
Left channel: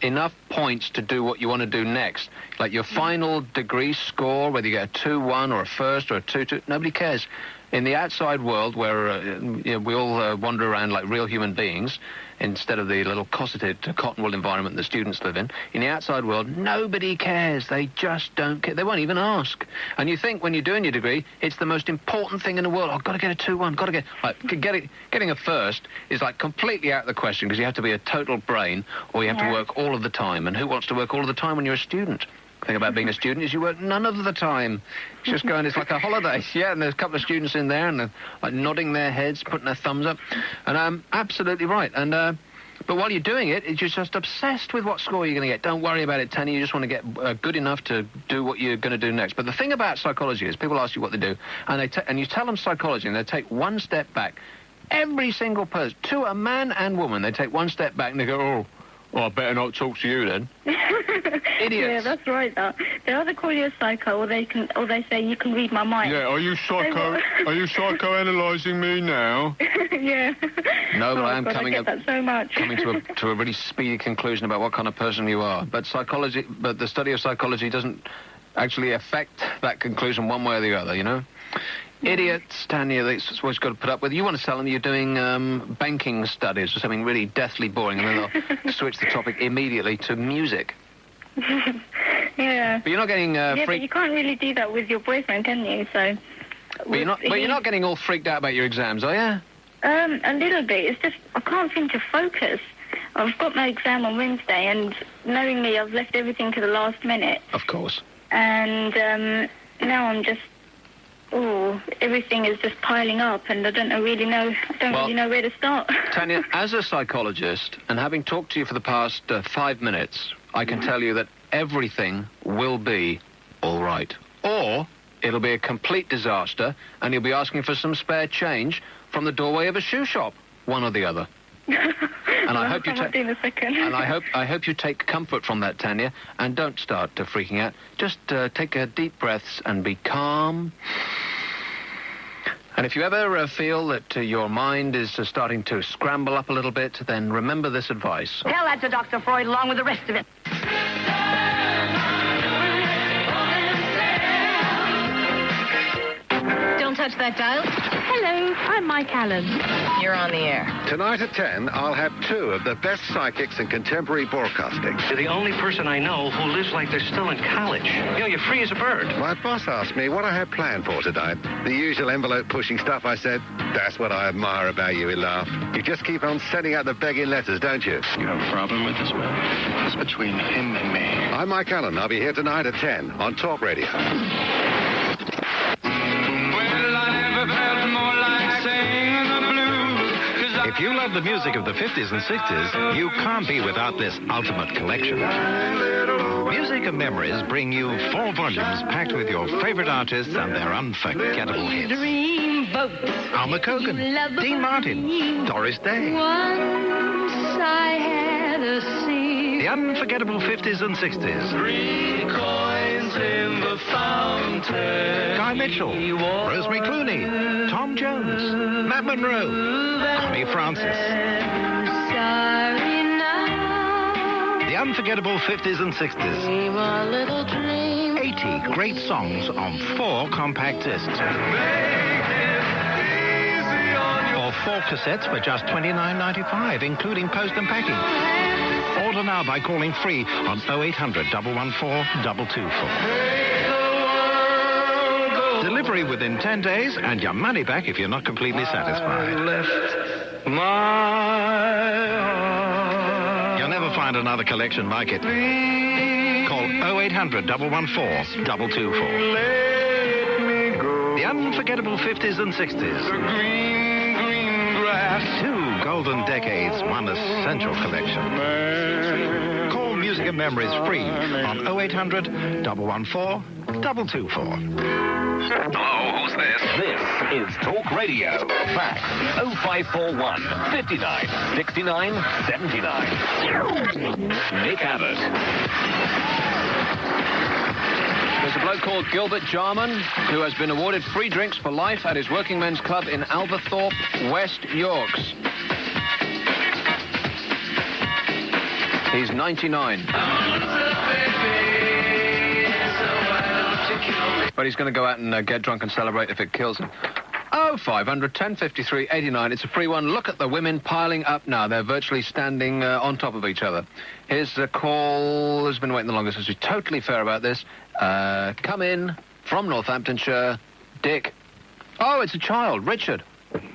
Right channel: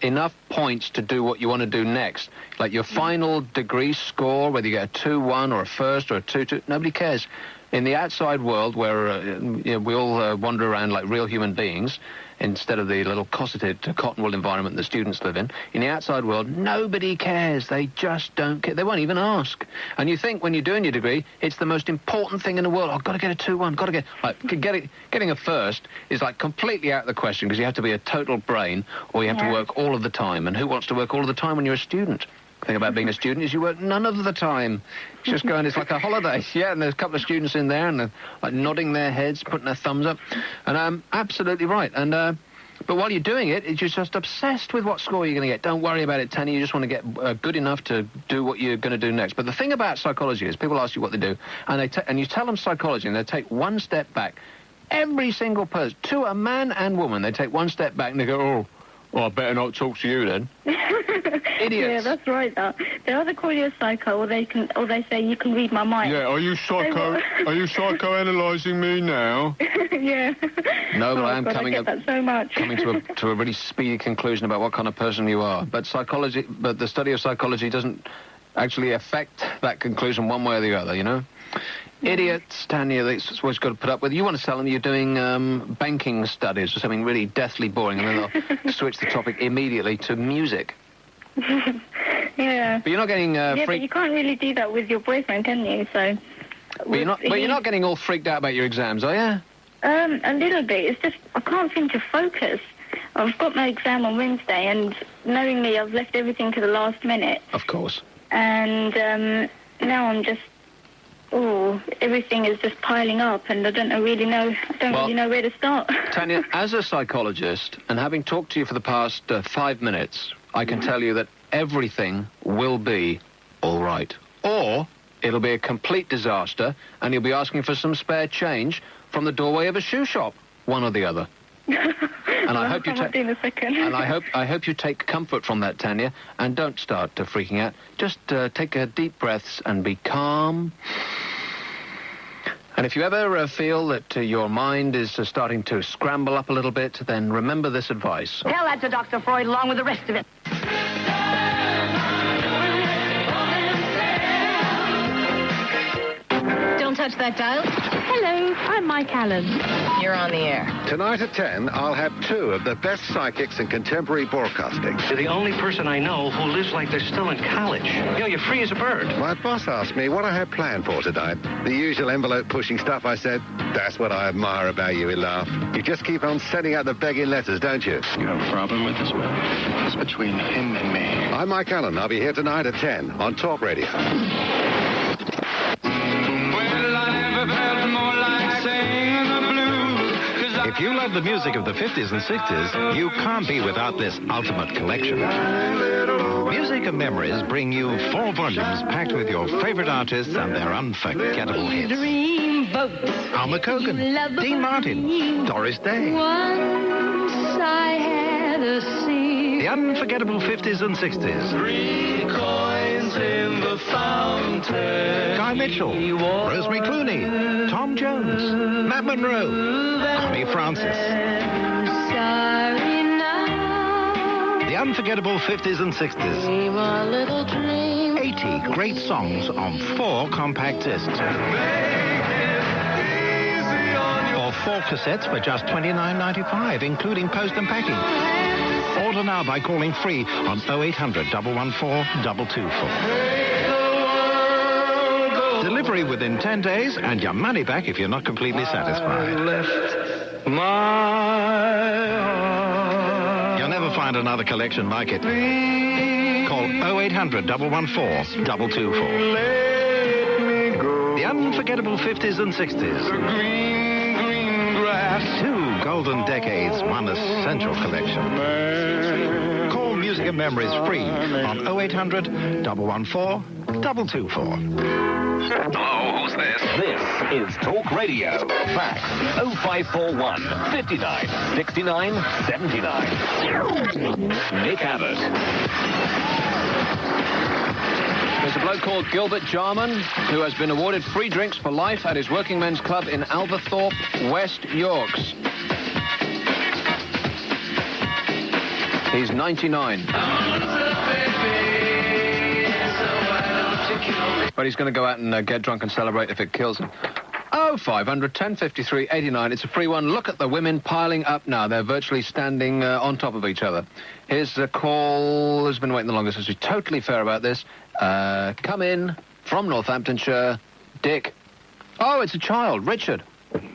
enough points to do what you want to do next. Like your final degree score, whether you get a 2-1 or a first or a 2-2, nobody cares. In the outside world, where we all wander around like real human beings, instead of the little cosseted cotton wool environment the students live in the outside world, nobody cares. They just don't care. They won't even ask. And you think when you're doing your degree, it's the most important thing in the world. I've got to get a 2-1, got to get... Getting a first is like completely out of the question, because you have to be a total brain, or you have to work all of the time. And who wants to work all of the time when you're a student? The thing about being a student is you work none of the time. It's just going, it's like a holiday. Yeah, and there's a couple of students in there, and they're like nodding their heads, putting their thumbs up. And I'm absolutely right. And but while you're doing it, you're just obsessed with what score you're going to get. Don't worry about it, Tanya. You just want to get good enough to do what you're going to do next. But the thing about psychology is people ask you what they do, and you tell them psychology, and they take one step back. Every single person, to a man and woman, they take one step back and they go, oh, I better not talk to you then. Idiots. Yeah, that's right. They either call you a psycho, or they say you can read my mind. Yeah, are you psychoanalyzing me now? Yeah. No, but I am coming to a really speedy conclusion about what kind of person you are. But the study of psychology doesn't actually affect that conclusion one way or the other, you know? Idiots, Tanya, that's what you've got to put up with. You want to tell them you're doing banking studies or something really deathly boring, and then they'll switch the topic immediately to music. Yeah. But you're not getting but you can't really do that with your boyfriend, can you? So. But you're not getting all freaked out about your exams, are you? A little bit. It's just I can't seem to focus. I've got my exam on Wednesday, and knowing me, I've left everything to the last minute. Of course. And now I'm just. Oh, everything is just piling up, and I don't really know where to start. Tanya, as a psychologist, and having talked to you for the past 5 minutes, I can tell you that everything will be all right. Or it'll be a complete disaster, and you'll be asking for some spare change from the doorway of a shoe shop, one or the other. And I hope I hope you take comfort from that, Tanya, and don't start freaking out. Just take deep breaths and be calm. And if you ever feel that your mind is starting to scramble up a little bit, then remember this advice. Tell that to Dr. Freud along with the rest of it. Don't touch that dial. Hello, I'm Mike Allen. You're on the air. Tonight at 10, I'll have 2 of the best psychics in contemporary broadcasting. You're the only person I know who lives like they're still in college. You know, you're free as a bird. My boss asked me what I had planned for tonight. The usual envelope-pushing stuff, I said. That's what I admire about you, he laughed. You just keep on sending out the begging letters, don't you? You have a problem with this man? It's between him and me. I'm Mike Allen. I'll be here tonight at 10 on Talk Radio. If you love the music of the 50s and 60s, you can't be without this ultimate collection. Music and Memories bring you 4 volumes packed with your favorite artists and their unforgettable hits. Al McCogan, Dean Martin, Doris Day. The unforgettable 50s and 60s. 3 coins in the fountain. Guy Mitchell, Rosemary Clooney, Tom Jones, Matt Monroe, Connie Francis. The unforgettable 50s and 60s. 80 great songs on 4 compact discs. Or 4 cassettes for just $29.95, including post and packing. Order now by calling free on 0800 114 224. Delivery within 10 days and your money back if you're not completely satisfied. You'll never find another collection like it. Call 0800 114 224. The unforgettable 50s and 60s. 2 gold golden decades, one essential collection. Call Music and Memories free on 0800 114 224. Hello, who's this? This is Talk Radio. Fax 0541 59 69 79. Nick Abbott. There's a bloke called Gilbert Jarman who has been awarded free drinks for life at his working men's club in Alverthorpe, West York. He's 99. But he's going to go out and get drunk and celebrate if it kills him. Oh, 500 1053 89. It's a free one. Look at the women piling up now. They're virtually standing on top of each other. Here's the call. Who's been waiting the longest? Let's be totally fair about this. Come in from Northamptonshire. Dick. Oh, it's a child. Richard.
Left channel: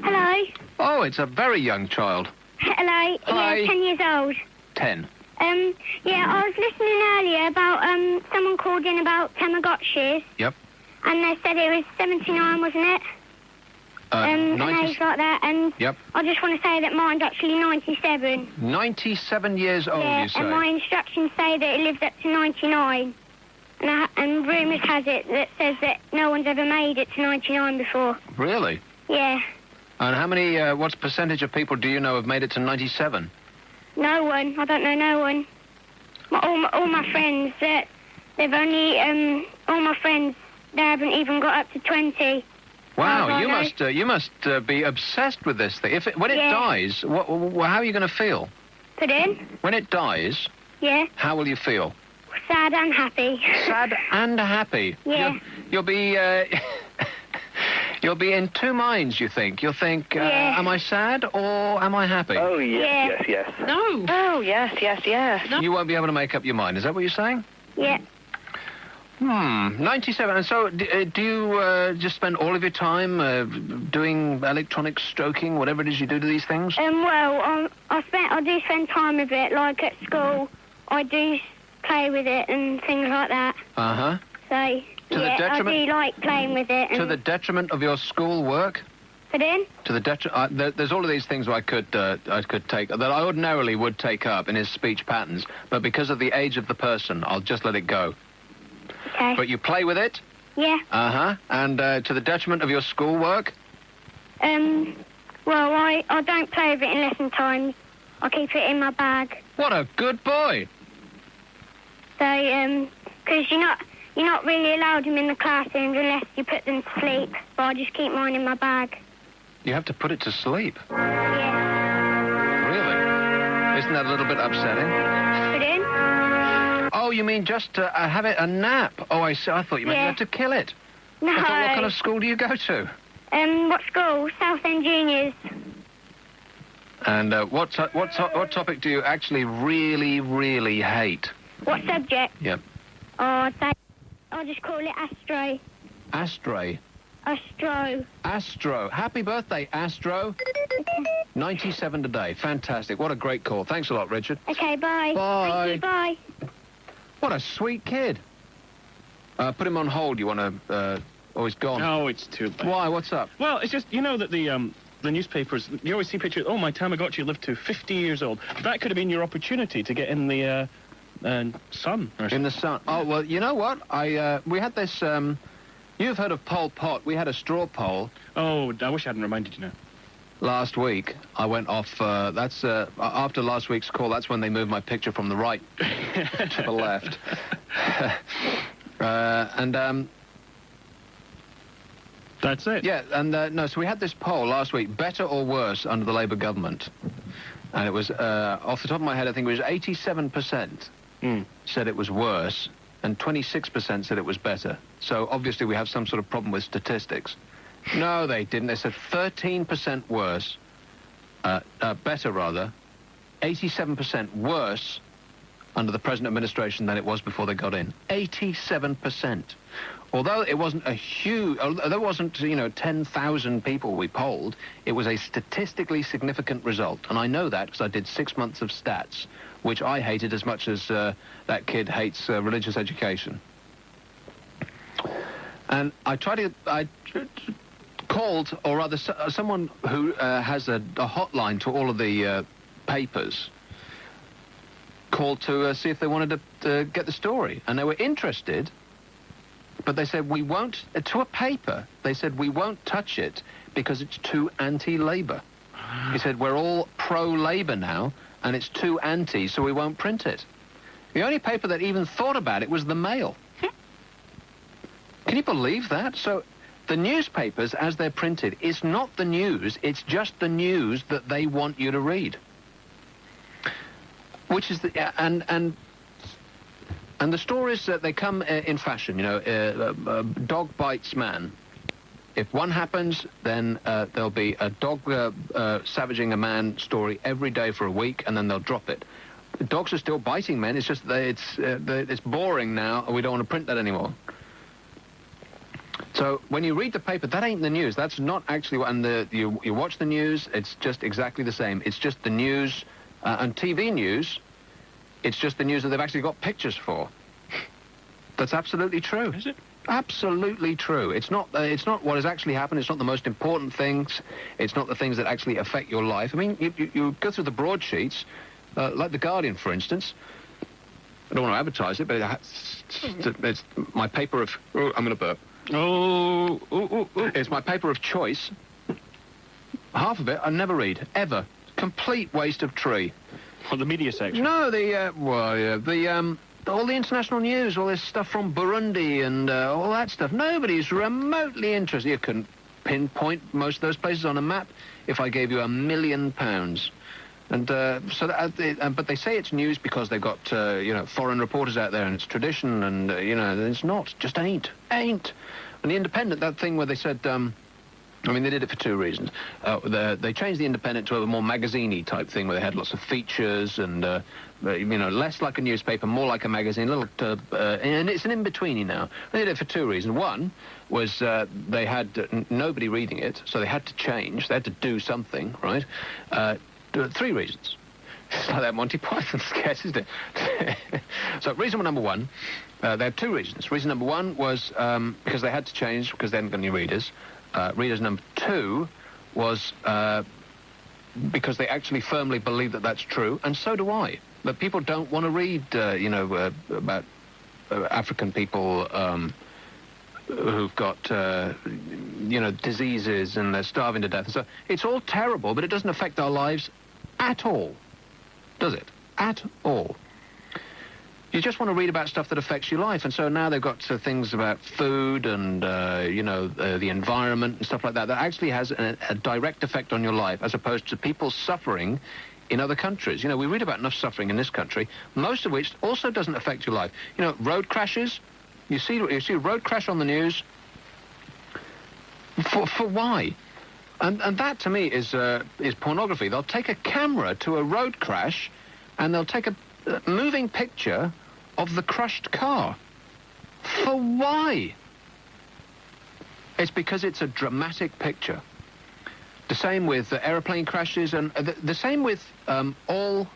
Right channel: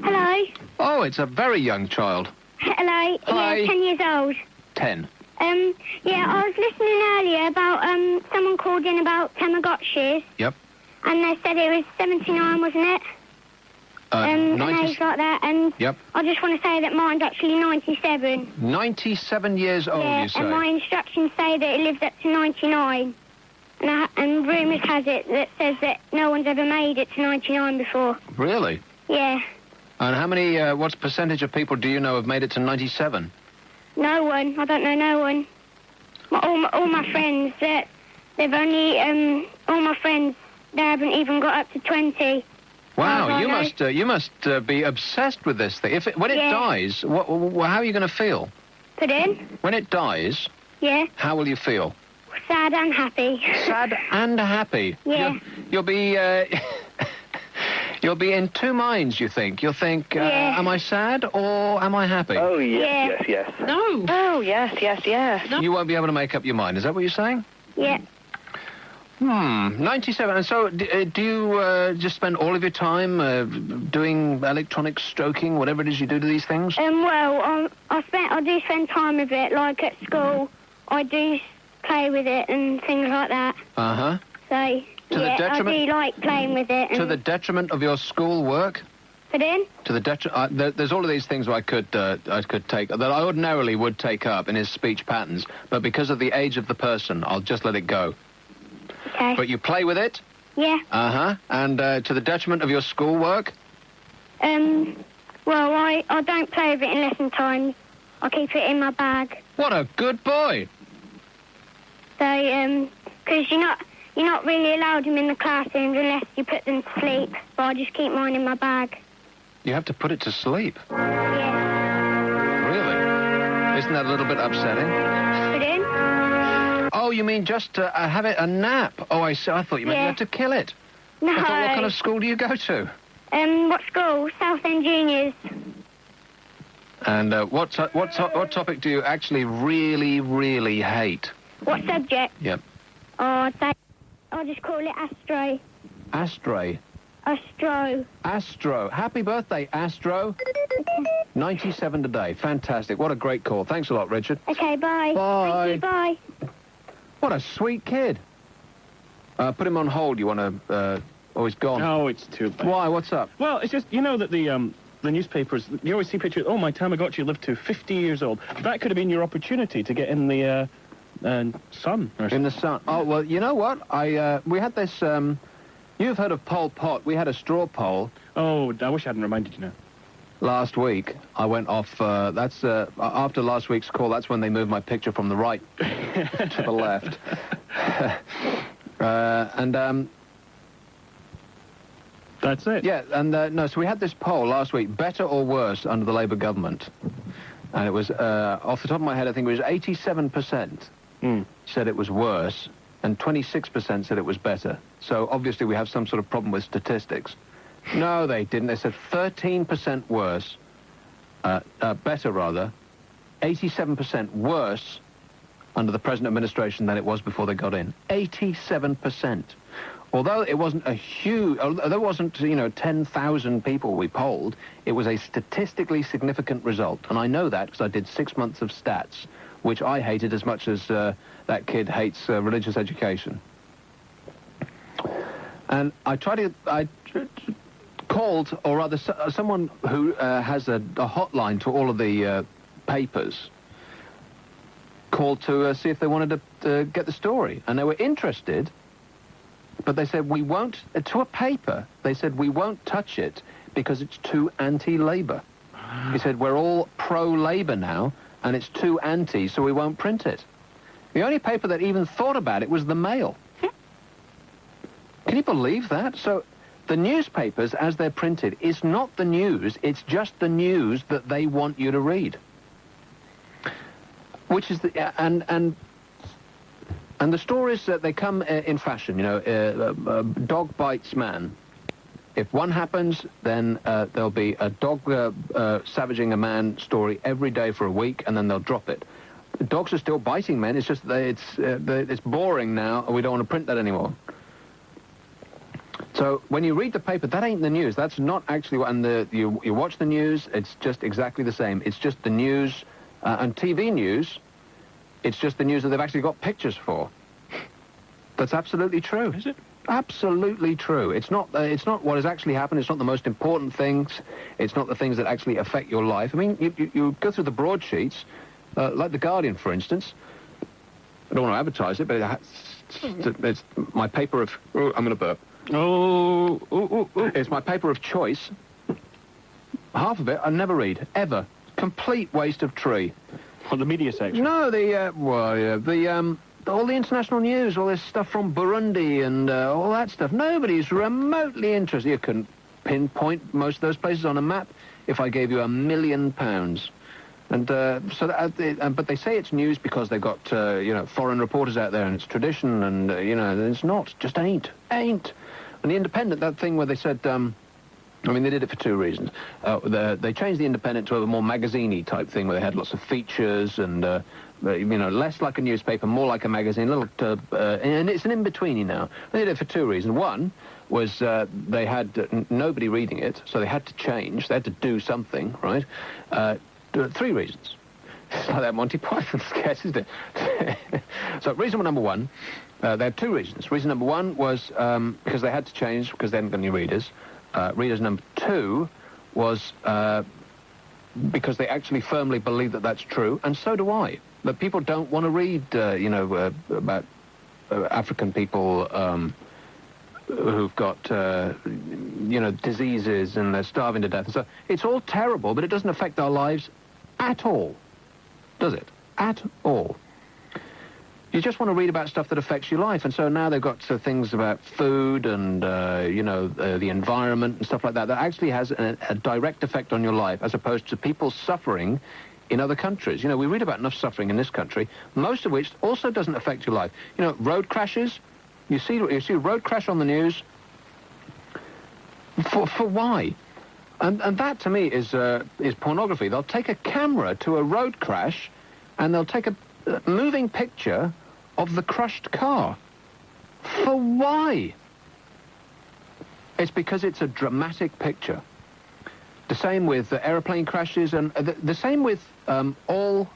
Hello. Oh, it's a very young child. Hello. Hi. Yeah, 10 years old. 10. Yeah, I was listening earlier about, someone called in about Tamagotchis, Yep. and they said it was 79, wasn't it? And things like that, and Yep. I just want to say that mine's actually 97. 97 years old, Yeah, you say? and my instructions say that it lived up to 99. And rumours has it that says that no one's ever made it to 99 before. Really? Yeah. And how many, what percentage of people do you know have made it to 97? No one. I don't know no one. All my friends, they've only, all my friends, they haven't even got up to 20. Wow, Oh, you must be obsessed with this thing. When it dies, how are you going to feel? Put in? When it dies, Yeah. how will you feel? Sad and happy. Sad and happy. Yeah. You'll be you'll be in two minds. You think? You'll think, am I sad or am I happy? Oh yes. No. Oh yes. You won't be able to make up your mind. Is that what you're saying? Yeah. 97. And so, do you just spend all of your time doing electronic stroking, whatever it is you do to these things? Well, I do spend time with it, like at school. I do play with it and things like that. Uh-huh. So, To the yeah, I detriment- do like playing with it. And To the detriment of your school work? Put in? To the there's all of these things I could take that I ordinarily would take up in his speech patterns, but because of the age of the person, I'll just let it go. Okay. But you play with it? Yeah. Uh-huh. And to the detriment of your schoolwork? Well, I don't play with it in lesson times. I keep it in my bag. What a good boy. So, because you're not really allowed them in the classrooms unless you put them to sleep. But I just keep mine in my bag. You have to put it to sleep. Yeah. Really? Isn't that a little bit upsetting? Put in? Oh, you mean just to have it a nap? Oh, I see. I thought you meant you had to kill it. No. I thought, what kind of school do you go to? What school? Southend Juniors. And what topic do you actually really, really hate? What subject? Yep. Oh, I'll just call it Astro. Astray. Astro. Happy birthday, Astro. 97 today. Fantastic. What a great call. Thanks a lot, Richard. Okay, bye. Bye. Thank you, bye. What a sweet kid. Put him on hold. You want to... oh, he's gone. Oh, it's too bad. Why? What's up? Well, it's just, you know that the newspapers, you always see pictures, oh, my Tamagotchi lived to 50 years old. That could have been your opportunity to get in the sun. In the sun. Oh, well, you know what? We had this... you've heard of Pol Pot. We had a straw poll. Oh, I wish I hadn't reminded you now. Last week, I went off... after last week's call, that's when they moved my picture from the right to the left. That's it. Yeah, and no, so we had this poll last week, better or worse under the Labour government. And it was, off the top of my head, I think it was 87% said it was worse, and 26% said it was better. So obviously we have some sort of problem with statistics. No, they didn't. They said 13% worse, better rather, 87% worse under the present administration than it was before they got in. 87%. Although it wasn't a huge, there wasn't, 10,000 people we polled, it was a statistically significant result. And I know that because I did 6 months of stats, which I hated as much as that kid hates religious education. And I called, or rather, someone who has a hotline to all of the papers called to see if they wanted to get the story, and they were interested, but they said, we won't, to a paper, they said, we won't touch it because it's too anti-Labour. He said, we're all pro-Labour now, and it's too anti, so we won't print it. The only paper that even thought about it was the Mail. Can you believe that? So the newspapers, as they're printed, is not the news, it's just the news that they want you to read. Which is the, and the stories that they come in fashion, you know, dog bites man. If one happens, then there'll be a dog savaging a man story every day for a week, and then they'll drop it. Dogs are still biting men. It's just that it's boring now, and we don't want to print that anymore. So when you read the paper, that ain't the news. That's not actually what. And you watch the news. It's just exactly the same. It's just the news and TV news. It's just the news that they've actually got pictures for. That's absolutely true. Is it? Absolutely true. It's not what has actually happened. It's not the most important things. It's not the things that actually affect your life. I mean, you go through the broadsheets, like The Guardian, for instance. I don't want to advertise it, but it's my paper of... Oh, I'm going to burp. It's my paper of choice. Half of it I never read, ever. Complete waste of tree. Well, the media section? No, all the international news, all this stuff from Burundi and all that stuff. Nobody's remotely interested. You couldn't pinpoint most of those places on a map if I gave you £1 million. And but they say it's news because they've got foreign reporters out there, and it's tradition, and it's not. Just ain't. And the Independent, that thing where they said. I mean, they did it for two reasons. They changed the Independent to a more magazine-y type thing where they had lots of features and, less like a newspaper, more like a magazine, and it's an in-betweeny now. They did it for two reasons. One was they had nobody reading it, so they had to change. They had to do something, right? Three reasons. It's like that Monty Python sketch, isn't it? So reason number one, they had two reasons. Reason number one was because they had to change because they hadn't got any readers. Readers number two was because they actually firmly believe that that's true, and so do I. That people don't want to read, about African people who've got, diseases and they're starving to death. So it's all terrible, but it doesn't affect our lives at all, does it? At all. You just want to read about stuff that affects your life, and so now they've got things about food and, the environment and stuff like that actually has a direct effect on your life, as opposed to people suffering in other countries. We read about enough suffering in this country, most of which also doesn't affect your life. Road crashes. You see a road crash on the news. For why? And that, to me, is pornography. They'll take a camera to a road crash, and they'll take a moving picture of the crushed car. For why? It's because it's a dramatic picture. The same with aeroplane crashes, and the same with all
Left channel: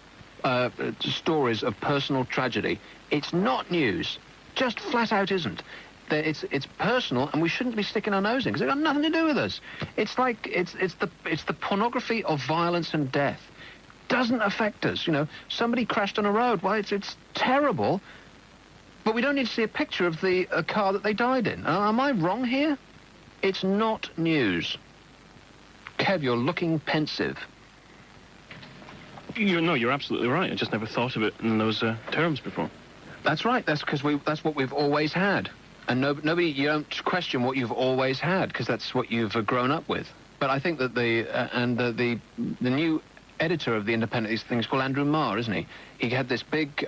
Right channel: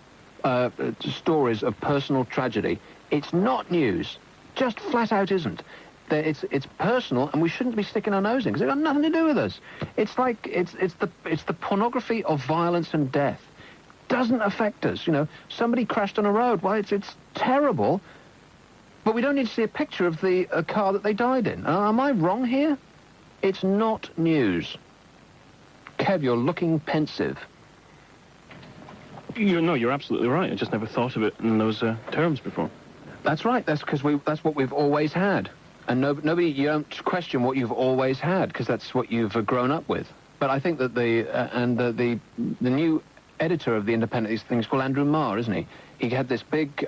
stories of personal tragedy. It's not news. Just flat out isn't. It's personal, and we shouldn't be sticking our nose in because it's got nothing to do with us. It's like it's the pornography of violence and death. Doesn't affect us. Somebody crashed on a road. Well, it's terrible, but we don't need to see a picture of the car that they died in. Am I wrong here? It's not news. Kev, you're looking pensive. You're absolutely right. I just never thought of it in those terms before. That's right. That's because that's what we've always had, and nobody. You don't question what you've always had because that's what you've grown up with. But I think that the new editor of the Independent, these things called Andrew Marr, isn't he? He had this big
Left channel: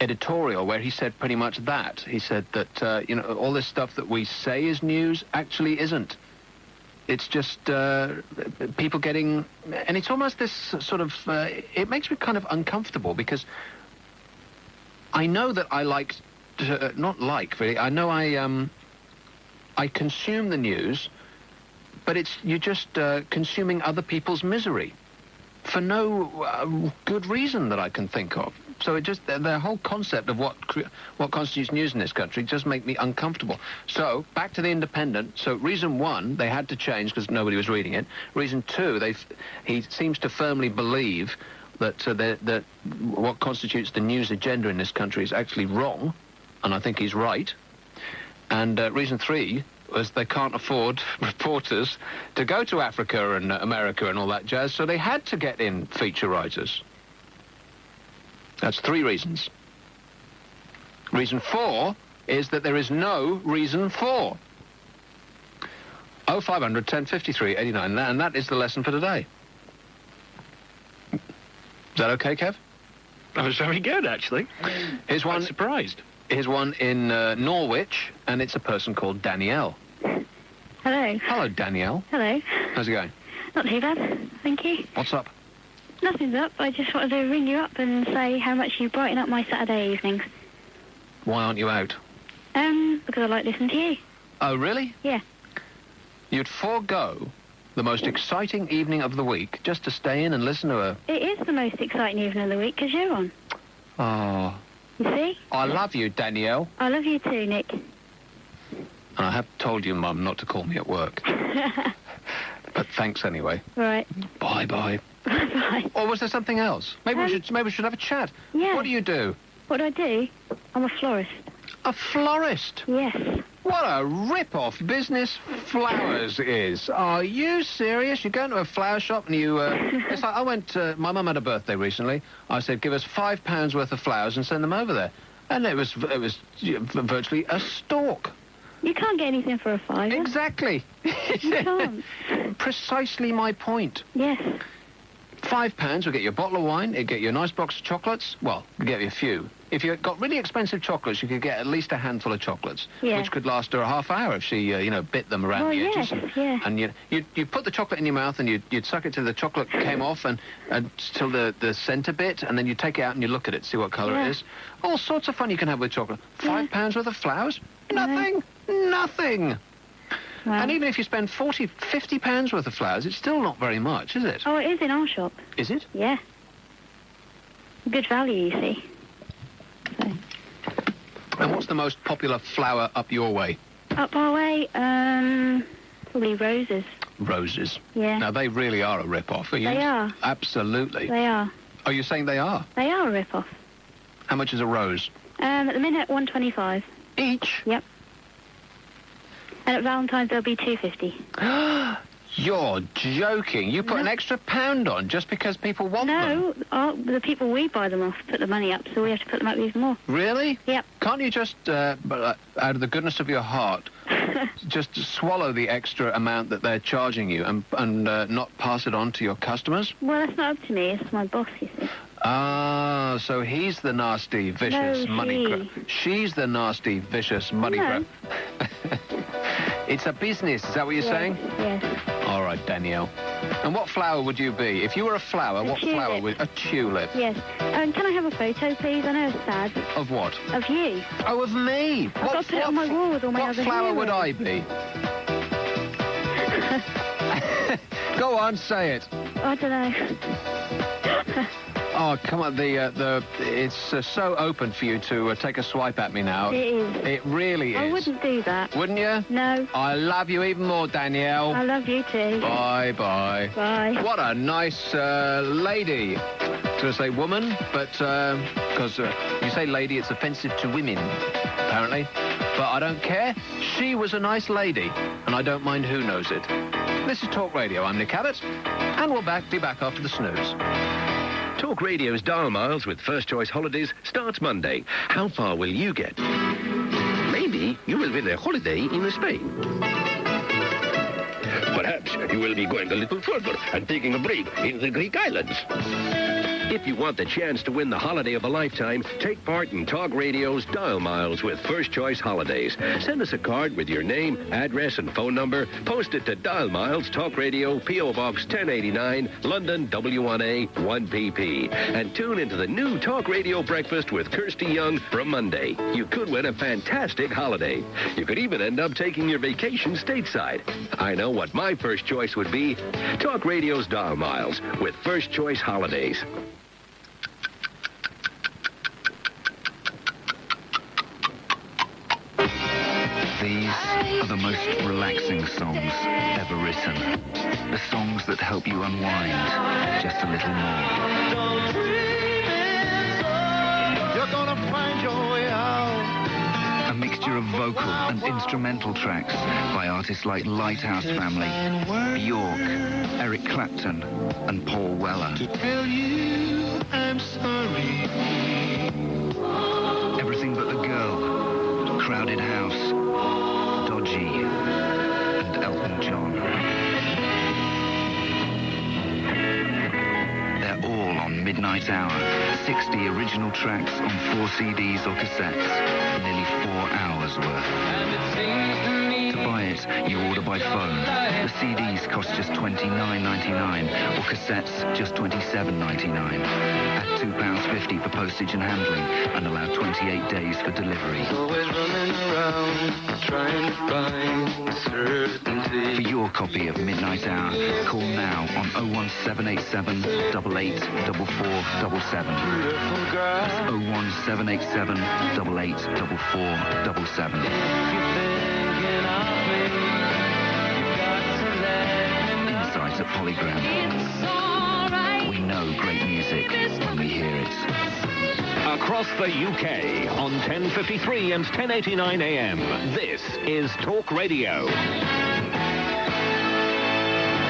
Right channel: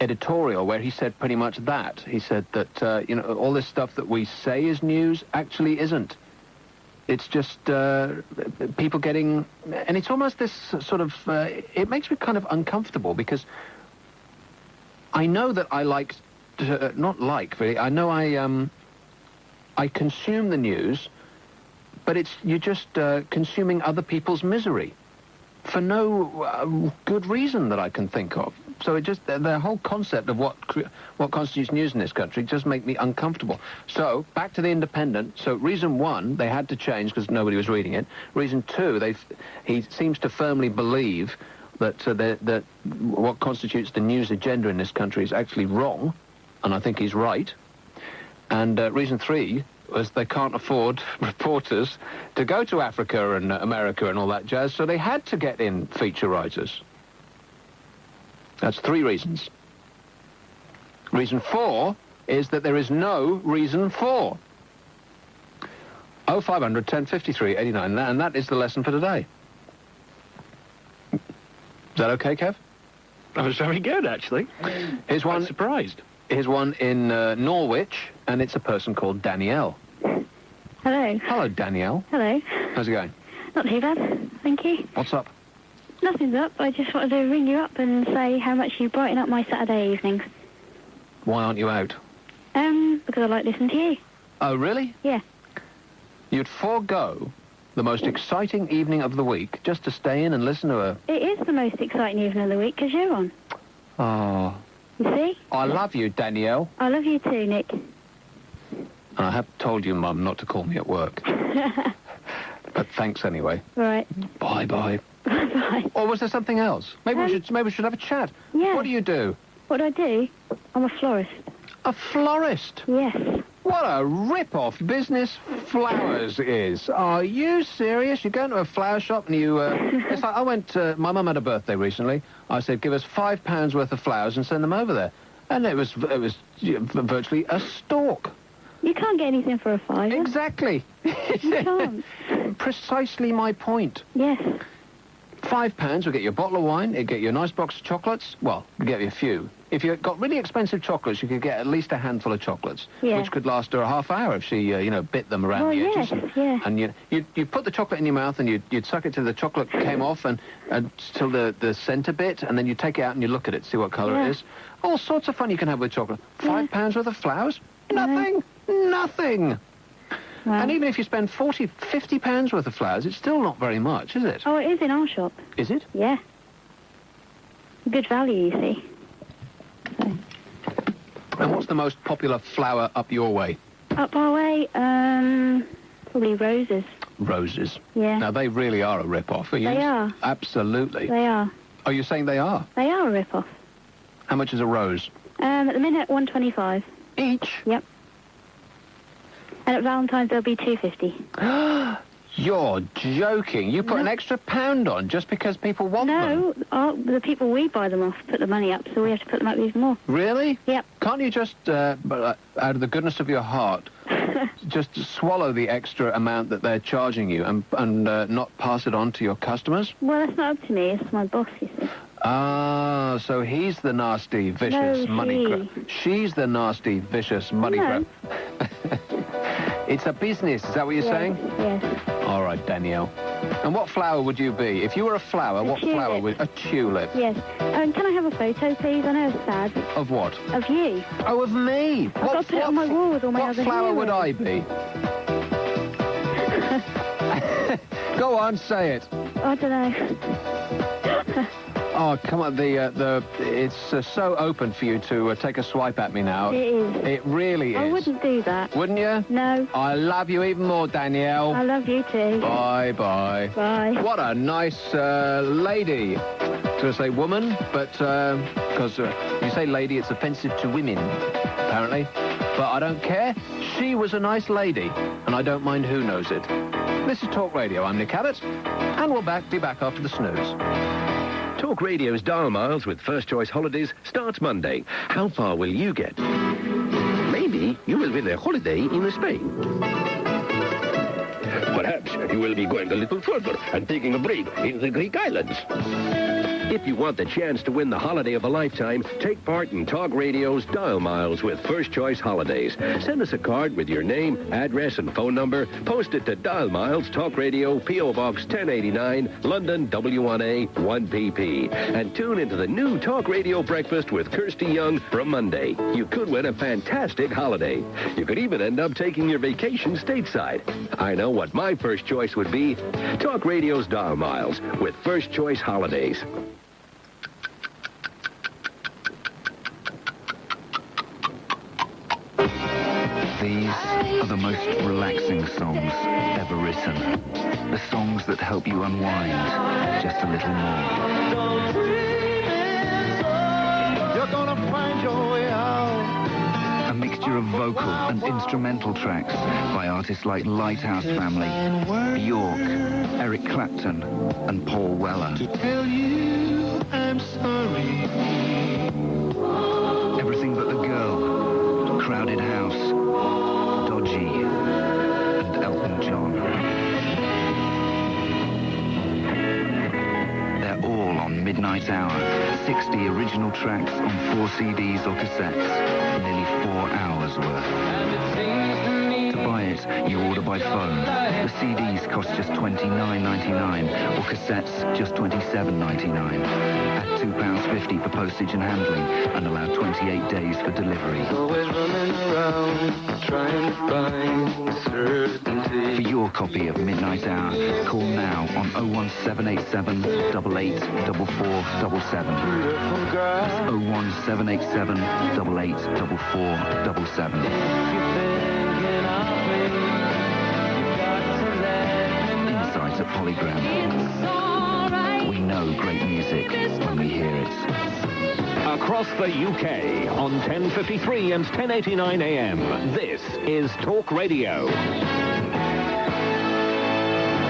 editorial where he said pretty much that. He said that all this stuff that we say is news actually isn't. It's just people getting, and it's almost this sort of. It makes me kind of uncomfortable because I know that I like, not like really. I know I consume the news, but you're just consuming other people's misery. For no good reason that I can think of. So it just, the whole concept of what constitutes news in this country just make me uncomfortable. So, back to the Independent. So, reason 1, they had to change because nobody was reading it. Reason 2, he seems to firmly believe that, that what constitutes the news agenda in this country is actually wrong, and I think he's right. And reason 3 was they can't afford reporters to go to Africa and America and all that jazz, so they had to get in feature writers. That's 3 reasons. Reason 4 is that there is no reason for. 0500 1053 89, and that is the lesson for today. Is that okay, Kev? That was very good, actually. Here's one. I'm surprised. Here's one in Norwich, and it's a person called Danielle. Hello. Hello, Danielle. Hello. How's it going? Not too bad, thank you. What's up? Nothing's up. I just wanted to ring you up and say how much you brighten up my Saturday evenings. Why aren't you out? Because I like listening to you. Oh, really? Yeah. You'd forego the most exciting evening of the week just to stay in and listen to a... It is the most exciting evening of the week because you're on. Oh. You see? I love you, Danielle. I love you too, Nick. And I have told you, Mum, not to call me at work. But thanks anyway. Right. Bye-bye. Bye-bye. Or was there something else? Maybe we should have a chat. Yeah. What do you do? What do I do? I'm a florist. A florist? Yes. What a rip-off business flowers is. Are you serious? You go into a flower shop and you... it's like I went... my mum had a birthday recently. I said, give us £5 worth of flowers and send them over there. And it was virtually a stalk. You can't get anything for a £5. Exactly. You can't. Precisely my point. Yes. £5 will get you a bottle of wine, it'll get you a nice box of chocolates. Well, it'll get you a few. If you got really expensive chocolates, you could get at least a handful of chocolates, which could last her a half hour if she, bit them around the edges. And you put the chocolate in your mouth and you'd suck it till the chocolate came off and till the centre bit, and then you take it out and you look at it, see what colour it is. All sorts of fun you can have with chocolate. £5 worth of flowers? Nothing. Nothing. Wow. And even if you spend £40, £50 worth of flowers, it's still not very much, is it? Oh, it is in our shop. Is it? Yeah. Good value, you see. So. And what's the most popular flower up your way? Up our way, probably roses. Roses? Yeah. Now, they really are a rip-off, are you? They are. Absolutely. They are. Are you saying they are? They are a rip-off. How much is a rose? At the minute, $1.25. Each? Yep. And at Valentine's, they'll be $2.50. You're joking. You put an extra £1 on just because people want them? No, the people we buy them off put the money up, so we have to put them up even more. Really? Yep. Can't you just, out of the goodness of your heart, just swallow the extra amount that they're charging you and not pass it on to your customers? Well, that's not up to me. It's my boss, you see. Ah, so he's the nasty, vicious money grab. She's the nasty, vicious money grab. It's a business, is that what you're saying? Yes. All right, Danielle. And what flower would you be? If you were a flower, what flower would... A tulip. Yes. Can I have a photo, please? I know it's sad. Of what? Of you. Oh, of me? I've got to put it on my wall with all my other What flower would I be? Go on, say it. I don't know. Oh, come on, it's so open for you to take a swipe at me now. It is. It really is. I wouldn't do that. Wouldn't you? No. I love you even more, Danielle. I love you too. Bye-bye. Bye. What a nice lady. To say woman, but because you say lady, it's offensive to women, apparently. But I don't care. She was a nice lady, and I don't mind who knows it. This is Talk Radio. I'm Nick Abbott, and we'll be back after the snooze. Talk Radio's Dial Miles with First Choice Holidays starts Monday. How far will you get? Maybe you will win a holiday in Spain. Perhaps you will be going a little further and taking a break in the Greek islands. If you want the chance to win the holiday of a lifetime, take part in Talk Radio's Dial Miles with First Choice Holidays. Send us a card with your name, address, and phone number. Post it to Dial Miles, Talk Radio, P.O. Box 1089, London, W1A, 1PP. And tune into the new Talk Radio Breakfast with Kirsty Young from Monday. You could win a fantastic holiday. You could even end up taking your vacation stateside. I know what my first choice would be. Talk Radio's Dial Miles with First Choice Holidays. These are the most relaxing songs ever written. The songs that help you unwind just a little more. You're gonna find your way out. A mixture of vocal and instrumental tracks by artists like Lighthouse Family, Bjork, Eric Clapton, and Paul Weller. Tell you I'm sorry. Everything but the girl, Crowded House, Dodgy, and Elton John. They're all on Midnight Hour. 60 original tracks on 4 CDs or cassettes. Nearly 4 hours worth. To buy it, you order by phone. The CDs cost just $29.99 or cassettes just $27.99. At £2.50 for postage and handling and allow 28 days for delivery. Always running around, trying to find certainty. For your copy of Midnight Hour, call now on 01787 88 4477. 01787 88 4477. Insights at Polygram. We know great music when we hear it. Across the UK on 10:53 and 10:89 AM. This is Talk Radio.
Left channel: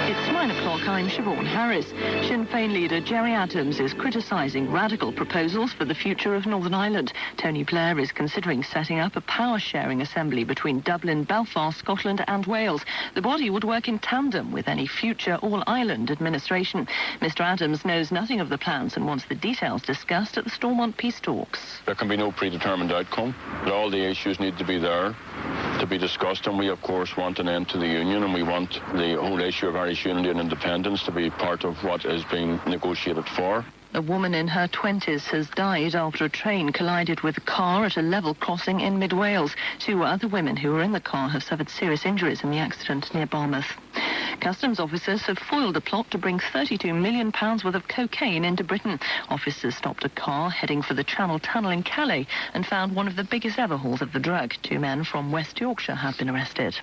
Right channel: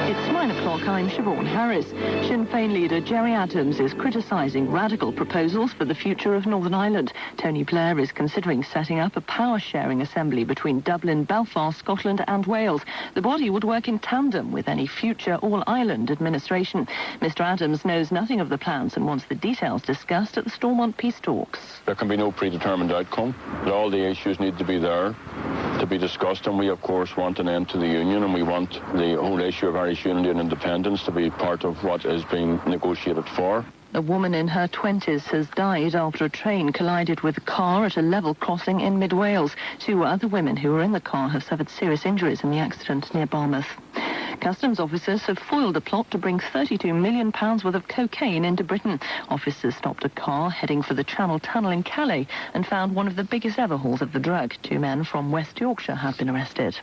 It's 9 o'clock. I'm Siobhan Harris. Sinn Féin leader Gerry Adams is criticising radical proposals for the future of Northern Ireland. Tony Blair is considering setting up a power-sharing assembly between Dublin, Belfast, Scotland and Wales. The body would work in tandem with any future all-Ireland administration. Mr Adams knows nothing of the plans and wants the details discussed at the Stormont peace talks. There can be no predetermined outcome. All the issues need to be there to be discussed, and we, of course, want an end to the union, and we want the whole issue of Irish unity and independence to be part of what is being negotiated for. A woman in her 20s has died after a train collided with a car at a level crossing in mid-Wales. 2 other women who were in the car have suffered serious injuries in the accident near Barmouth. Customs officers have foiled a plot to bring £32 million worth of cocaine into Britain. Officers stopped a car heading for the Channel Tunnel in Calais and found one of the biggest ever hauls of the drug. 2 men from West Yorkshire have been arrested.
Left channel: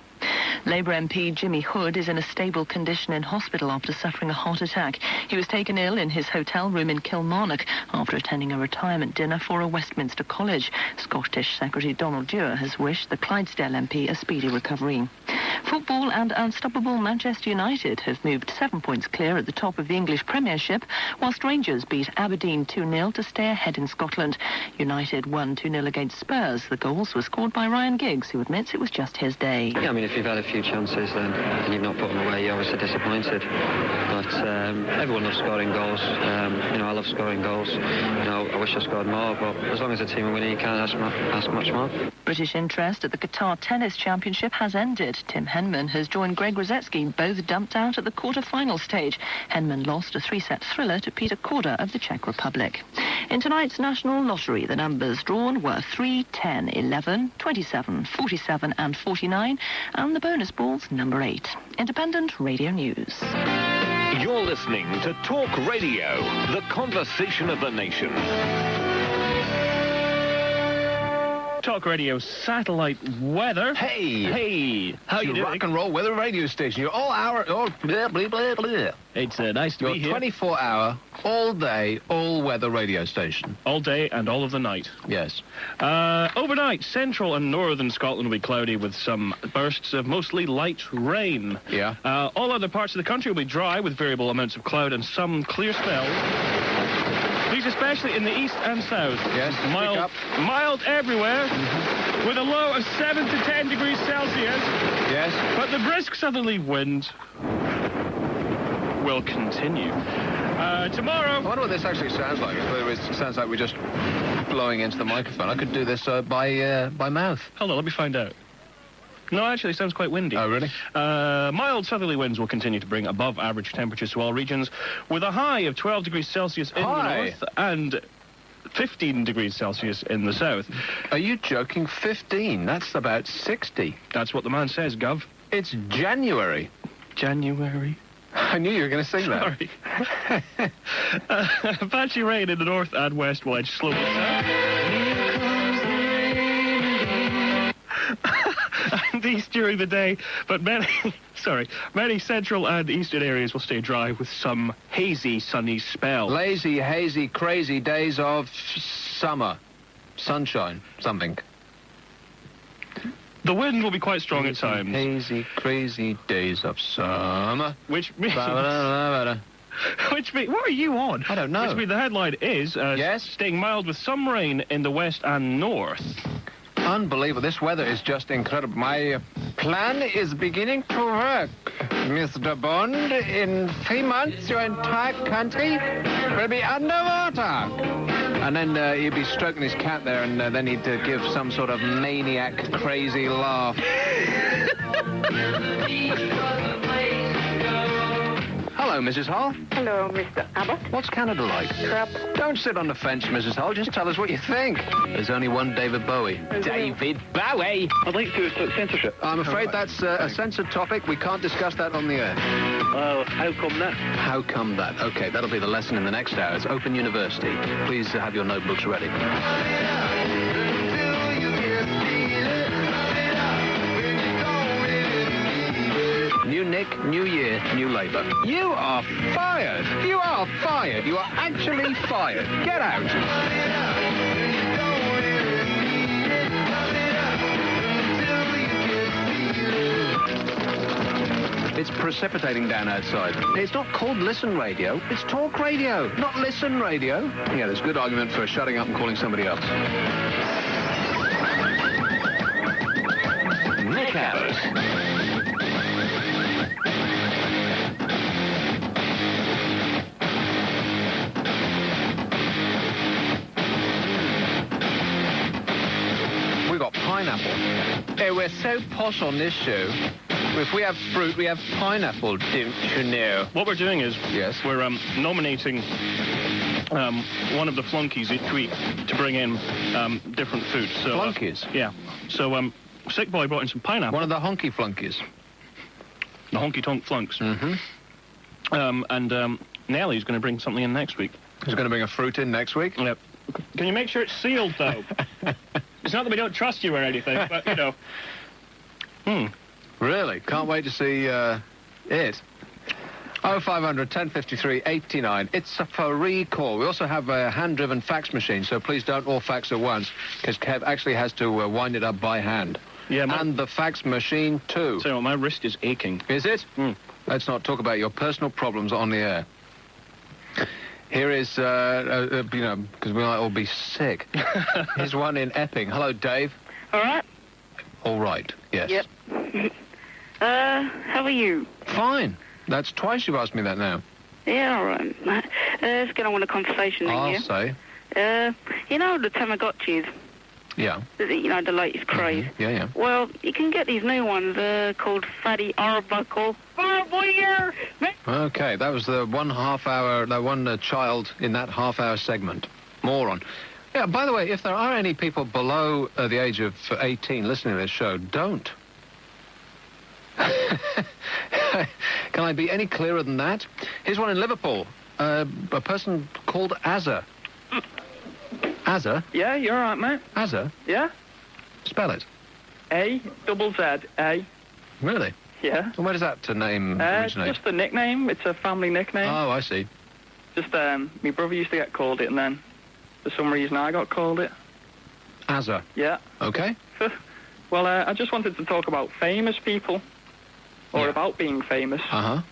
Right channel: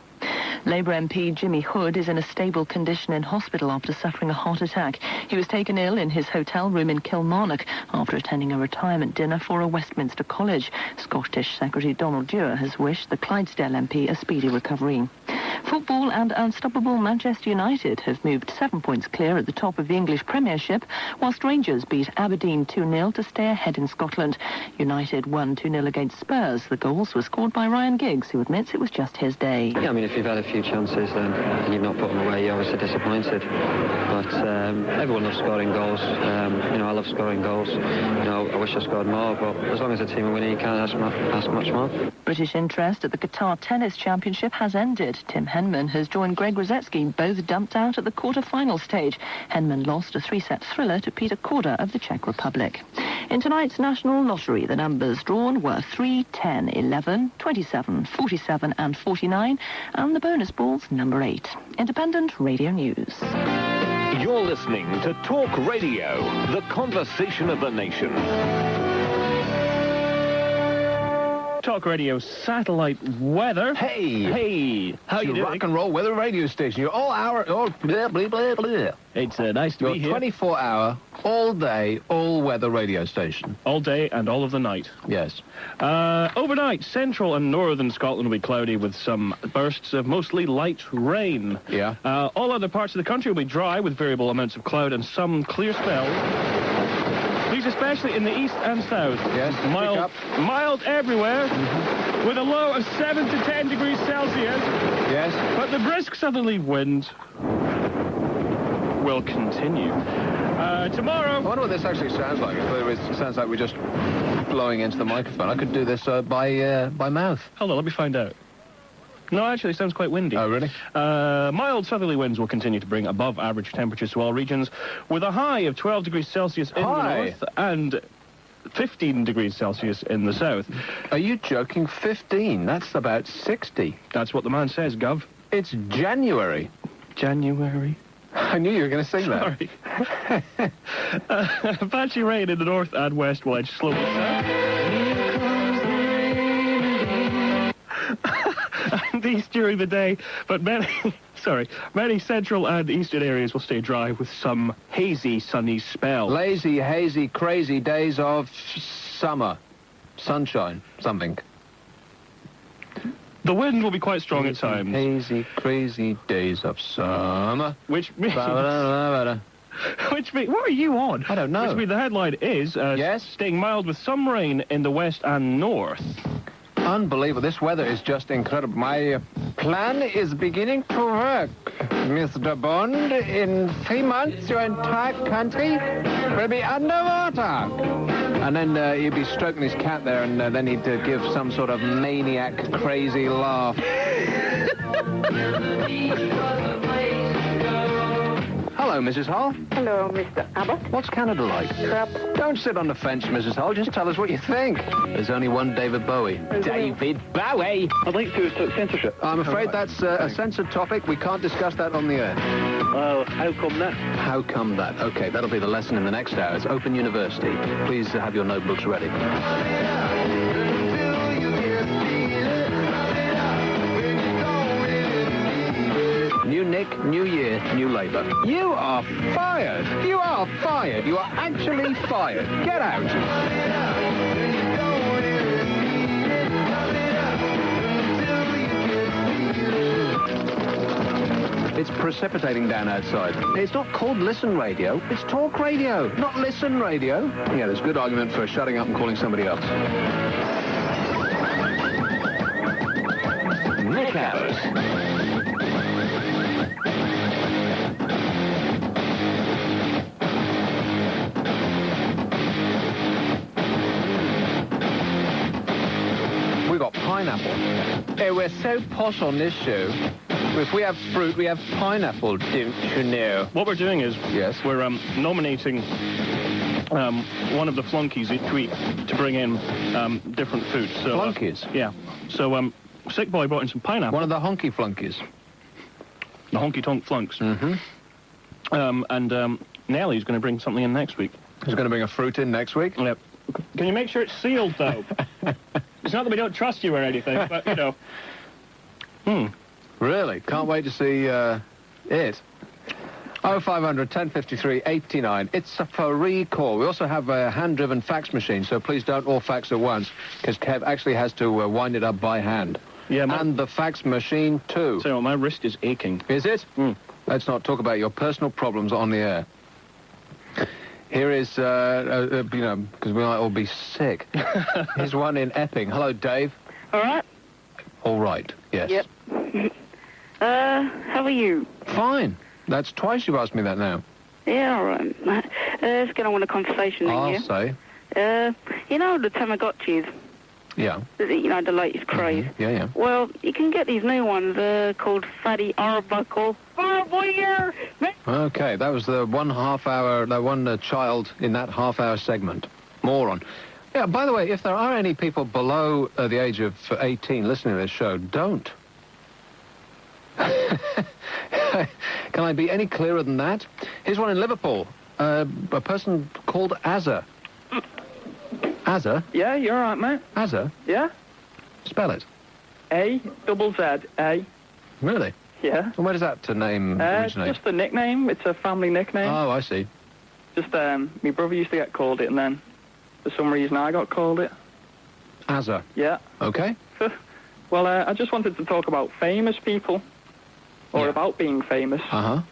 Labour MP Jimmy Hood is in a stable condition in hospital after suffering a heart attack. He was taken ill in his hotel room in Kilmarnock after attending a retirement dinner for a Westminster college. Scottish Secretary Donald Dewar has wished the Clydesdale MP a speedy recovery. Football and unstoppable Manchester United have moved 7 points clear at the top of the English Premiership, whilst Rangers beat Aberdeen 2-0 to stay ahead in Scotland. United won 2-0 against Spurs. The goals were scored by Ryan Giggs, who admits it was just his day. Yeah, I mean, if you've had a few chances and you've not put them away, you're obviously disappointed. But everyone loves scoring goals. I love scoring goals. I wish I scored more, but as long as the team are winning, you can't ask much more. British interest at the Qatar Tennis Championship has ended. Tim Henman has joined Greg Rosetsky, both dumped out at the quarter-final stage. Henman lost a 3-set thriller to Peter Korda of the Czech Republic. In tonight's National Lottery, the numbers drawn were 3, 10, 11, 27, 47 and 49, and the bonus ball's number 8. Independent Radio News. You're listening to Talk Radio, the conversation of the nation. Talk Radio satellite weather. Hey, how you doing? Rock and roll weather radio station. You're all blah, blah, blah, blah. It's nice to be here. 24-hour, all day, all weather radio station. All day and all of the night. Yes. Overnight, central and northern Scotland will be cloudy with some bursts of mostly light rain. Yeah. All other parts of the country will be dry with variable amounts of cloud and some clear spells. These especially in the east and south. Yes. Mild everywhere, with a low of 7 to 10 degrees Celsius. Yes. But the brisk southerly wind will continue. Tomorrow... I wonder what this actually sounds like. It sounds like we're just blowing into the microphone. I could do this by mouth. Hold on, let me find out. No, actually, it sounds quite windy. Oh, really? Mild southerly winds will continue to bring above average temperatures to all regions, with a high of 12 degrees Celsius in the north and 15 degrees Celsius in the south. Are you joking? 15? That's about 60. That's what the man says, Gov. It's January. January? I knew you were going to sing that. Sorry. Patchy rain in the north and west will edge slowly south. southeast during the day, but many central and eastern areas will stay dry with some hazy, sunny spells. Lazy, hazy, crazy days of summer. Sunshine, something. The wind will be quite strong at times. Hazy, crazy days of summer. Which means... Which means... What are you on? I don't know. Which means the headline is... staying mild with some rain in the west and north. Unbelievable. This weather is just incredible. My plan is beginning to work. Mr. Bond, in 3 months, your entire country will be underwater. And then he'd be stroking his cat there, and then he'd give some sort of maniac, crazy laugh. Hello, Mrs. Hull. Hello, Mr. Abbott. What's Canada like? Crap. Don't sit on the fence, Mrs. Hull. Just tell us what you think. There's only one David Bowie. David Bowie! I'd like to start censorship. I'm afraid that's a censored topic. We can't discuss that on the air. Well, how come that? How come that? Okay, that'll be the lesson in the next hour. It's Open University. Please have your notebooks ready. New Nick, new year, new Labour. You are fired! You are fired! You are actually fired! Get out! It's precipitating down outside. It's not called Listen Radio. It's Talk Radio, not Listen Radio. Yeah, there's good argument for shutting up and calling somebody else. Nick Abbott. We got pineapple. Hey, we're so posh on this show. If we have fruit, we have pineapple, don't you know? What we're doing is we're nominating one of the flunkies each week to bring in different food. So, flunkies? Yeah. So Sick Boy brought in some pineapple. One of the honky flunkies. The honky-tonk flunks. Mm-hmm. And Nellie's going to bring something in next week. She's going to bring a fruit in next week? Yep. Can you make sure it's sealed, though? It's not that we don't trust you or anything, but, you know. Really? Can't wait to see it. 0500 1053 89. It's a free call. We also have a hand-driven fax machine, so please don't all fax at once, because Kev actually has to wind it up by hand. Yeah, and the fax machine, too. So my wrist is aching. Is it? Let's not talk about your personal problems on the air. Here is, because we might all be sick. Here's one in Epping. Hello, Dave. All right. All right, yes. Yep. How are you? Fine. That's twice you've asked me that now. Yeah, all right. Let's get on with a conversation then, I'll say. You know the Tamagotchis? Yeah. You know, the latest craze? Yeah, yeah. Well, you can get these new ones called Fatty Arbuckle. Okay, that was the 1/2 hour, the one child in that half-hour segment. Moron. Yeah, by the way, if there are any people below the age of 18 listening to this show, don't. Can I be any clearer than that? Here's one in Liverpool. A person called Azza. Azza? Yeah, you're all right, mate. Azza? Yeah? Spell it. A-double-Z-A. Really? Yeah. And where does that name originate? Just a nickname. It's a family nickname. Oh, I see. Just, my brother used to get called it, and then for some reason I got called it. Azza? Yeah. Okay. Well, I just wanted to talk about famous people, or about being famous. Uh-huh.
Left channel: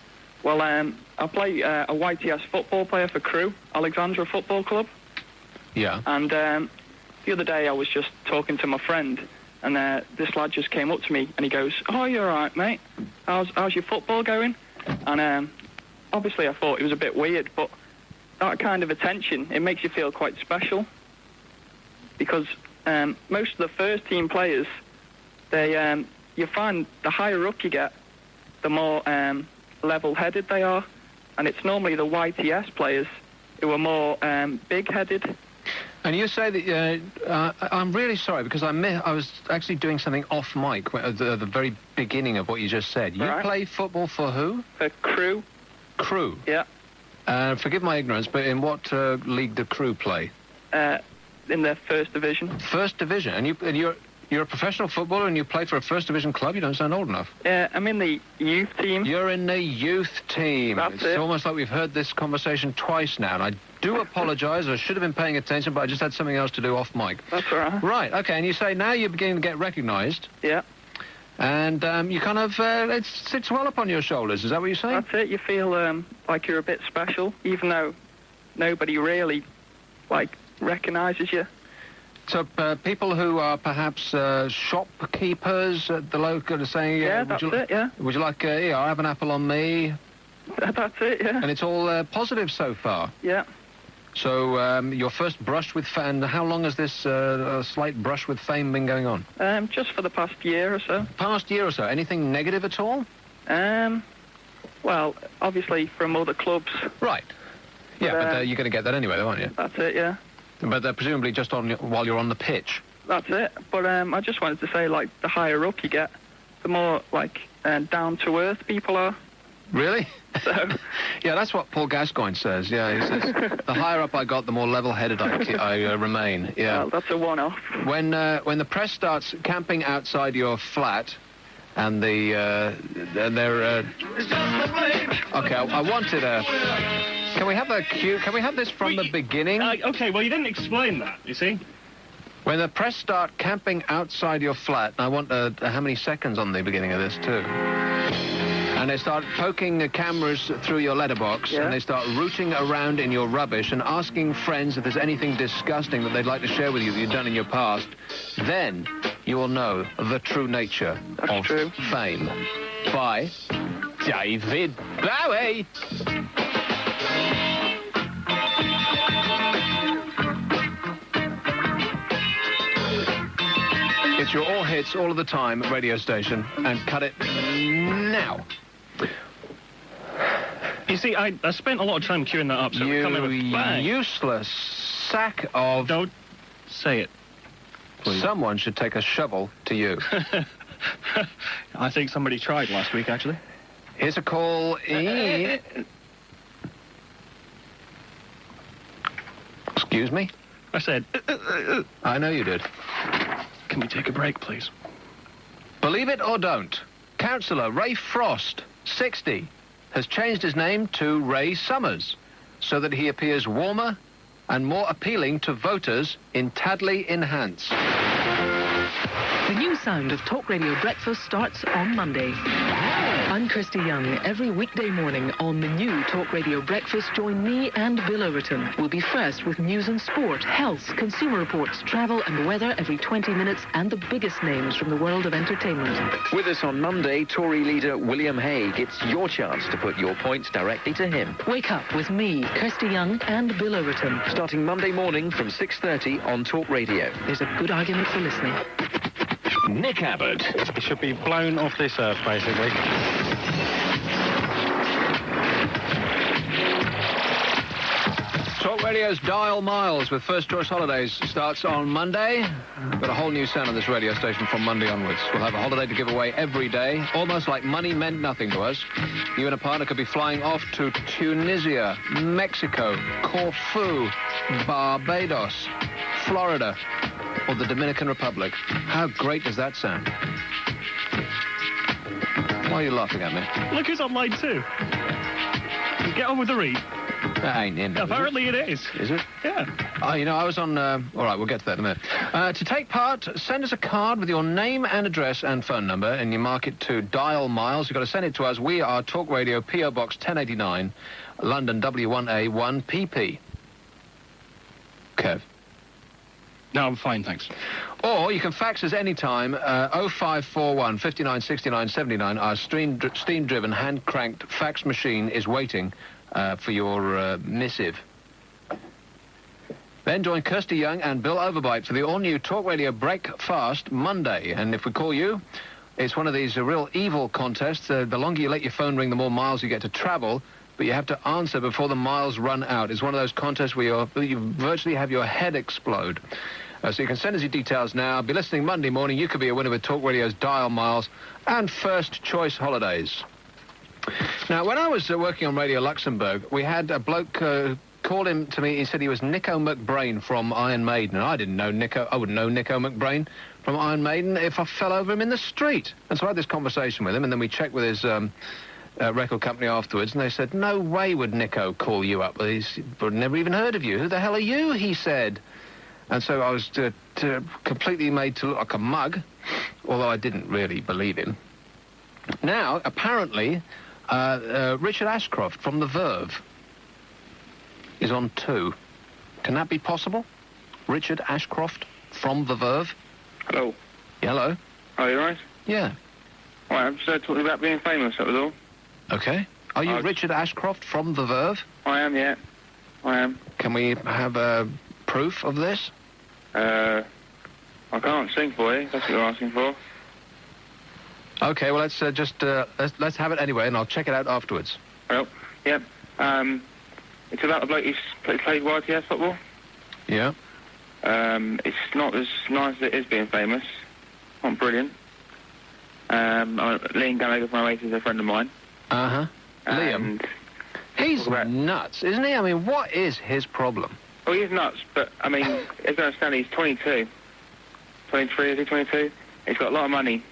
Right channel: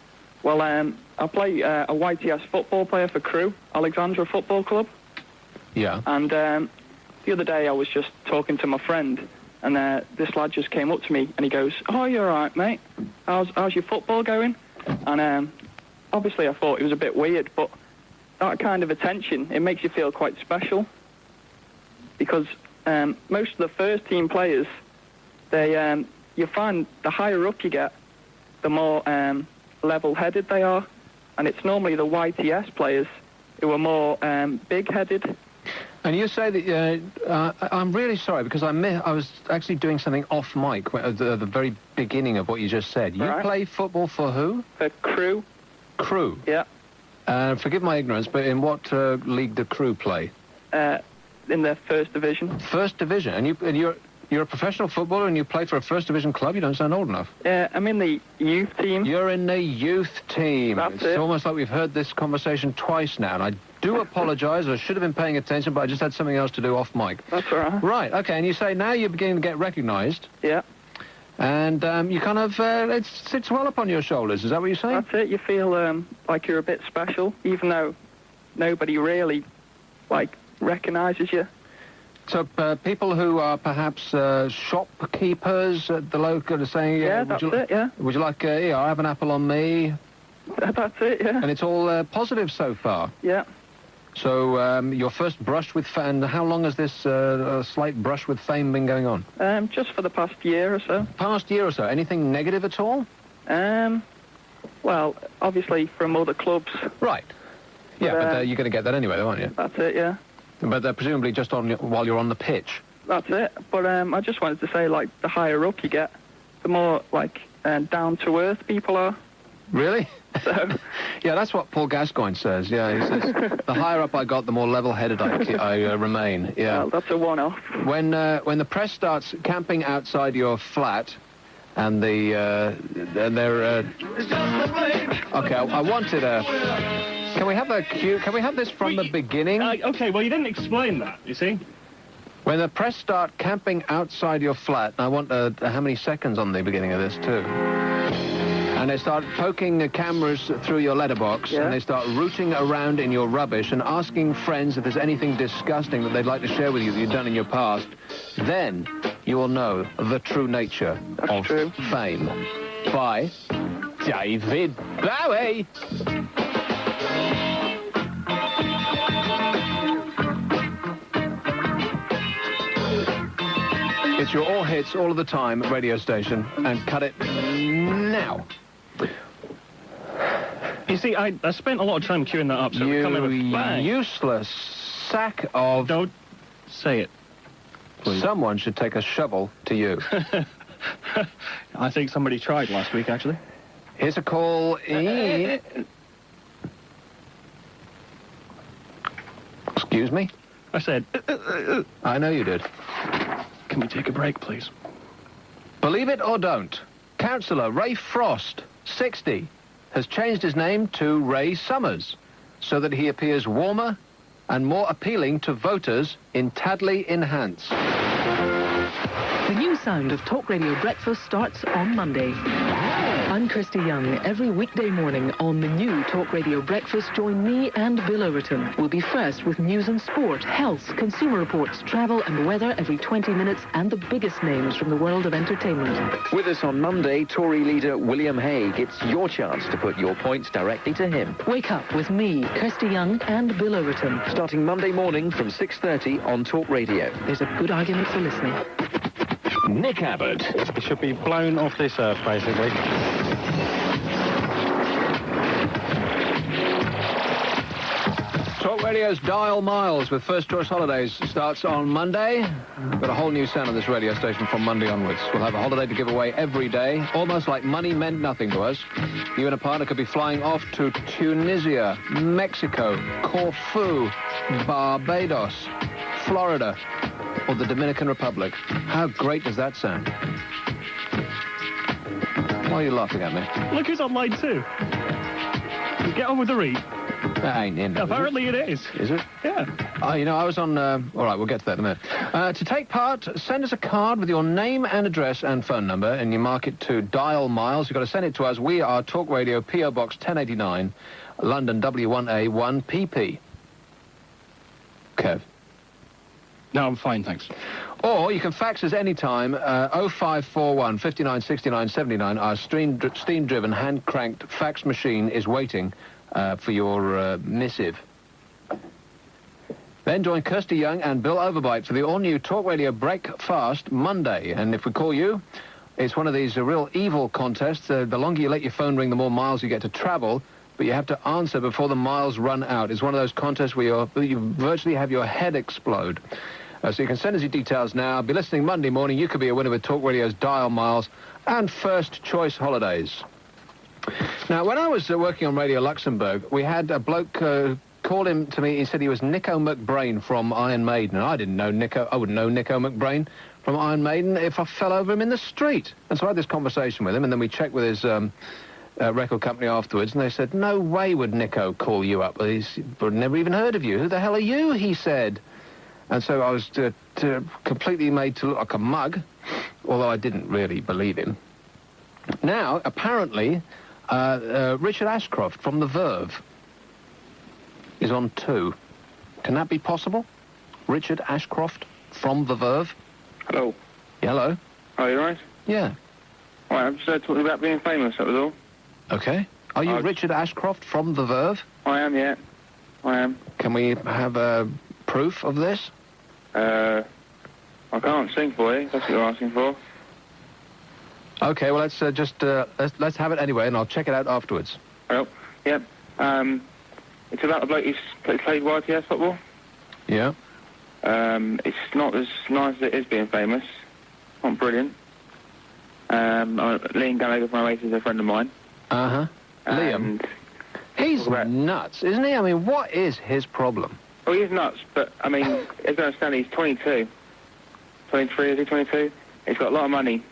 Well, I play a YTS football player for Crewe, Alexandra Football Club. Yeah. And the other day I was just talking to my friend, and this lad just came up to me, and he goes, "Oh, you're all right, mate. How's your football going?" And obviously I thought it was a bit weird, but that kind of attention, it makes you feel quite special. Because most of the first-team players, they you find the higher up you get, the more level-headed they are. And it's normally the YTS players who are more big-headed. And you say that, I'm really sorry, because I was actually doing something off mic at the very beginning of what you just said. You play football for who? For Crewe. Crewe? Yeah. Forgive my ignorance, but in what league do Crewe play? In the first division. First division? And you're You're a professional footballer and you play for a first division club? You don't sound old enough. Yeah, I'm in the youth team. You're in the youth team. That's It's it. almost like we've heard this conversation twice now, and I do apologise. I should have been paying attention, but I just had something else to do off mic. That's all right. Right, okay, and you say now you're beginning to get recognised. Yeah. And you kind of, it sits well upon your shoulders. Is that what you're saying? That's it. You feel like you're a bit special, even though nobody really, like, recognises you. So people who are perhaps shopkeepers at the local are saying... Yeah, that's it, yeah. Would you like, I have an apple on me? That's it, yeah. And it's all positive so far? Yeah. So your first brush with fame, and how long has this slight brush with fame been going on? Just for the past year or so. Past year or so. Anything negative at all? Well, obviously from other clubs. Right. Yeah, but you're going to get that anyway, though, aren't you? That's it, yeah. But presumably just while you're on the pitch. That's it. But I just wanted to say, like, the higher up you get, the more, like, down-to-earth people are. Really? So... Yeah, that's what Paul Gascoigne says. Yeah, he says, the higher up I got, the more level-headed I remain. Yeah. Well, that's a one-off. When the press starts camping outside your flat, and they're... Okay, I wanted a... Can we have a cue? Can we have this from the beginning? Okay, well, you didn't explain that, you see. When the press start camping outside your flat, and I want how many seconds on the beginning of this, too. And they start poking the cameras through your letterbox, and they start rooting around in your rubbish and asking friends if there's anything disgusting that they'd like to share with you that you've done in your past, then you will know the true nature of fame. By David Bowie. It's your all hits all of the time radio station, and cut it now. You see, I spent a lot of time queuing that up, so you come in with bang. Useless sack of... Don't say it, please. Someone should take a shovel to you. I think somebody tried last week, actually. Here's a call in... Excuse me? I said... I know you did. Can we take a break, please? Believe it or don't, Councillor Ray Frost, 60, has changed his name to Ray Summers so that he appears warmer and more appealing to voters in Tadley Enhance. The new sound of Talk Radio Breakfast starts on Monday. I'm Kirsty Young. Every weekday morning on the new Talk Radio Breakfast, join me and Bill Overton. We'll be first with news and sport, health, consumer reports, travel and weather every 20 minutes, and the biggest names from the world of entertainment. With us on Monday, Tory leader William Hague. It's your chance to put your points directly to him. Wake up with me, Kirsty Young, and Bill Overton. Starting Monday morning from 6:30 on Talk Radio. There's a good argument for listening. Nick Abbott. It should be blown off this earth, basically. Talk Radio's Dial Miles with First Choice Holidays starts on Monday. We've got a whole new sound on this radio station from Monday onwards. We'll have a holiday to give away every day, almost like money meant nothing to us. You and a partner could be flying off to Tunisia, Mexico, Corfu, Barbados, Florida, or the Dominican Republic. How great does that sound? Why are you laughing at me? Look who's online too. Get on with the read. That ain't in. Apparently it is. Is it? Yeah. Oh, you know, I was on... all right, we'll get to that in a minute. To take part, send us a card with your name and address and phone number, and you mark it to Dial Miles. You've got to send it to us. We are Talk Radio, P.O. Box 1089, London W1A 1PP. Kev? No, I'm fine, thanks. Or you can fax us anytime, 0541 59 69 79. Our steam-driven, hand-cranked fax machine is waiting for your missive. Then join Kirsty Young and Bill Overbite for the all-new Talk Radio Breakfast Monday. And if we call you, it's one of these real evil contests. The longer you let your phone ring, the more miles you get to travel. But you have to answer before the miles run out. It's one of those contests where you virtually have your head explode. So you can send us your details now. Be listening Monday morning. You could be a winner with Talk Radio's Dial Miles and First Choice Holidays. Now, when I was working on Radio Luxembourg, we had a bloke called him to me. He said he was Nico McBrain from Iron Maiden. And I didn't know Nico. I wouldn't know Nico McBrain from Iron Maiden if I fell over him in the street. And so I had this conversation with him, and then we checked with his record company afterwards, and they said, no way would Nico call you up. He's never even heard of you. Who the hell are you, he said. And so I was completely made to look like a mug, although I didn't really believe him. Now, apparently, Richard Ashcroft from The Verve is on 2. Can that be possible? Richard Ashcroft from The Verve? Hello. Hello. Are you right? Yeah. All right, I'm just talking about being famous, that was all. Okay. Are you Richard Ashcroft from The Verve? I am, yeah. I am. Can we have proof of this? I can't sing for you, that's what you're asking for. Okay, well, let's let's have it anyway, and I'll check it out afterwards. Well, yep. It's about a bloke who's played YTS football. Yeah. It's not as nice as it is being famous. Not brilliant. Liam Gallagher from Oasis is a friend of mine. Uh-huh. Liam. He's nuts, isn't he? I mean, what is his problem? Well, he's nuts, but, I mean, as I understand, he's 22. 23, is he 22? He's got a lot of money.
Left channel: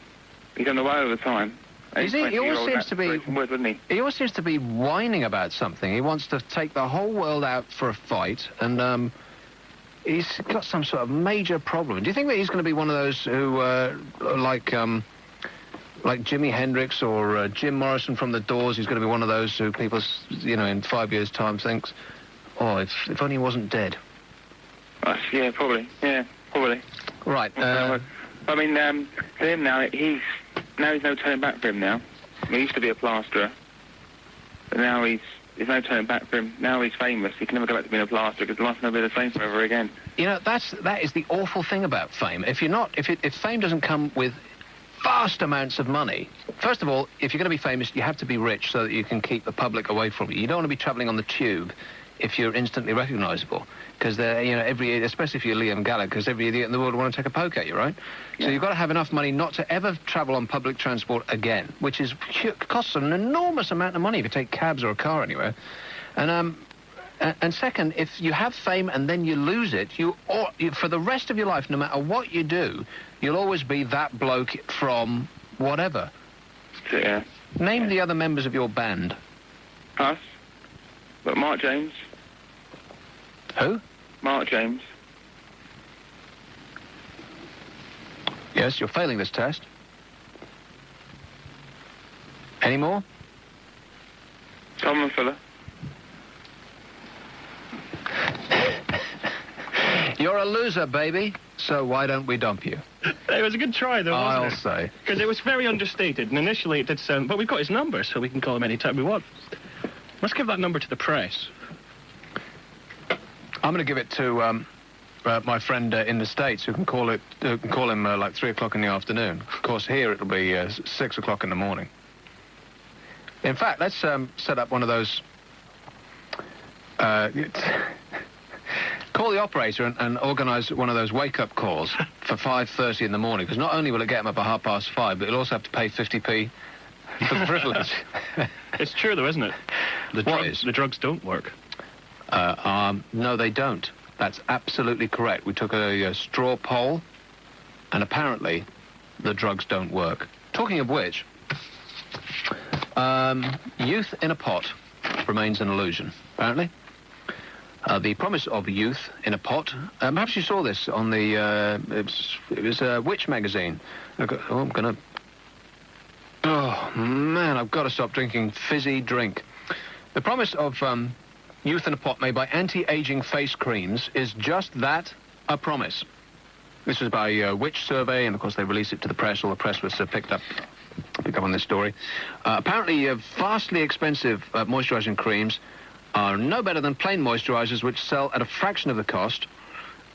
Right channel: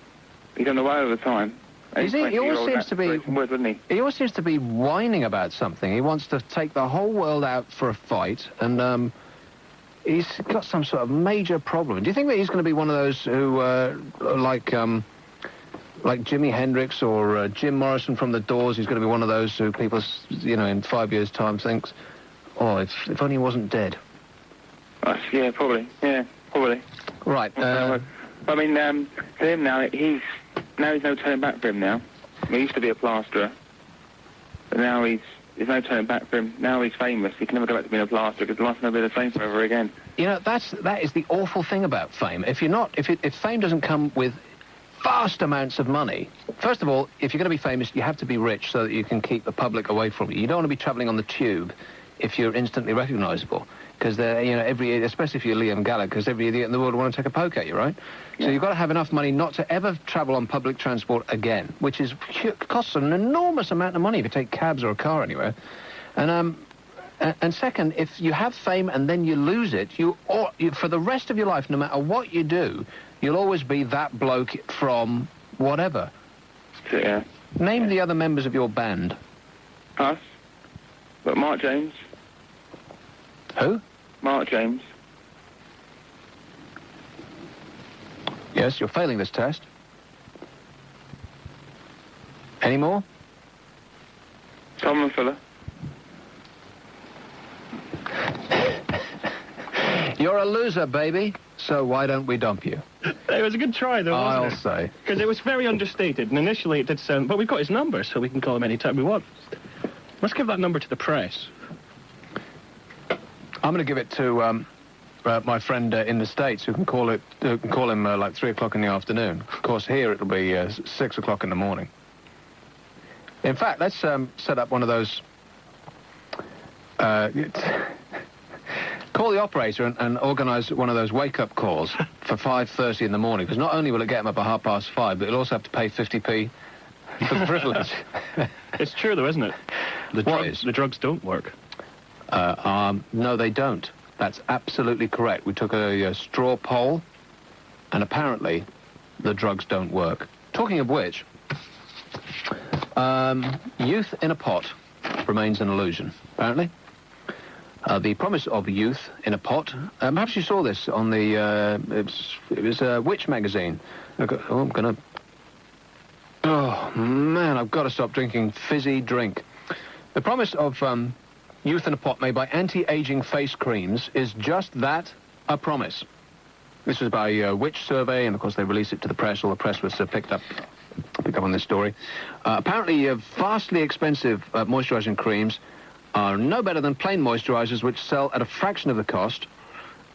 He's on the way all the time. He always seems to be... Wouldn't he? He always seems to be whining about something. He wants to take the whole world out for a fight, and, he's got some sort of major problem. Do you think that he's going to be one of those who, like Jimi Hendrix or Jim Morrison from The Doors, he's going to be one of those who people, in 5 years' time thinks, oh, if only he wasn't dead? Yeah, probably. Yeah, probably. Right. I mean, to him now, he's no turning back for him now. He used to be a plasterer, but now there's no turning back for him. Now he's famous. He can never go back to being a plasterer because life's never be the same forever again. That is the awful thing about fame. If fame doesn't come with vast amounts of money, first of all, if you're going to be famous, you have to be rich so that you can keep the public away from you. You don't want to be travelling on the tube if you're instantly recognisable, because especially if you're Liam Gallagher, because every idiot in the world will want to take a poke at you, right? Yeah. So you've got to have enough money not to ever travel on public transport again, which costs an enormous amount of money if you take cabs or a car anywhere. And second, if you have fame and then you lose it, you for the rest of your life, no matter what you do, you'll always be that bloke from whatever. Yeah. Name the other members of your band. Us? But Mark James. Who? Mark James. Yes, you're failing this test. Any more? Tom and Fuller. You're a loser, baby, so why don't we dump you? It was a good try, though, wasn't I'll say. Because it was very understated, and initially it did sound... But we've got his number, so we can call him any time we want. Let's give that number to the press. I'm going to give it to my friend in the States, who can call him like 3 o'clock in the afternoon. Of course, here it'll be 6 o'clock in the morning. In fact, let's set up one of those... call the operator and organise one of those wake-up calls for 5:30 in the morning, because not only will it get him up at 5:30, but you'll also have to pay 50p for the privilege. It's true, though, isn't it? The drugs don't work. No, they don't. That's absolutely correct. We took a straw poll, and apparently the drugs don't work. Talking of which, youth in a pot remains an illusion, apparently. The promise of youth in a pot. Perhaps you saw this on the... it was Witch magazine. Oh, man, I've got to stop drinking fizzy drink. The promise of youth in a pot made by anti-aging face creams is just that, a promise. This is by Witch Survey, and of course they released it to the press. All the press was picked up on this story. Apparently, vastly expensive moisturising creams are no better than plain moisturisers, which sell at a fraction of the cost,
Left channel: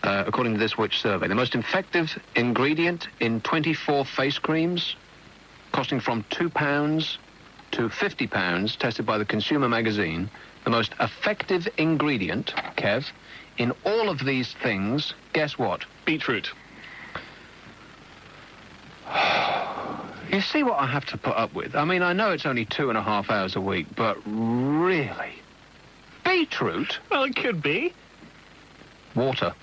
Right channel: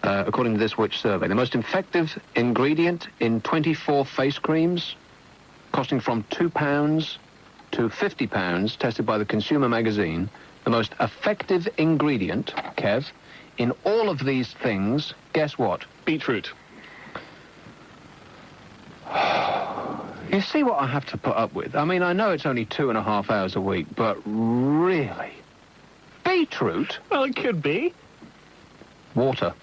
according to this Witch Survey. The most effective ingredient in 24 face creams, costing from £2 to £50, tested by the Consumer magazine. The most effective ingredient, Kev, in all of these things, guess what? Beetroot. You see what I have to put up with? I mean, I know it's only 2.5 hours a week, but really? Beetroot? Well, it could be. Water.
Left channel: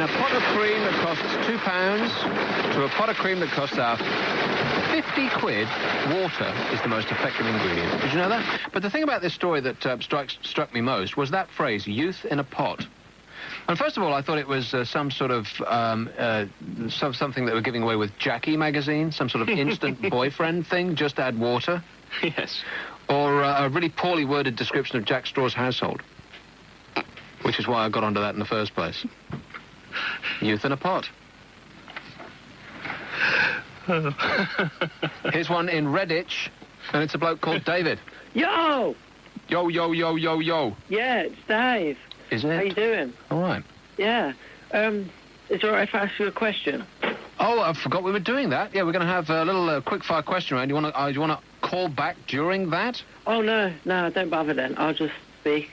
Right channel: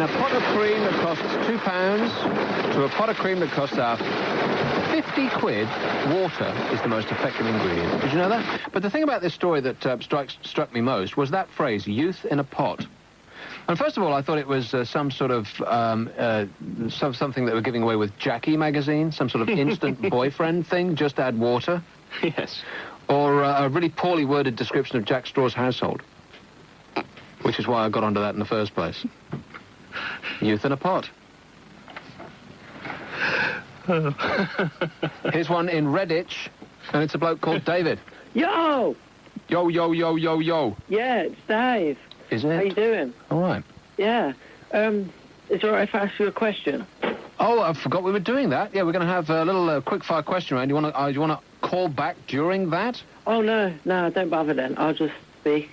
in a pot of cream that costs £2 to a pot of cream that costs our 50 quid, water is the most effective ingredient. Did you know that? But the thing about this story that struck me most was that phrase, youth in a pot. And first of all, I thought it was some sort of, something that we're giving away with Jackie magazine, some sort of instant boyfriend thing, just add water. Yes. Or a really poorly worded description of Jack Straw's household. Which is why I got onto that in the first place. Youth in a pot. Here's one in Redditch, and it's a bloke called David. Yo! Yo, yo, yo, yo, yo. Yeah, it's Dave. Is it? How you doing? All right. Yeah. Is it all right if I ask you a question? Oh, I forgot we were doing that. Yeah, we're going to have a little quick-fire question round. Do you want to call back during that? Oh, no, don't bother then. I'll just speak.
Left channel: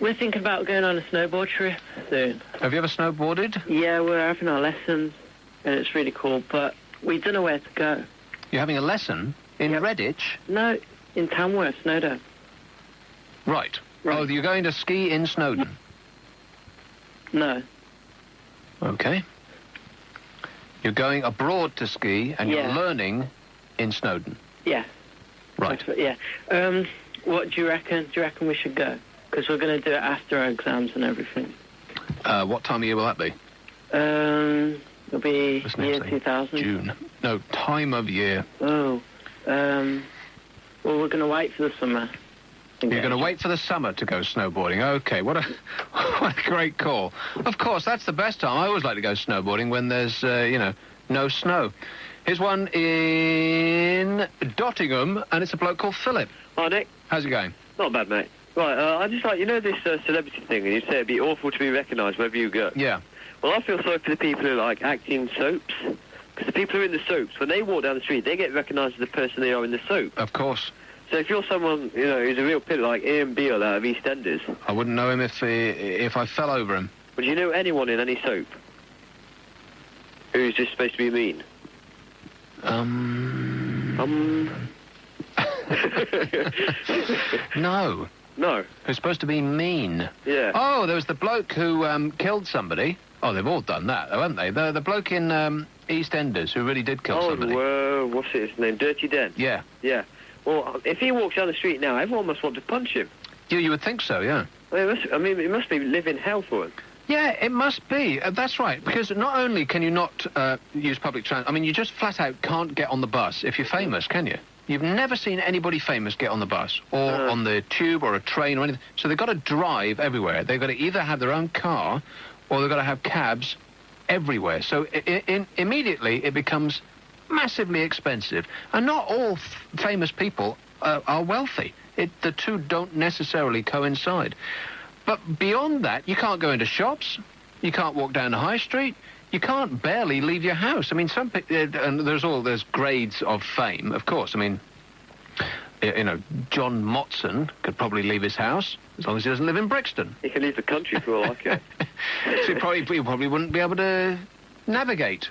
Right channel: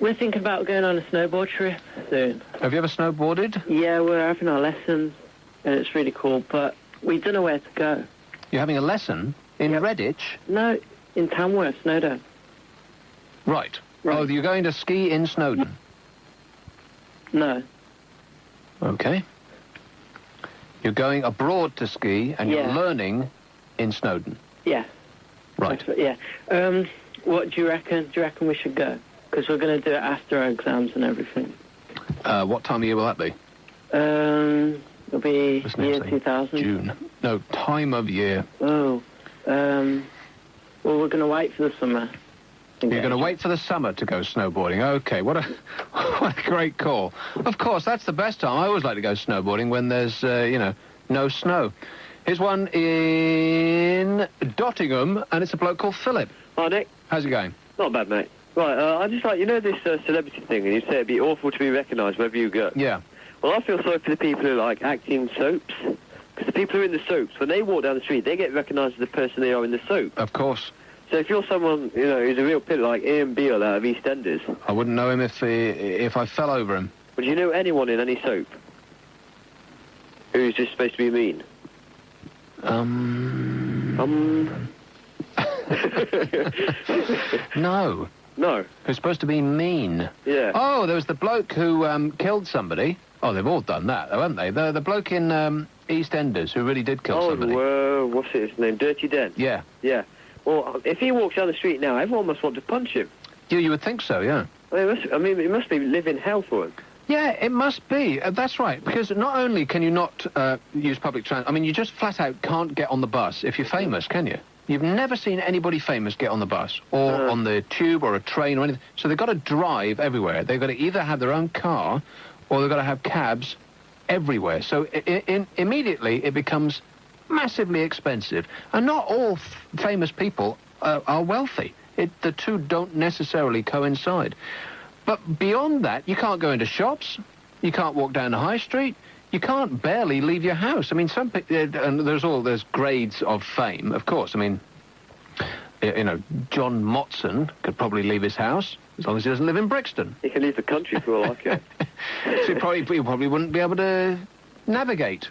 We're thinking about going on a snowboard trip soon. Have you ever snowboarded? Yeah, we're having our lessons, and it's really cool, but we don't know where to go. You're having a lesson in Redditch? No, in Tamworth, Snowdon. Right. Oh, you're going to ski in Snowdon? No. Okay. You're going abroad to ski, and you're learning in Snowdon? Yeah. Right. Yeah. What do you reckon? Do you reckon we should go? Because we're going to do it after our exams and everything. What time of year will that be? It'll be year 2000. June. No, time of year. Oh. Well, we're going to wait for the summer. You're going to wait for the summer to go snowboarding. Okay, what a great call. Of course, that's the best time. I always like to go snowboarding when there's, no snow. Here's one in Dottingham, and it's a bloke called Philip. Hi, Nick. How's it going? Not bad, mate. Right, I just like, this celebrity thing, and you say it'd be awful to be recognised wherever you go. Yeah. Well, I feel sorry for the people who, act in soaps. Because the people who are in the soaps, when they walk down the street, they get recognised as the person they are in the soap. Of course. So if you're someone, who's a real pit like Ian Beale out of EastEnders... I wouldn't know him if I fell over him. But do you know anyone in any soap who's just supposed to be mean? No. No. Who's supposed to be mean? Yeah. Oh, there was the bloke who killed somebody. Oh, they've all done that, though, haven't they? The bloke in EastEnders who really did kill somebody. Oh, what's his name? Dirty Den? Yeah. Yeah. Well, if he walks down the street now, everyone must want to punch him. You would think so, yeah. It must be living hell for him. Yeah, it must be. That's right, because not only can you not use public transport, you just flat out can't get on the bus if you're famous, can you? You've never seen anybody famous get on the bus or on the tube or a train or anything. So they've got to drive everywhere. They've got to either have their own car or they've got to have cabs everywhere. So immediately it becomes massively expensive. And not all famous people are wealthy. The two don't necessarily coincide. But beyond that, you can't go into shops. You can't walk down the high street. You can't barely leave your house. Some people, and there's grades of fame, of course. John Motson could probably leave his house as long as he doesn't live in Brixton. He can leave the country for all I care. So he probably wouldn't be able to navigate.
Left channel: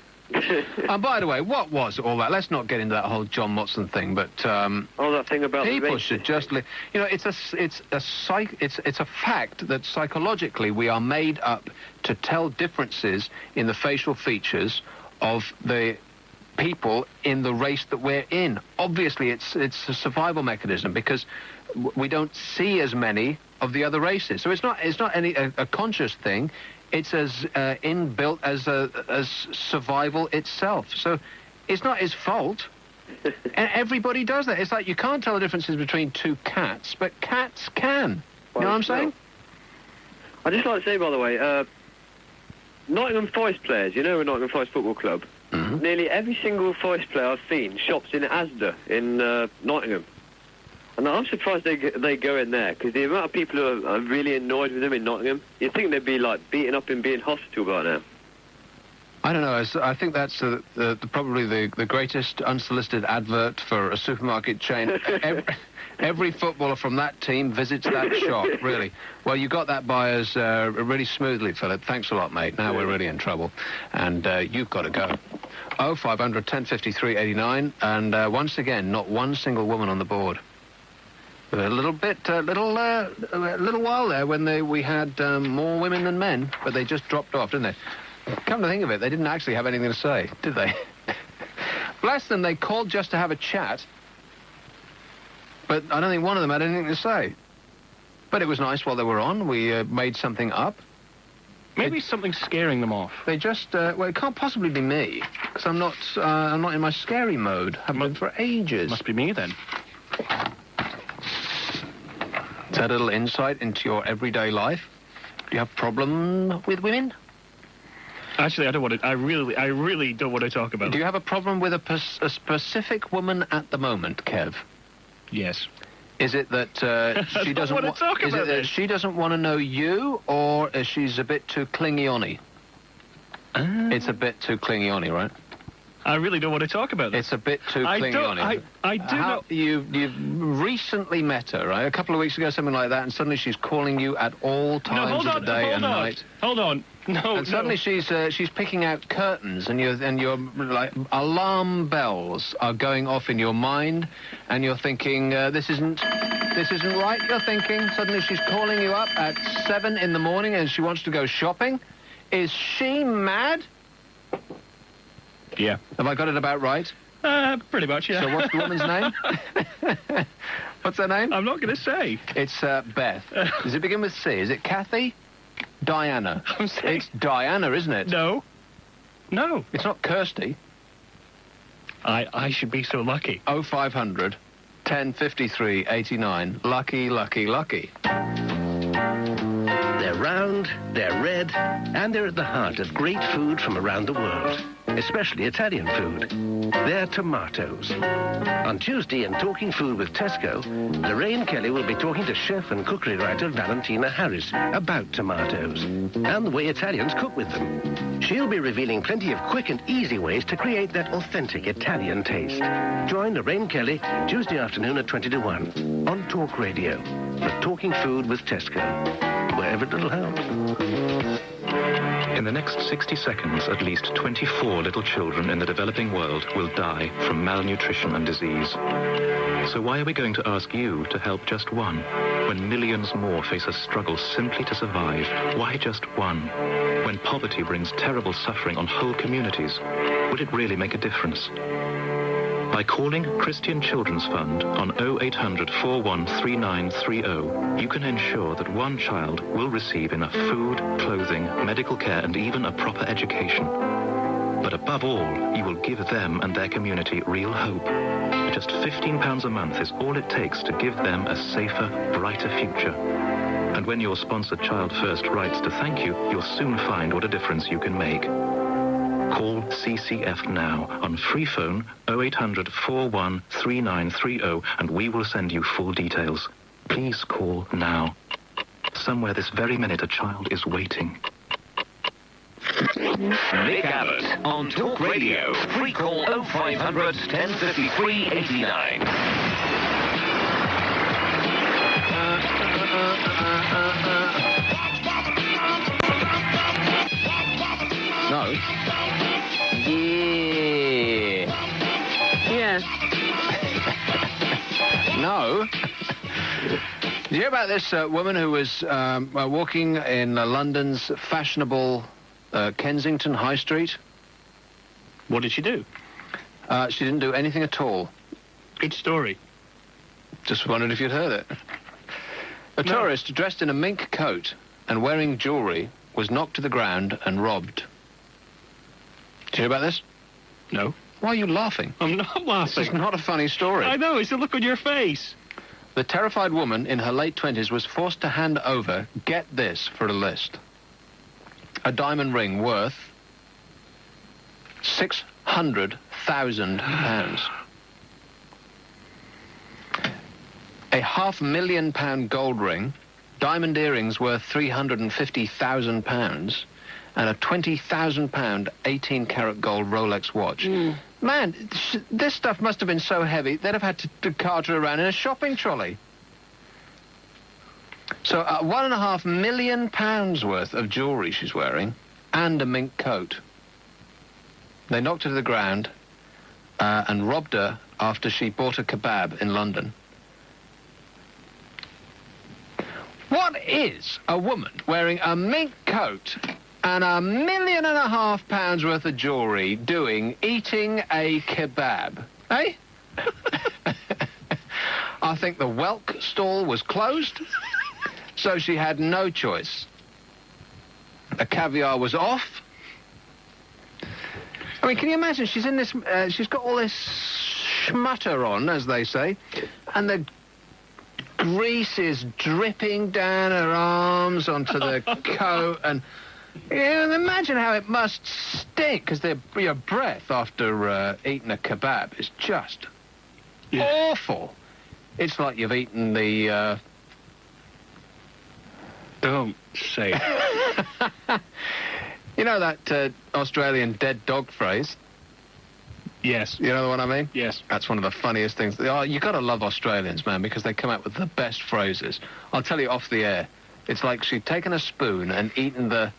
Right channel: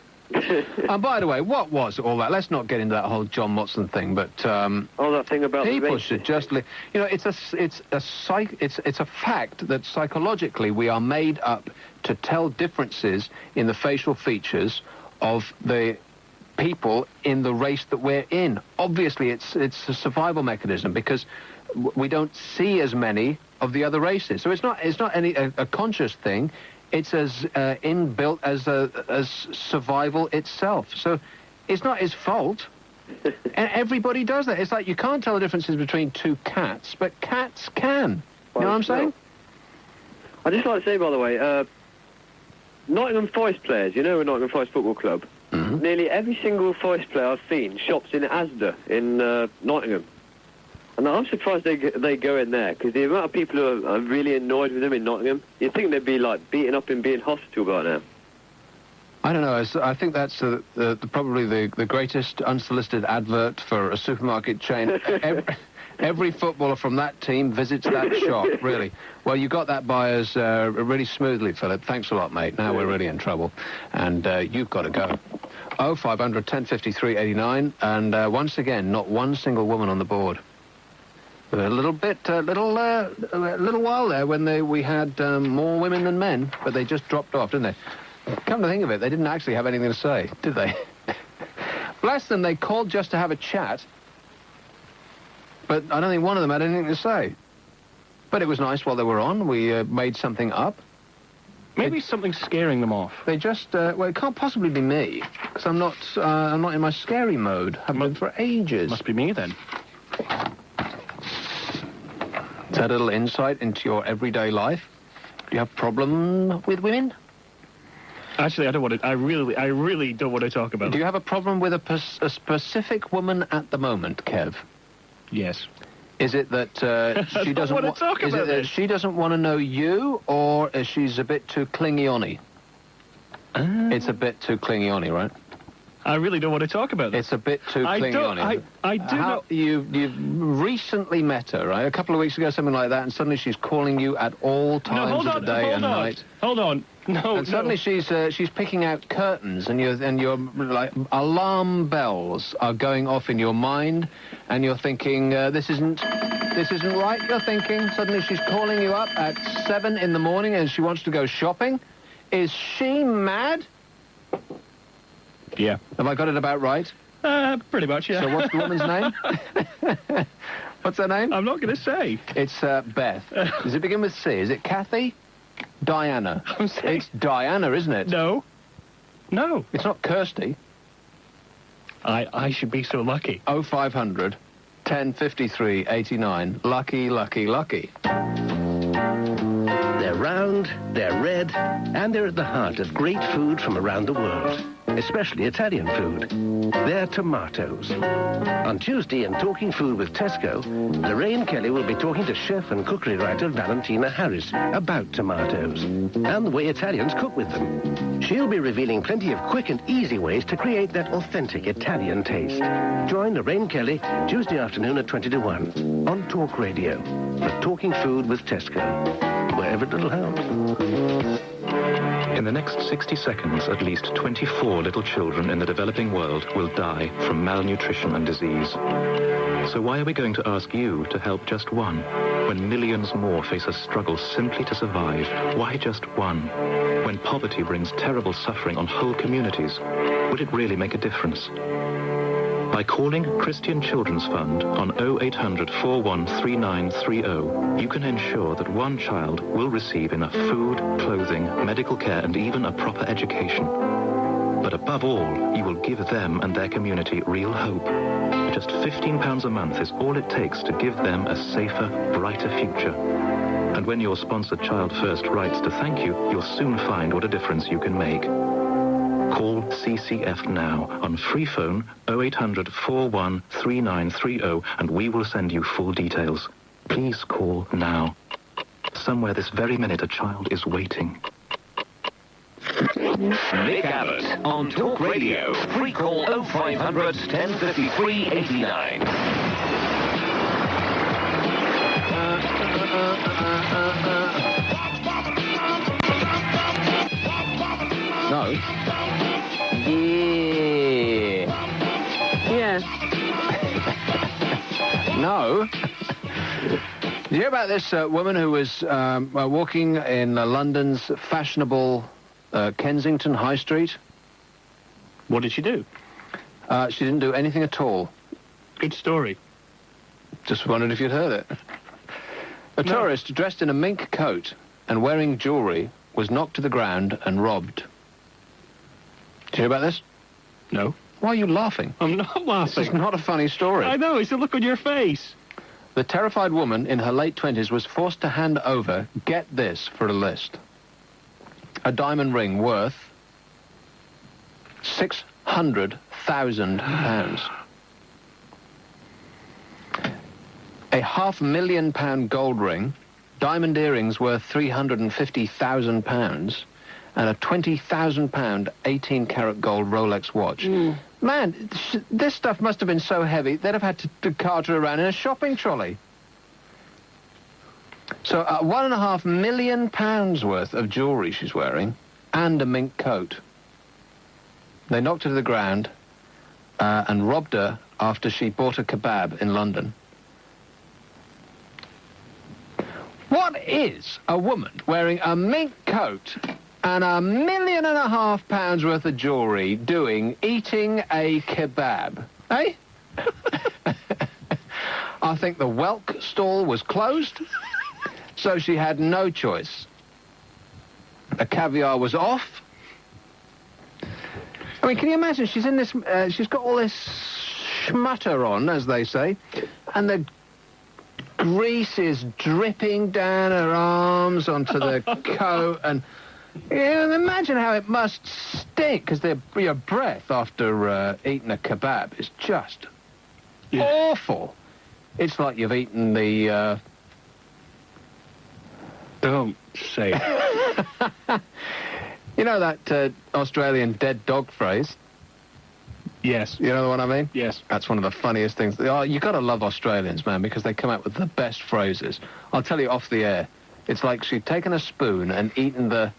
And by the way, what was all that? Let's not get into that whole John Motson thing, but that thing about people should just live. It's a fact that psychologically we are made up to tell differences in the facial features of the people in the race that we're in. Obviously, it's a survival mechanism because we don't see as many of the other races. So it's not a conscious thing. It's as inbuilt as survival itself. So it's not his fault. And everybody does that. It's like you can't tell the differences between two cats, but cats can. You know what I'm saying? I'd just like to say, by the way, Nottingham Forest players, Nottingham Forest Football Club, nearly every single Forest player I've seen shops in Asda in Nottingham. And I'm surprised they go in there, because the amount of people who are really annoyed with them in Nottingham, you'd think they'd be, beaten up and be in hospital by now. I don't know. I think that's probably the greatest unsolicited advert for a supermarket chain. Every footballer from that team visits that shop, really. Well, you got that by us really smoothly, Philip. Thanks a lot, mate. Now we're really in trouble. And you've got to go. 0500 1053 89. And once again, not one single woman on the board. A little while there when we had more women than men, but they just dropped off, didn't they? Come to think of it, they didn't actually have anything to say, did they? Bless them, they called just to have a chat, but I don't think one of them had anything to say. But it was nice while they were on. We made something up. Maybe something's scaring them off. They just, well, it can't possibly be me, because I'm not in my scary mode. Haven't been for ages. Must be me, then. Is that a little insight into your everyday life? Do you have a problem with women? Actually, I don't want to. I really don't want to talk about it. Do you have a problem with a specific woman at the moment, Kev? Yes. Is it that she doesn't want to talk about it that she doesn't want to know you, or is she's a bit too clingy-on-y? It's a bit too clingy-on-y, right? I really don't want to talk about it. It's a bit too clingy-on-y. I do know. You've recently met her, right? A couple of weeks ago, something like that, and suddenly she's calling you at all times of the day and night. Hold on. No, and suddenly she's picking out curtains, and you're like, alarm bells are going off in your mind, and you're thinking, this isn't right, you're thinking. Suddenly she's calling you up at 7 in the morning and she wants to go shopping. Is she mad? Yeah. Have I got it about right? Pretty much, yeah. So what's the woman's name? What's her name? I'm not going to say. It's Beth. Does it begin with C? Is it Kathy? Diana. It's Diana, isn't it? No. No. It's not Kirsty. I should be so lucky. 0500 1053 89. Lucky, lucky, lucky. They're round, they're red, and they're at the heart of great food from around the world, especially Italian food. They're tomatoes. On Tuesday in Talking Food with Tesco, Lorraine Kelly will be talking to chef and cookery writer Valentina Harris about tomatoes and the way Italians cook with them. She'll be revealing plenty of quick and easy ways to create that authentic Italian taste. Join Lorraine Kelly Tuesday afternoon at 20 to 1 on Talk Radio for Talking Food with Tesco, wherever it'll help. In the next 60 seconds, at least 24 little children in the developing world will die from malnutrition and disease. So why are we going to ask you to help just one, when millions more face a struggle simply to survive? Why just one? When poverty brings terrible suffering on whole communities, would it really make a difference? By calling Christian Children's Fund on 0800 413930, you can ensure that one child will receive enough food, clothing, medical care, and even a proper education. But above all, you will give them and their community real hope. Just £15 a month is all it takes to give them a safer, brighter future. And when your sponsored Child First writes to thank you, you'll soon find what a difference you can make. Call CCF now on free phone 0800 413930 and we will send you full details. Please call now. Somewhere this very minute a child is waiting. Nick Abbott on Talk Radio. Free call 0500 1053 89. No. Yeah. No. Did you hear about this woman who was walking in London's fashionable Kensington High Street? What did she do? She didn't do anything at all. Good story. Just wondered if you'd heard it. A tourist dressed in a mink coat and wearing jewellery was knocked to the ground and robbed. Did you hear about this? No. Why are you laughing? I'm not laughing. This is not a funny story. I know, it's the look on your face. The terrified woman in her late 20s was forced to hand over, get this for a list, a diamond ring worth £600,000. A £500,000 gold ring, diamond earrings worth £350,000, and a £20,000 18-carat gold Rolex watch. Man, this stuff must have been so heavy, they'd have had to cart her around in a shopping trolley. So £1.5 million worth of jewellery she's wearing, and a mink coat. They knocked her to the ground and robbed her after she bought a kebab in London. What is a woman wearing a mink coat and £1.5 million worth of jewellery doing eating a kebab? Eh? I think the whelk stall was closed, so she had no choice. The caviar was off. I mean, can you imagine? She's in this, she's got all this schmutter on, as they say, and the grease is dripping down her arms onto the coat, and imagine how it must stink, because your breath after eating a kebab is just awful. It's like you've eaten the... Don't say it. You know that Australian dead dog phrase? Yes. You know what I mean? Yes. That's one of the funniest things. You got to love Australians, man, because they come out with the best phrases. I'll tell you off the air. It's like she'd taken a spoon and eaten the...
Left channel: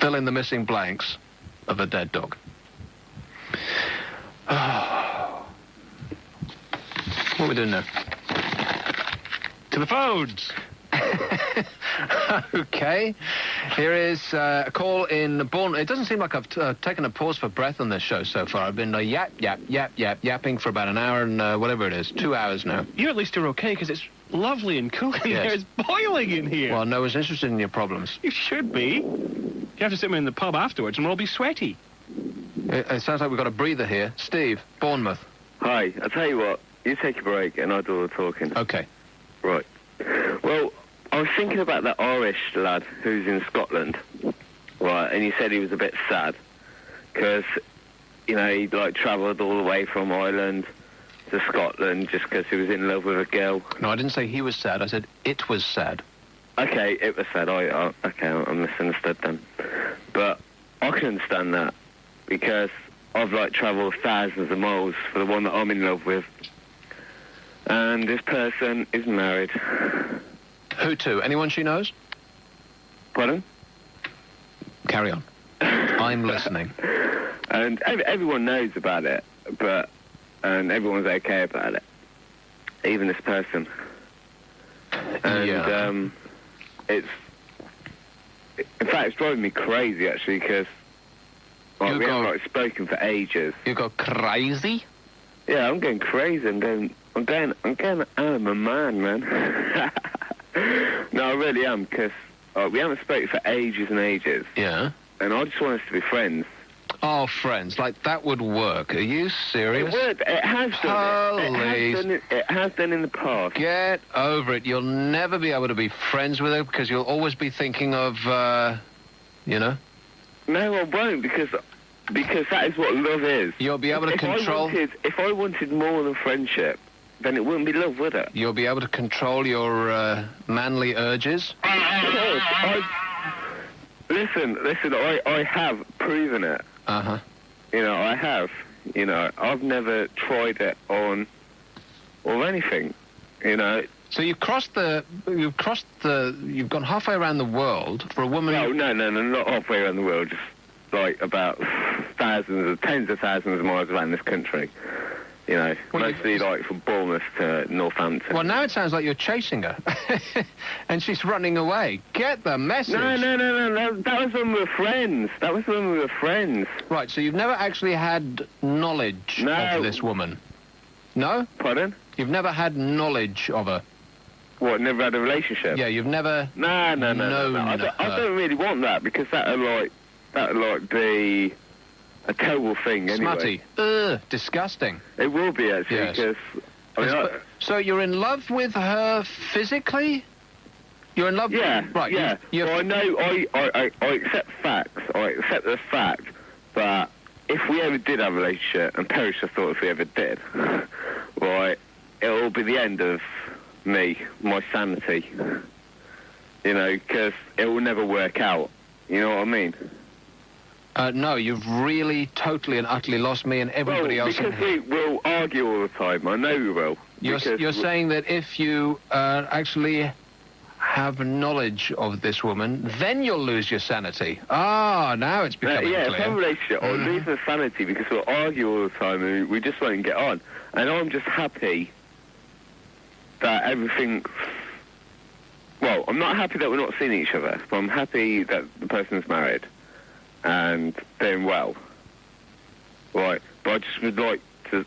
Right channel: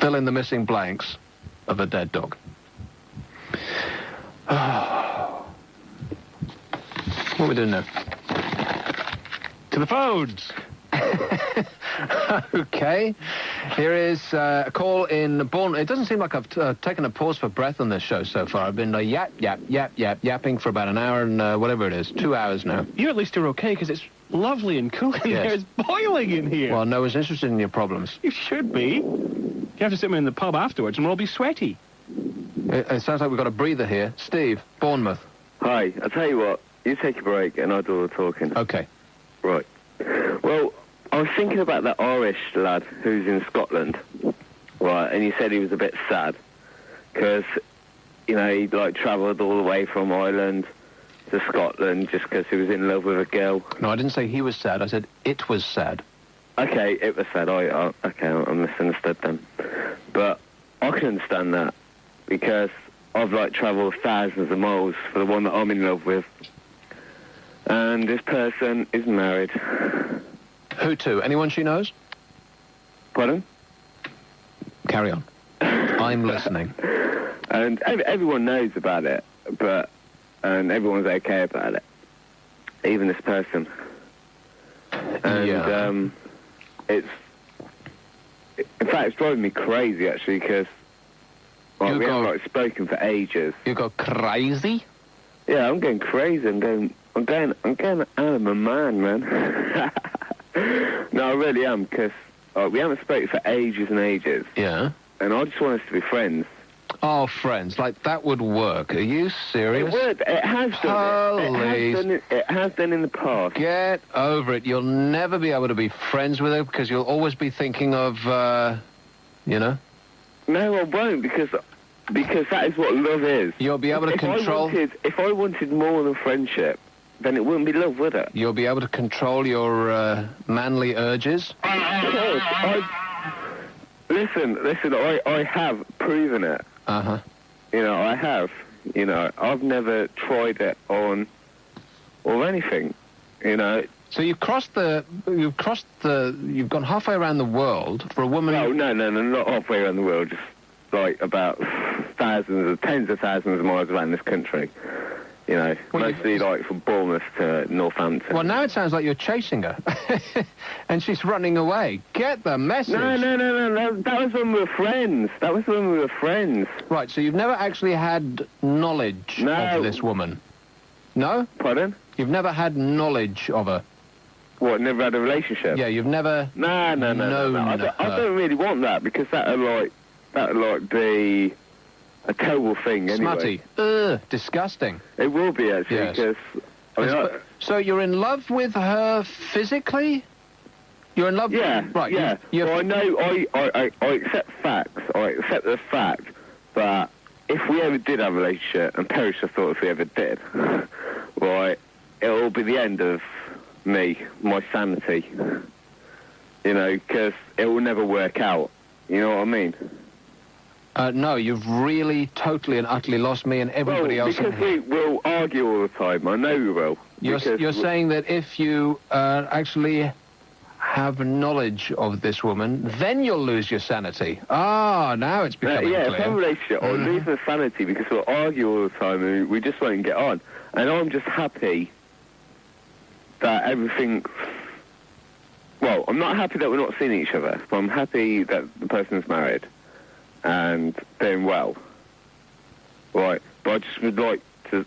fill in the missing blanks of a dead dog. What are we doing now? To the phones. Okay. Here is a call in Bournemouth. It doesn't seem like I've taken a pause for breath on this show so far. I've been yapping for about an hour and whatever it is, 2 hours now. You at least are okay, because it's lovely and cool in here. It's boiling in here. Well, no one's interested in your problems. You should be. You have to sit me in the pub afterwards and we'll all be sweaty. It sounds like we've got a breather here. Steve, Bournemouth. Hi, I'll tell you what. You take a break and I'll do all the talking. Okay. Right. Well, I was thinking about that Irish lad who's in Scotland, right, and he said he was a bit sad because, you know, he'd, like, travelled all the way from Ireland to Scotland just because he was in love with a girl. No, I didn't say he was sad. I said it was sad. Okay, it was sad. Okay, I misunderstood then. But I can understand that because I've, like, travelled thousands of miles for the one that I'm in love with. And this person is married. Who to? Anyone she knows? Pardon? Carry on. I'm listening. And everyone knows about it, and everyone's okay about it. Even this person. And, in fact, it's driving me crazy, actually, because we haven't, like, spoken for ages. You go crazy? Yeah, I'm going crazy. I'm going out of my mind, man. No, I really am, because we haven't spoken for ages and ages. Yeah. And I just want us to be friends. Oh, friends, like that would work. Are you serious? It would. It has done. It has done in the past. Get over it. You'll never be able to be friends with her because you'll always be thinking of, you know? No, I won't, because that is what love is. You'll be able to control... If I wanted more than friendship, then it wouldn't be love, would it? You'll be able to control your manly urges? Listen, I have proven it. Uh-huh. You know, I have. You know, I've never tried it on or anything, you know. So you've gone halfway around the world for a woman... No, not halfway around the world, just like about tens of thousands of miles around this country. You know, mostly like from Bournemouth to Northampton. Well, now it sounds like you're chasing her. And she's running away. Get the message. No. That was when we were friends. Right, so you've never actually had knowledge of this woman? No? Pardon? You've never had knowledge of her? What, never had a relationship? Yeah, you've never... No. I don't really want that, because that'd be... a terrible thing, anyway. Smutty. Disgusting. It will be, actually, because... So you're in love with her physically? You're in love with her? Right, yeah. Well, I know, I accept facts. I accept the fact that if we ever did have a relationship, and perish I thought if we ever did, right, it'll be the end of me, my sanity. You know, because it will never work out. You know what I mean? No, you've really totally and utterly lost me and everybody else. Because we will argue all the time. I know we will. You're saying that if you actually have knowledge of this woman, then you'll lose your sanity. Now it's becoming clear. Yeah, it's a relationship. I'll lose my sanity because we'll argue all the time and we just won't get on. And I'm just happy that everything... Well, I'm not happy that we're not seeing each other, but I'm happy that the person's married and doing well. Right, but I just would like us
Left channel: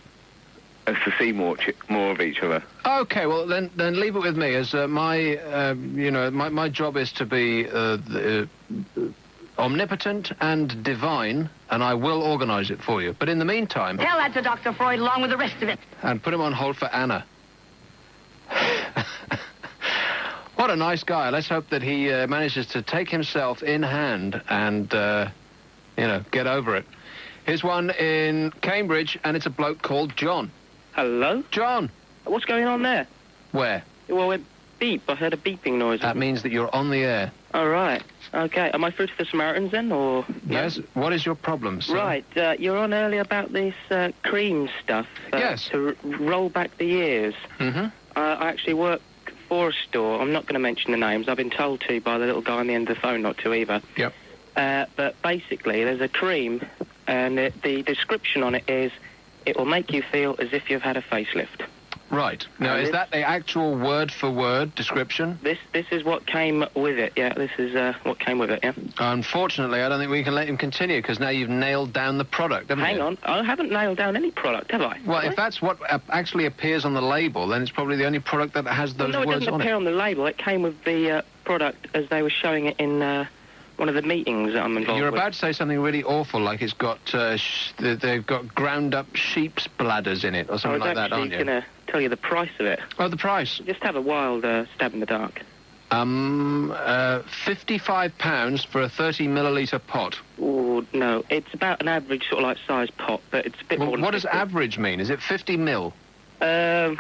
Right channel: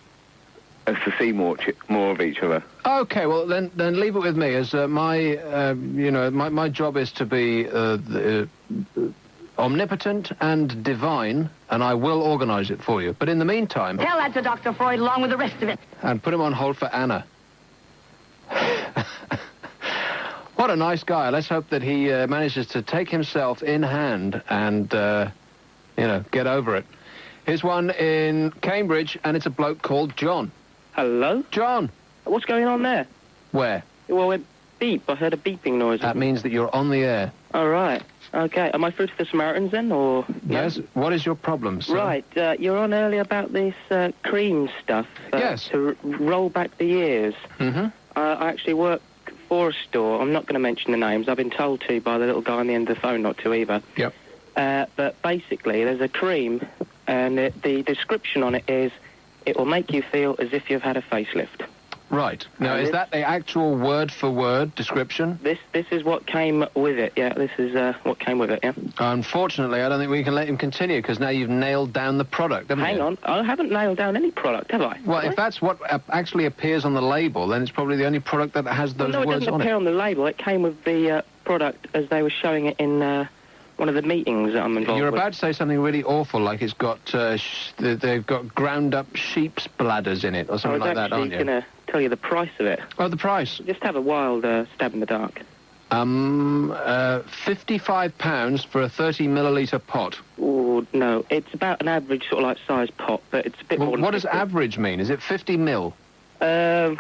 to see more of each other. Okay, well then leave it with me, as my job is to be omnipotent and divine, and I will organise it for you. But in the meantime... Tell that to Dr. Freud along with the rest of it. And put him on hold for Anna. What a nice guy. Let's hope that he manages to take himself in hand and, get over it. Here's one in Cambridge, and it's a bloke called John. Hello? John. What's going on there? Where? Well, it went beep. I heard a beeping noise. That means that you're on the air. Oh, right. Okay. Am I through to the Samaritans then, or...? Yes. What is your problem, sir? Right. You were on earlier about this cream stuff. Yes. To roll back the ears. Mm-hmm. I actually work for a store. I'm not going to mention the names. I've been told to by the little guy on the end of the phone not to either. Yep. But basically, there's a cream, and the description on it is, it will make you feel as if you've had a facelift. Right. Now, is that the actual word-for-word description? This is what came with it, yeah. This is what came with it, yeah. Unfortunately, I don't think we can let him continue, because now you've nailed down the product, haven't you? Hang on. I haven't nailed down any product, have I? Well, if that's what actually appears on the label, then it's probably the only product that has those no, words on it. it doesn't appear on the label. It came with the product as they were showing it in... one of the meetings that I'm involved You're with. about to say something really awful, like it's got they've got ground-up sheep's bladders in it, or something like that, aren't you? I was actually going to tell you the price of it. Oh, the price? Just have a wild stab in the dark. £55 for a 30-millilitre pot. Oh, no. It's about an average sort of like size pot, but it's a bit more than what does 50. average mean? Is it 50 mil? Well,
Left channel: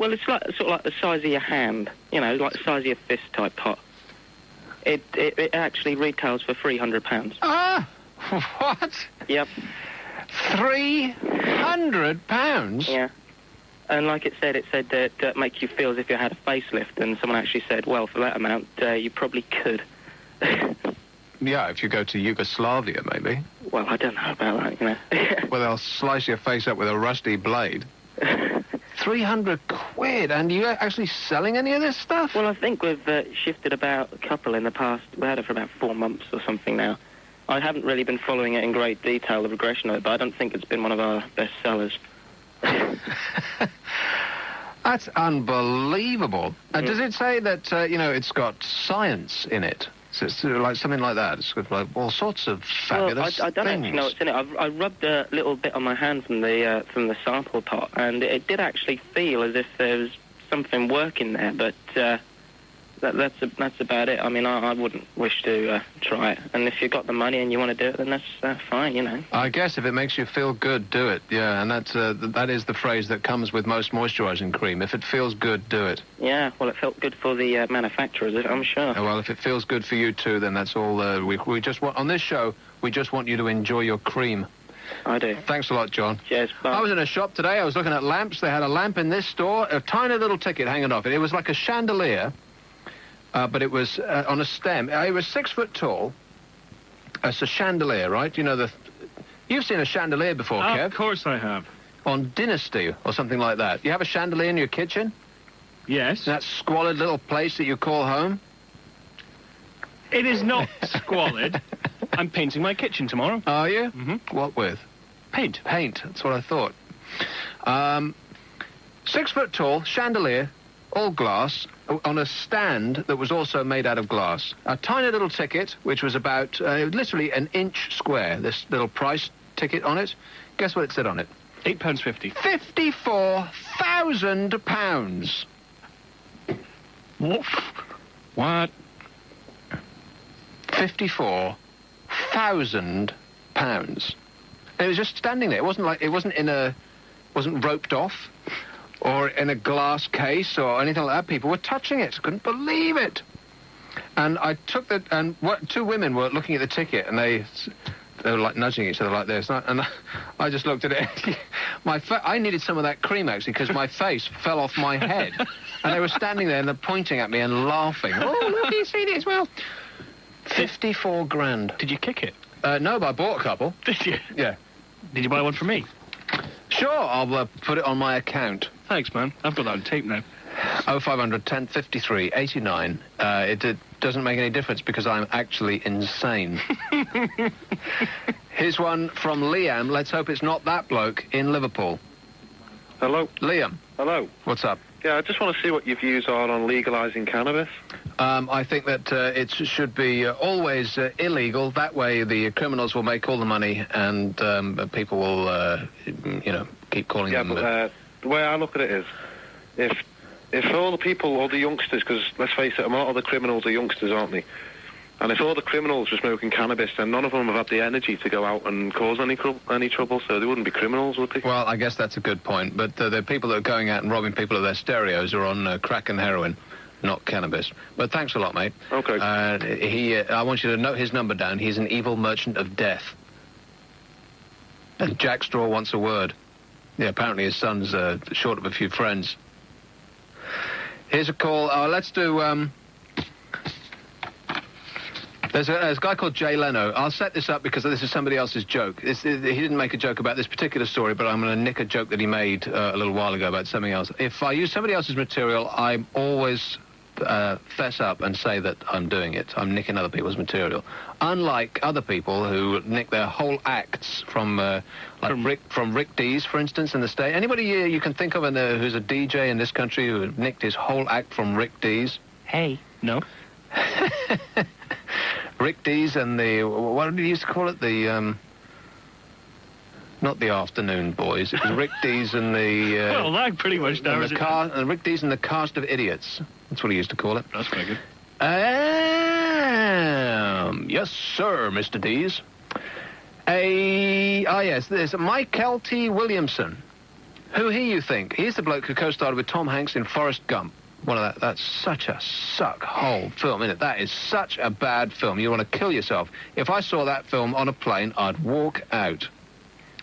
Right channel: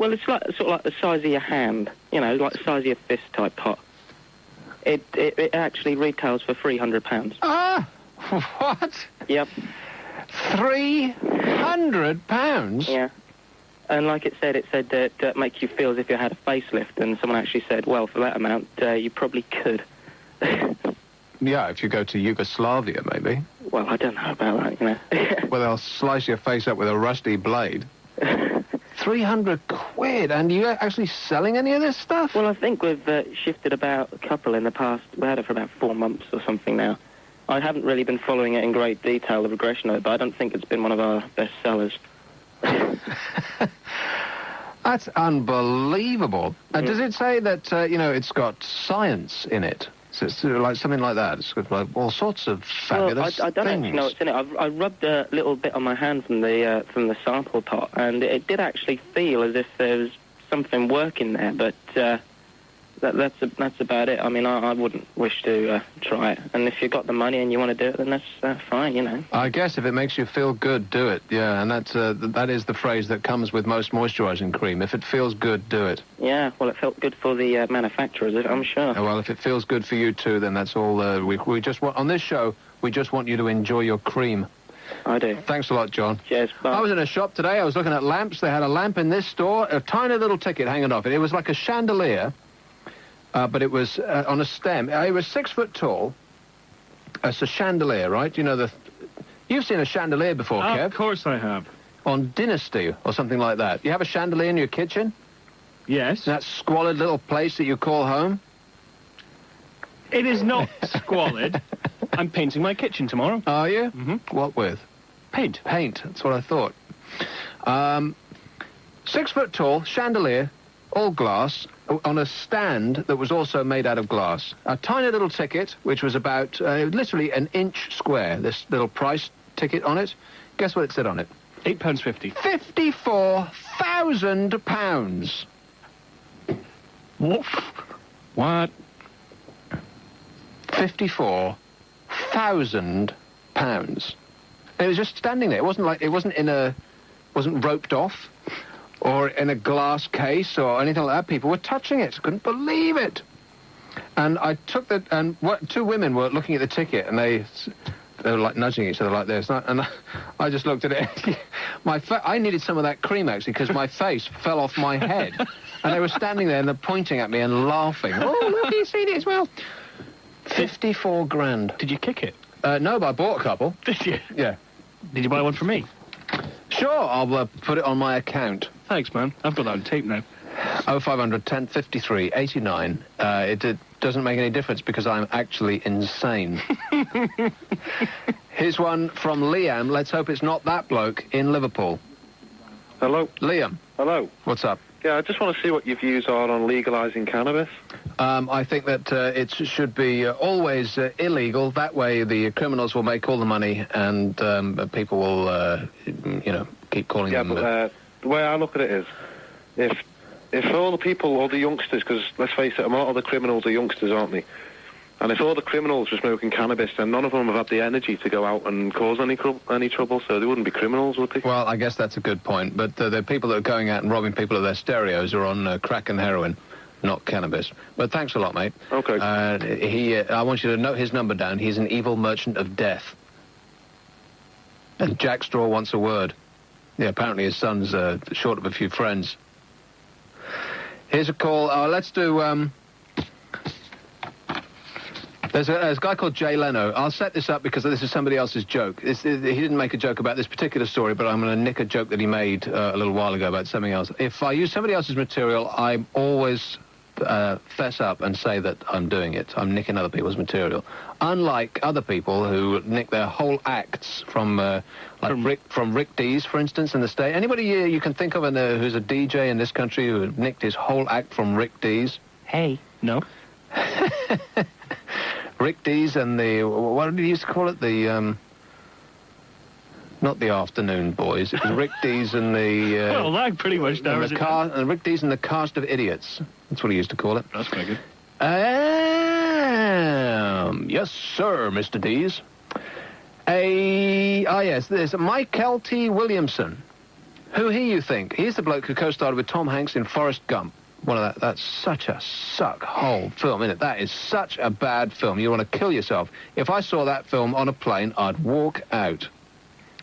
it's like sort of like the size of your hand, like the size of your fist type pot. It actually retails for £300. Ah! What? Yep. £300? Yeah. And like it said that make you feel as if you had a facelift, and someone actually said, well, for that amount, you probably could. Yeah, if you go to Yugoslavia, maybe. Well, I don't know about that, Well, they'll slice your face up with a rusty blade. 300 quid, and you actually selling any of this stuff? Well, I think we've shifted about a couple in the past. We had it for about 4 months or something now. I haven't really been following it in great detail, the progression of it, but I don't think it's been one of our best sellers. That's unbelievable. Does it say that, it's got science in it? So it's like something like that. It's got like all sorts of fabulous I don't actually know what's in it. I rubbed a little bit on my hand from the sample pot, and it did actually feel as if there was something working there, but that's about it. I mean, I wouldn't wish to try it. And if you've got the money and you want to do it, then that's fine, I guess if it makes you feel good, do it. Yeah, and that is the phrase that comes with most moisturising cream. If it feels good, do it. Yeah, well, it felt good for the manufacturers, I'm sure. Oh, well, if it feels good for you too, then that's all. We just want on this show. We just want you to enjoy your cream. I do. Thanks a lot, John. Cheers. Bye. I was in a shop today. I was looking at lamps. They had a lamp in this store, a tiny little ticket hanging off it. It was like a chandelier. But it was on a stem. It was 6 foot tall. It's a chandelier, right? You've seen a chandelier before, Kev. Of course I have. On Dynasty or something like that. You have a chandelier in your kitchen? Yes. That squalid little place that you call home? It is not squalid. I'm painting my kitchen tomorrow. Are you? Mm-hmm. What with? Paint. Paint. That's what I thought. 6 foot tall, chandelier, all glass, on a stand that was also made out of glass. A tiny little ticket, which was about literally an inch square, this little price ticket on it. Guess what it said on it? £8.50. £54,000. What? £54,000. It was just standing there. It wasn't roped off or in a glass case or anything like that. People were touching it. Couldn't believe it. And I took that, and two women were looking at the ticket, and they were like nudging each other like this. And I just looked at it. I needed some of that cream, actually, because my face fell off my head. And they were standing there and they're pointing at me and laughing. Oh, look, you've seen it as well. 54 grand. Did you kick it? No, but I bought a couple. Did you? Yeah. Did you buy one for me? Sure, I'll put it on my account. Thanks, man. I've got that on tape now. 0500 1053 89. It doesn't make any difference because I'm actually insane. Here's one from Liam. Let's hope it's not that bloke in Liverpool. Hello? Liam. Hello. What's up? Yeah, I just want to see what your views are on legalising cannabis. I think that it should be always illegal. That way the criminals will make all the money and people will, keep calling them... Yeah, but the way I look at it is, if all the people, all the youngsters, because let's face it, a lot of the criminals are youngsters, aren't they? And if all the criminals were smoking cannabis, then none of them have had the energy to go out and cause any trouble, so they wouldn't be criminals, would they? Well, I guess that's a good point, but the people that are going out and robbing people of their stereos are on crack and heroin, not cannabis. But thanks a lot, mate. Okay. I want you to note his number down. He's an evil merchant of death. And Jack Straw wants a word. Yeah, apparently his son's short of a few friends. Here's a call. Let's do... There's a guy called Jay Leno. I'll set this up because this is somebody else's joke. He didn't make a joke about this particular story, but I'm going to nick a joke that he made a little while ago about something else. If I use somebody else's material, I always fess up and say that I'm doing it. I'm nicking other people's material. Unlike other people who nick their whole acts from Rick Dees, for instance, in the state. Anybody you can think of who's a DJ in this country who nicked his whole act from Rick Dees? Hey, no. Rick Dees and what did he used to call it? Not the Afternoon Boys. It was Rick Dees and the... well, that pretty much narrows it down. Rick Dees and the Cast of Idiots. That's what he used to call it. That's very good. Yes, sir, Mr. Dees. Yes, there's Michael T. Williamson. Who you think? He's the bloke who co-starred with Tom Hanks in Forrest Gump. That's such a suck-hole film, isn't it? That is such a bad film. You want to kill yourself. If I saw that film on a plane, I'd walk out.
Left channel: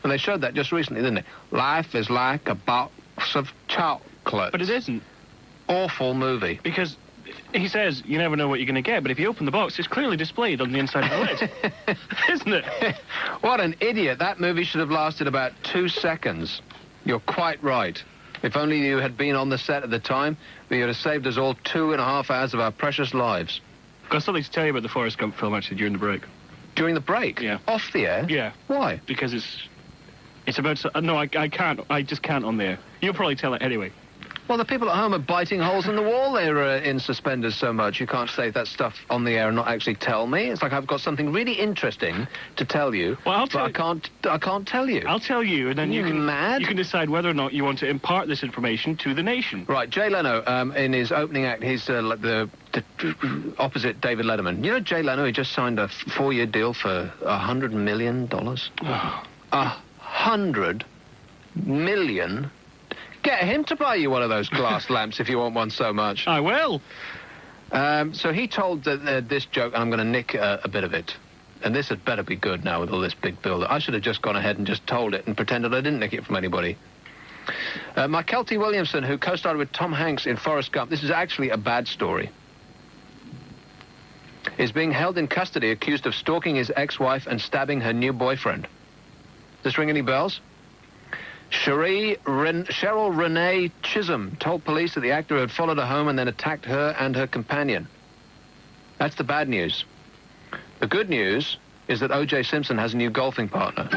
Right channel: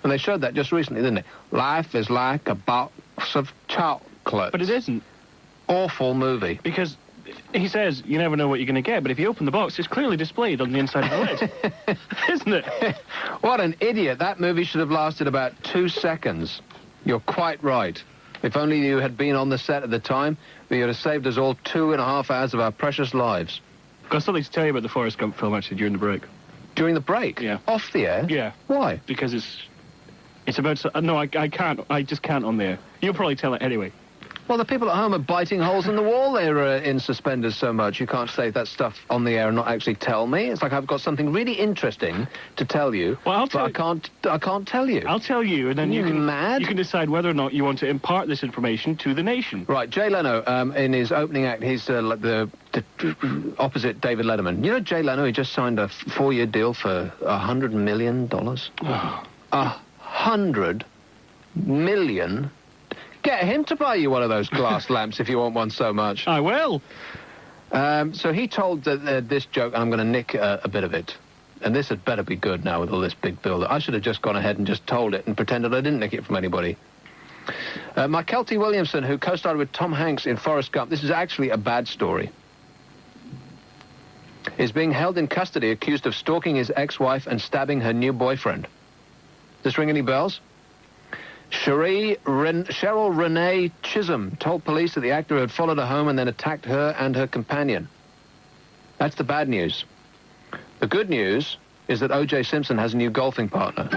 And they showed that just recently, didn't they? Life is like a box of chocolate. But it isn't. Awful movie. Because he says you never know what you're going to get, but if you open the box, it's clearly displayed on the inside of the lid. Isn't it? What an idiot. That movie should have lasted about 2 seconds. You're quite right. If only you had been on the set at the time, you'd have saved us all 2.5 hours of our precious lives. I've got something to tell you about the Forrest Gump film, actually, during the break. During the break? Yeah. Off the air? Yeah. Why? Because it's about... No, I can't. I just can't on there. You'll probably tell it anyway. Well, the people at home are biting holes in the wall. They're in suspenders so much. You can't say that stuff on the air and not actually tell me. It's like I've got something really interesting to tell you, well, I can't tell you. I'll tell you, and then you can decide whether or not you want to impart this information to the nation. Right, Jay Leno, in his opening act, he's like the opposite David Letterman. You know Jay Leno, he just signed a 4-year deal for $100 million. $100 million? Get him to buy you one of those glass lamps if you want one so much. I will. So he told this joke, and I'm going to nick a bit of it. And this had better be good now with all this big build-up. I should have just gone ahead and just told it and pretended I didn't nick it from anybody. Michael T. Williamson, who co-starred with Tom Hanks in Forrest Gump, this is actually a bad story, is being held in custody accused of stalking his ex-wife and stabbing her new boyfriend. Does this ring any bells? Cheryl Renee Chisholm told police that the actor had followed her home and then attacked her and her companion. That's the bad news. The good news is that O.J. Simpson has a new golfing partner.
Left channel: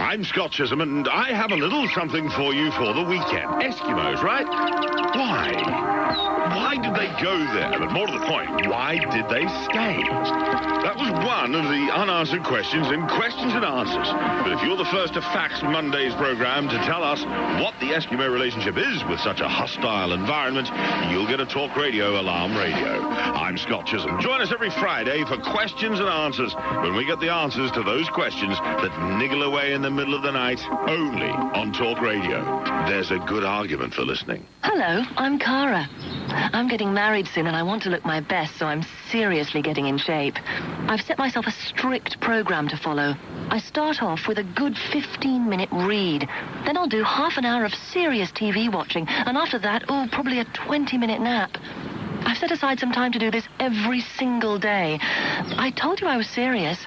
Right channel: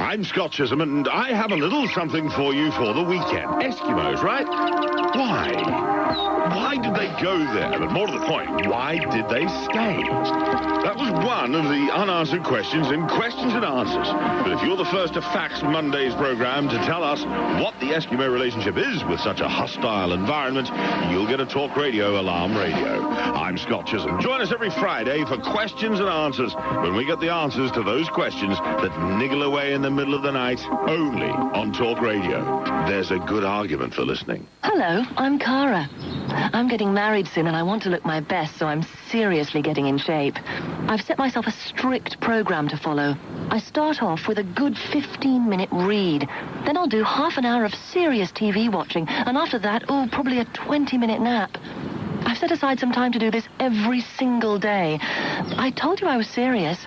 I'm Scott Chisholm, and I have a little something for you for the weekend. Eskimos, right? Why did they go there? But more to the point, why did they stay? That was one of the unanswered questions in Questions and Answers. But if you're the first to fax Monday's program to tell us what the Eskimo relationship is with such a hostile environment, you'll get a Talk Radio Alarm Radio. I'm Scott Chisholm. Join us every Friday for Questions and Answers, when we get the answers to those questions that niggle away in the middle of the night, only on Talk Radio. There's a good argument for listening. Hello, I'm Cara. I'm getting married soon and I want to look my best, so I'm seriously getting in shape. I've set myself a strict program to follow. I start off with a good 15-minute read. Then I'll do half an hour of serious TV watching, and after that, probably a 20-minute nap. I've set aside some time to do this every single day. I told you I was serious.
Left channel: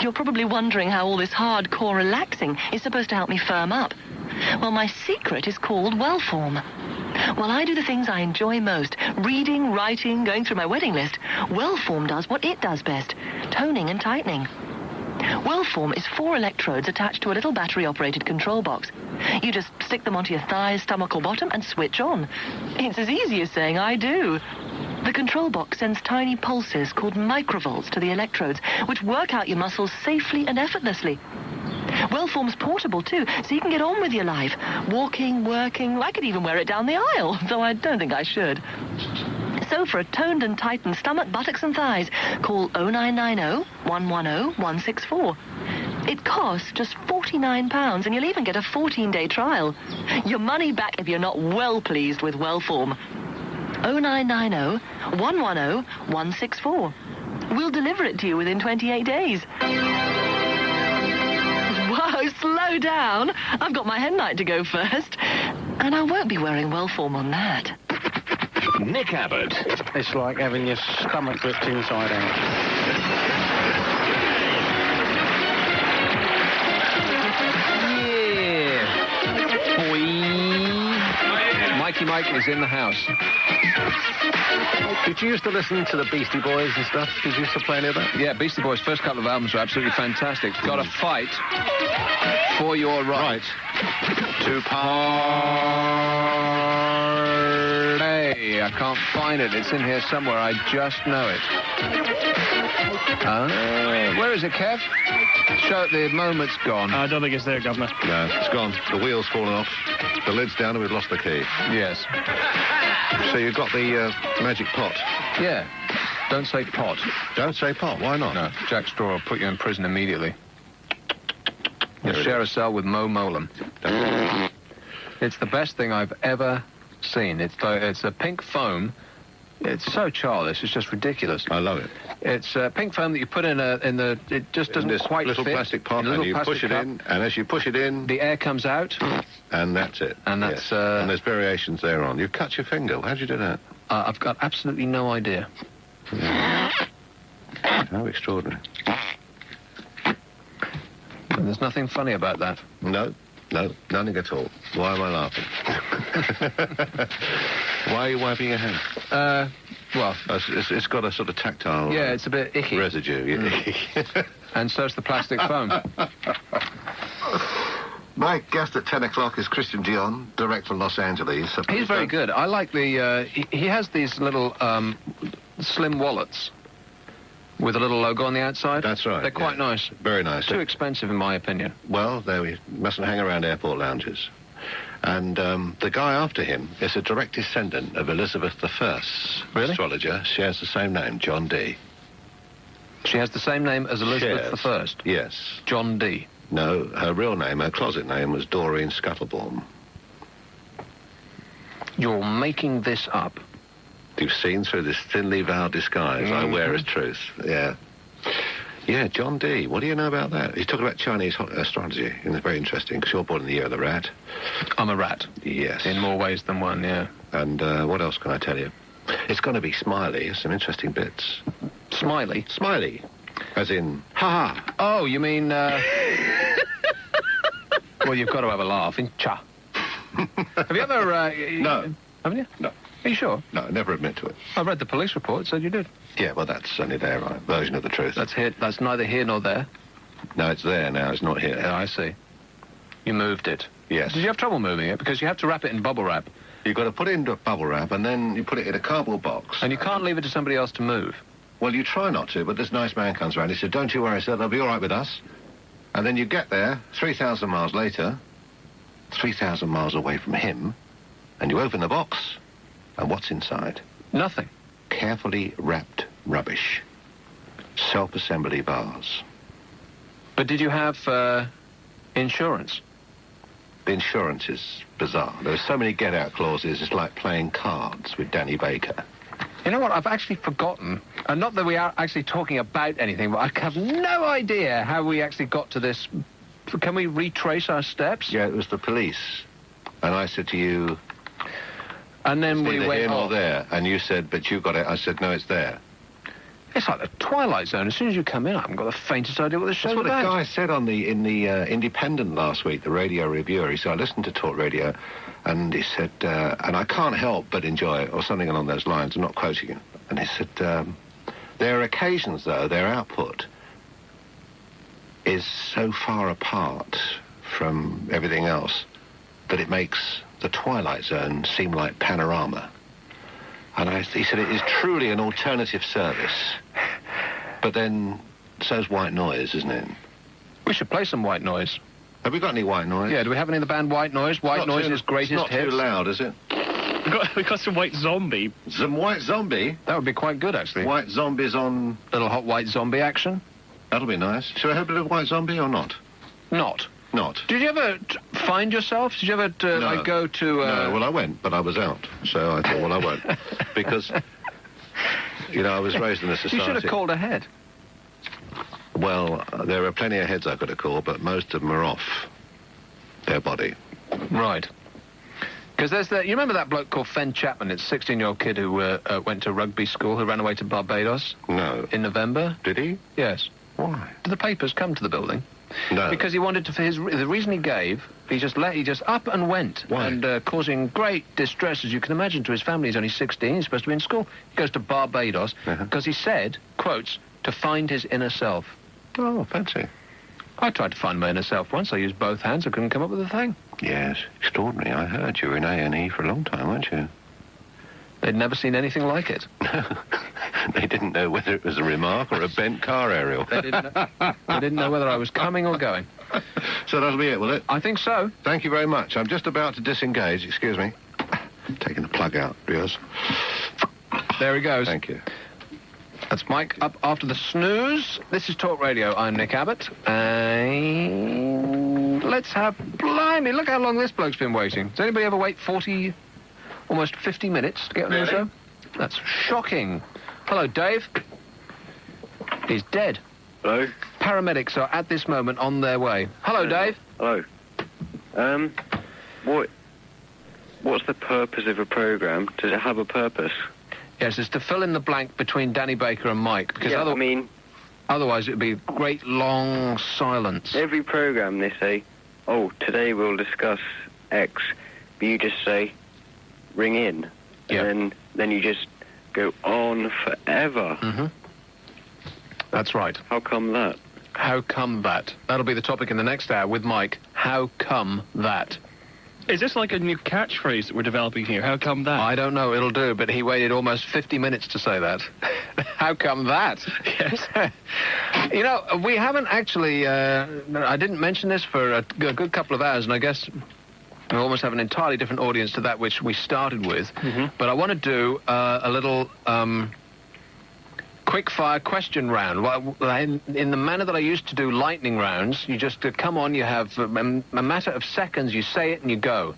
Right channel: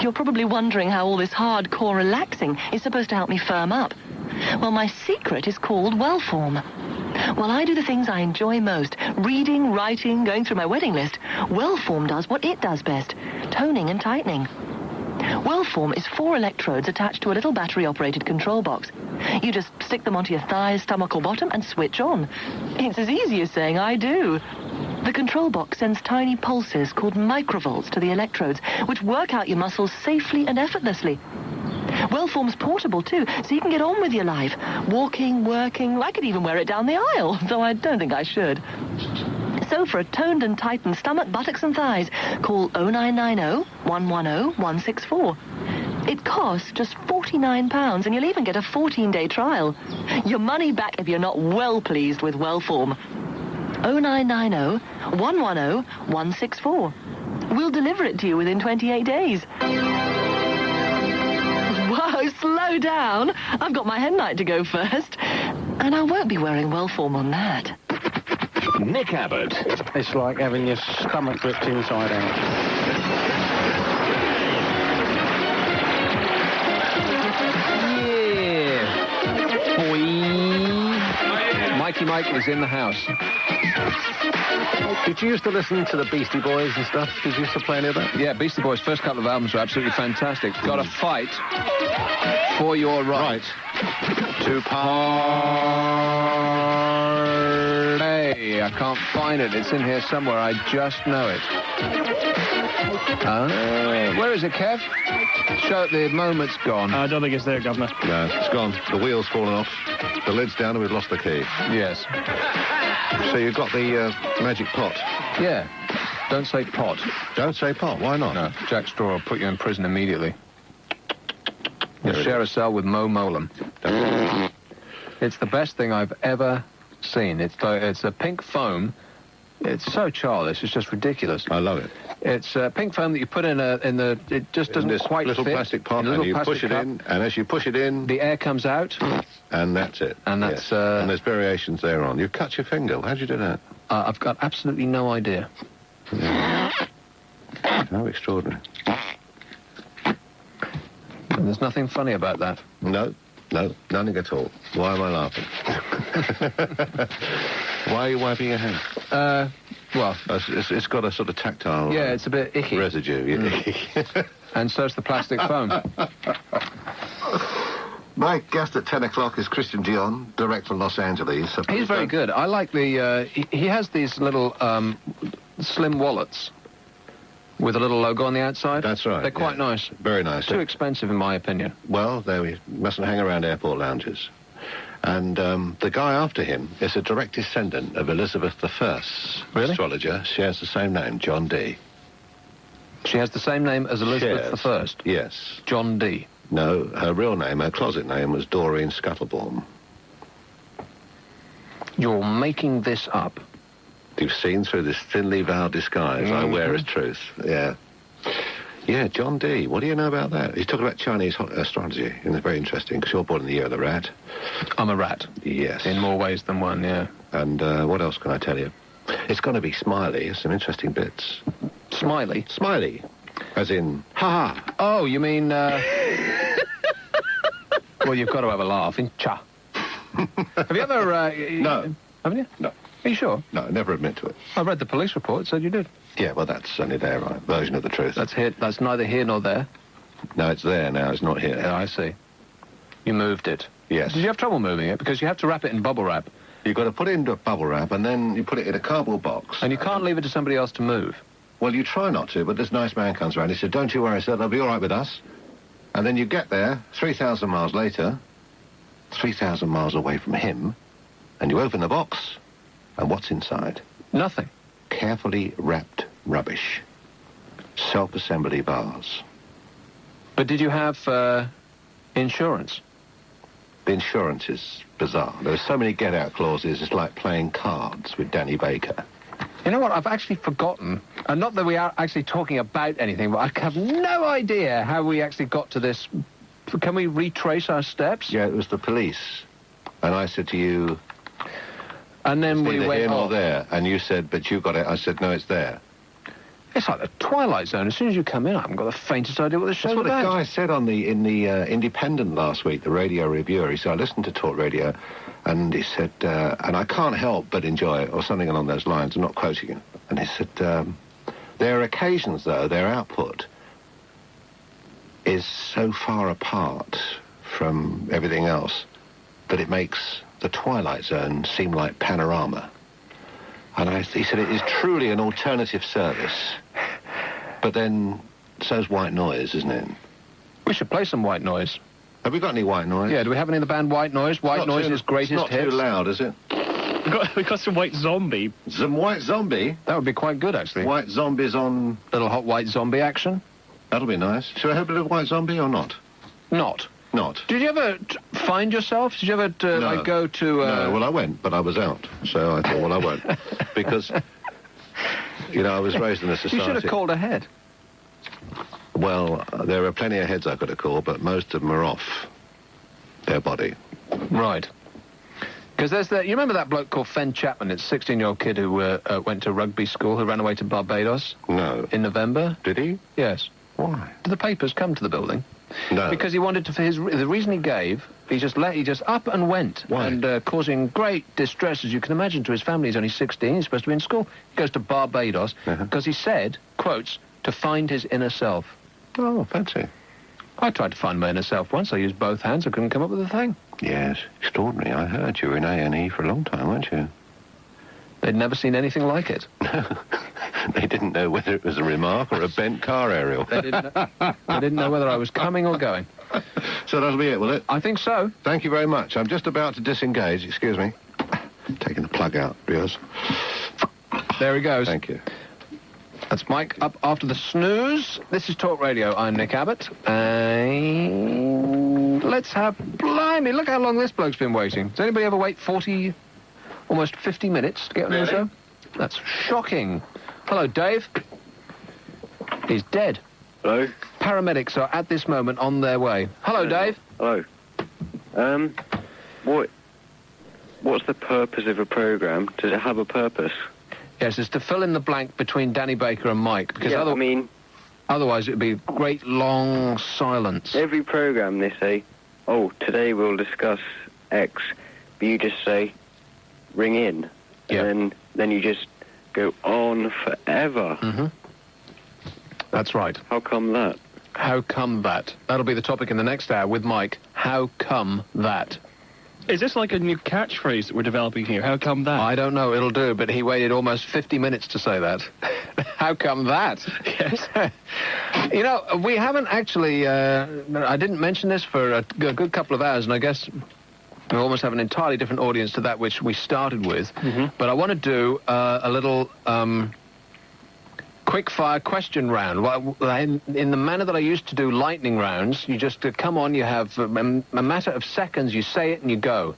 You're probably wondering how all this hardcore relaxing is supposed to help me firm up. Well, my secret is called Wellform. While I do the things I enjoy most, reading, writing, going through my wedding list, Wellform does what it does best, toning and tightening. Wellform is 4 electrodes attached to a little battery-operated control box. You just stick them onto your thighs, stomach or bottom and switch on. It's as easy as saying I do. The control box sends tiny pulses called microvolts to the electrodes, which work out your muscles safely and effortlessly. Wellform's portable, too, so you can get on with your life. Walking, working, I could even wear it down the aisle, though I don't think I should. So for a toned and tightened stomach, buttocks and thighs, call 0990-110-164. It costs just £49, and you'll even get a 14-day trial. Your money back if you're not well pleased with Wellform. 0990-110-164. We'll deliver it to you within 28 days. Whoa, slow down. I've got my hen night to go first. And I won't be wearing Wellform on that. Nick Abbott. It's like having your stomach flipped inside out. Yeah. Boy. Mikey Mike is in the house. Did you used to listen to the Beastie Boys and stuff? Did you used to play any of that? Yeah, Beastie Boys' first couple of albums were absolutely fantastic. Got to fight for your right to party. I can't find it. It's in here somewhere. I just know it. Where is it, Kev? So the moment's gone. I don't think it's there, Governor. No, it's gone. The wheel's fallen off. The lid's down and we've lost the key. Yes. So you've got the magic pot? Yeah. Don't say pot. Don't say pot. Why not? No. Jack Straw will put you in prison immediately. You'll share a cell with Mo Molam. It's the best thing I've ever seen. It's a pink foam. It's so childish. It's just ridiculous. I love it. It's pink foam that you put in the. It just doesn't this quite little fit. plastic pot, and you push it in, and as you push it in, the air comes out, and that's it. And that's yes. And there's variations thereon. You cut your finger. How'd you do that? I've got absolutely no idea. Yeah. How extraordinary. And there's nothing funny about that. No, nothing at all. Why am I laughing? Why are you wiping your hands? Well, it's got a sort of tactile. Yeah, it's a bit icky. Residue. And so's the plastic foam. My guest at 10 o'clock is Christian Dion, direct from Los Angeles. He's very good. I like the... he has these little slim wallets with a little logo on the outside. That's right. They're quite nice. Very nice. Too expensive, in my opinion. Well, we mustn't hang around airport lounges. And the guy after him is a direct descendant of Elizabeth I. Really? Astrologer, shares the same name, John Dee. She has the same name as Elizabeth I? Yes. John Dee. No, her real name, her closet name, was Doreen Scuttlebaum. You're making this up. You've seen through this thinly veiled disguise I wear as truth. Yeah. Yeah, John Dee. What do you know about that? He's talking about Chinese astrology, and it's very interesting, because you're born in the year of the rat. I'm a rat. Yes. In more ways than one, yeah. And what else can I tell you? It's going to be smiley. Some interesting bits. Smiley? Smiley. As in, ha-ha. Oh, you mean, well, you've got to have a laugh. In cha. Have you ever, No. Haven't you? No. Are you sure? No, I never admit to it. I read the police report. It said you did. Yeah, well, that's only their version of the truth. That's neither here nor there. No, it's there now. It's not here. Yeah, I see. You moved it. Yes. Did you have trouble moving it? Because you have to wrap it in bubble wrap. You've got to put it into a bubble wrap, and then you put it in a cardboard box. And you can't leave it to somebody else to move. Well, you try not to, but this nice man comes around. He said, don't you worry, sir, they'll be all right with us. And then you get there, 3,000 miles later, 3,000 miles away from him, and you open the box, and what's inside? Nothing. Carefully wrapped rubbish. Self-assembly bars. But did you have, insurance? The insurance is bizarre. There are so many get-out clauses, it's like playing cards with Danny Baker. You know what? I've actually forgotten. And not that we are actually talking about anything, but I have no idea how we actually got to this. Can we retrace our steps? Yeah, it was the police. And I said to you... And then we went here nor off. there. And you said, but you got it. I said, no, it's there. It's like the Twilight Zone. As soon as you come in, I haven't got the faintest idea what the show's That's what about. a guy said in the Independent last week, the radio reviewer. He said, I listened to Talk Radio, and he said, and I can't help but enjoy it, or something along those lines. I'm not quoting him. And he said, there are occasions, though, their output is so far apart from everything else that it makes the Twilight Zone seem like Panorama. And he said it is truly an alternative service. But then, so's White Noise, isn't it? We should play some White Noise. Have we got any White Noise? Yeah, do we have any of the band White Noise? White Noise's greatest It's not hit. too loud, is it? We got some White Zombie. Some White Zombie? That would be quite good, actually. White Zombies on... Little hot White Zombie action. That'll be nice. Should I have a bit of White Zombie or not? Not. Not. Did you ever find yourself? Did you ever go to... No, well, I went, but I was out. So I thought, well, I won't. Because, I was raised in a society... You should have called ahead. Well, there are plenty of heads I could have called, but most of them are off their body. Right. Because you remember that bloke called Fen Chapman? It's a 16-year-old kid who went to rugby school, who ran away to Barbados? No. In November? Did he? Yes. Why? Did the papers come to the building? No. Because he wanted to, the reason he gave, he just up and went. Why? And causing great distress, as you can imagine, to his family. He's only 16, he's supposed to be in school. He goes to Barbados, because he said, quotes, to find his inner self. Oh, fancy. I tried to find my inner self once. I used both hands. I couldn't come up with a thing. Yes, extraordinary. I heard you were in A&E for a long time, weren't you? They'd never seen anything like it. They didn't know whether it was a remark or a bent car aerial. They didn't know whether I was coming or going. So that'll be it, will it? I think so. Thank you very much. I'm just about to disengage. Excuse me. Taking the plug out, viewers. There he goes. Thank you. That's Mike up after the snooze. This is Talk Radio. I'm Nick Abbott. And let's have... Blimey, look how long this bloke's been waiting. Does anybody ever wait 40, almost 50 minutes to get on the show? That's shocking. Hello, Dave. He's dead. Hello. Paramedics are at this moment on their way. Hello, Dave. Hello. What's the purpose of a program? Does it have a purpose? Yes, it's to fill in the blank between Danny Baker and Mike. Because otherwise it would be great long silence. Every program they say, oh, today we'll discuss X. But you just say, ring in. Yeah. And then you just go on forever. Mm-hmm. That's right. How come that? How come that? That'll be the topic in the next hour with Mike. How come that? Is this like a new catchphrase that we're developing here? How come that? I don't know. It'll do, but he waited almost 50 minutes to say that. How come that? Yes. We haven't actually... I didn't mention this for a good couple of hours, and I guess we almost have an entirely different audience to that which we started with. Mm-hmm. But I want to do a little... quick-fire question round. Well, in the manner that I used to do lightning rounds, you just come on, you have a matter of seconds, you say it and you go.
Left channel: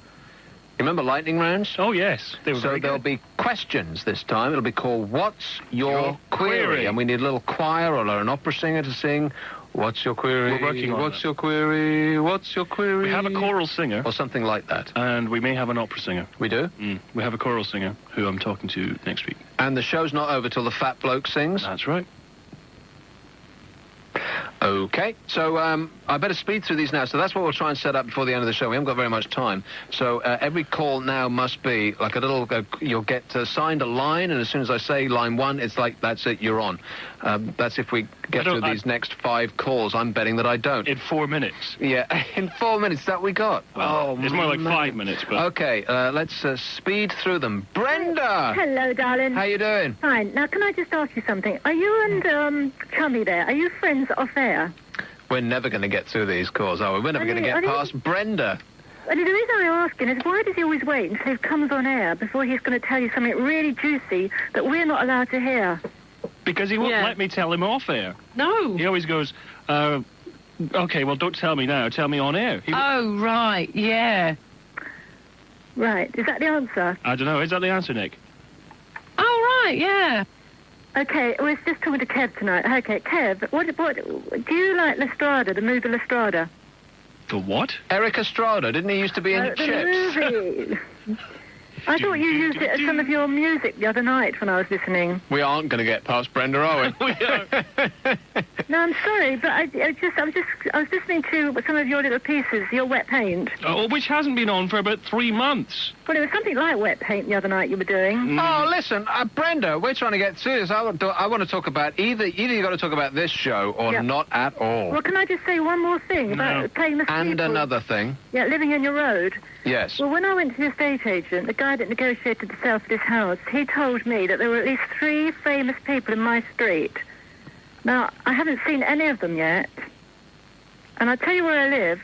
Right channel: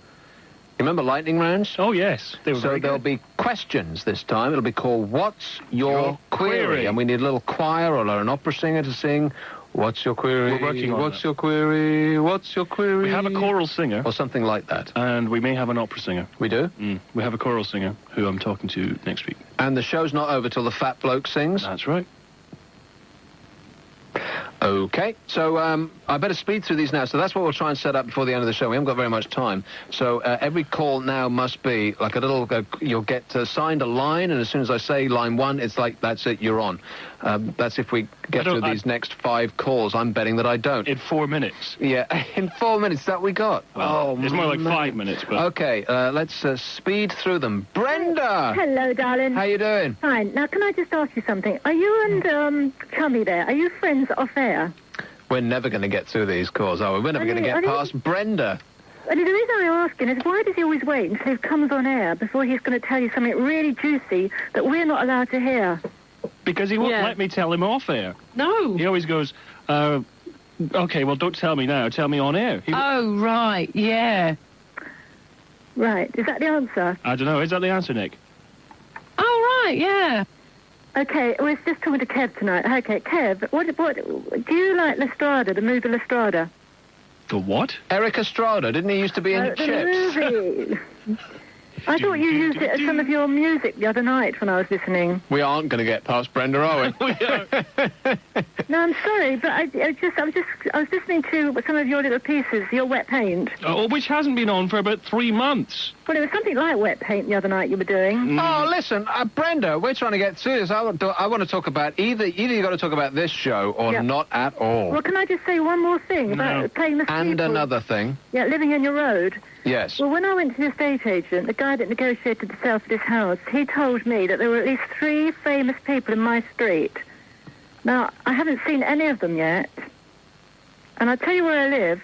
You remember lightning rounds? Oh, yes. There'll be questions this time. It'll be called What's Your Query? And we need a little choir or an opera singer to sing What's Your Query? We're working on What's your query? What's your query? We have a choral singer. Or something like that. And we may have an opera singer. We do? We have a choral singer who I'm talking to next week. And the show's not over till the fat bloke sings? That's right. Okay, so I better speed through these now. So that's what we'll try and set up before the end of the show. We haven't got very much time. So every call now must be like a little... you'll get assigned a line, and as soon as I say line one, it's like, that's it, you're on. That's if we get through these next 5 calls. I'm betting that I don't. In 4 minutes. Yeah, in 4 minutes that we got. Well, it's more like 5 minutes, but... Okay, let's speed through them. Brenda! Hello, darling. How you doing? Fine. Now, can I just ask you something? Are you and Chummy there, are you friends off air? We're never going to get through these calls, are we? We're never going to get past Brenda. And the reason I'm asking is, why does he always wait until he comes on air before he's going to tell you something really juicy that we're not allowed to hear? Because he won't let me tell him off air. No. He always goes, okay, well, don't tell me now. Tell me on air. Oh, right, yeah. Right. Is that the answer? I don't know. Is that the answer, Nick? Oh, right, yeah. Okay, well, it's just talking to Kev tonight. Okay, Kev, what do you like Lestrada, the movie Lestrada? The what? Eric Estrada, didn't he used to be in the Chips? movie. I thought you used it as some of your music the other night when I was listening. We aren't going to get past Brenda, are we? No, I'm sorry, but I was listening to some of your little pieces, your wet paint. Oh, which hasn't been on for about 3 months. Well, it was something like wet paint the other night you were doing. Oh, listen, Brenda, we're trying to get serious. I want to talk about either you've got to talk about this show or not at all. Well, can I just say one more thing about famous people? And another thing. Yeah, living in your road. Yes. Well, when I went to the estate agent, the guy that negotiated the sale for this house, he told me that there were at least 3 famous people in my street. Now, I haven't seen any of them yet. And I tell you where I live.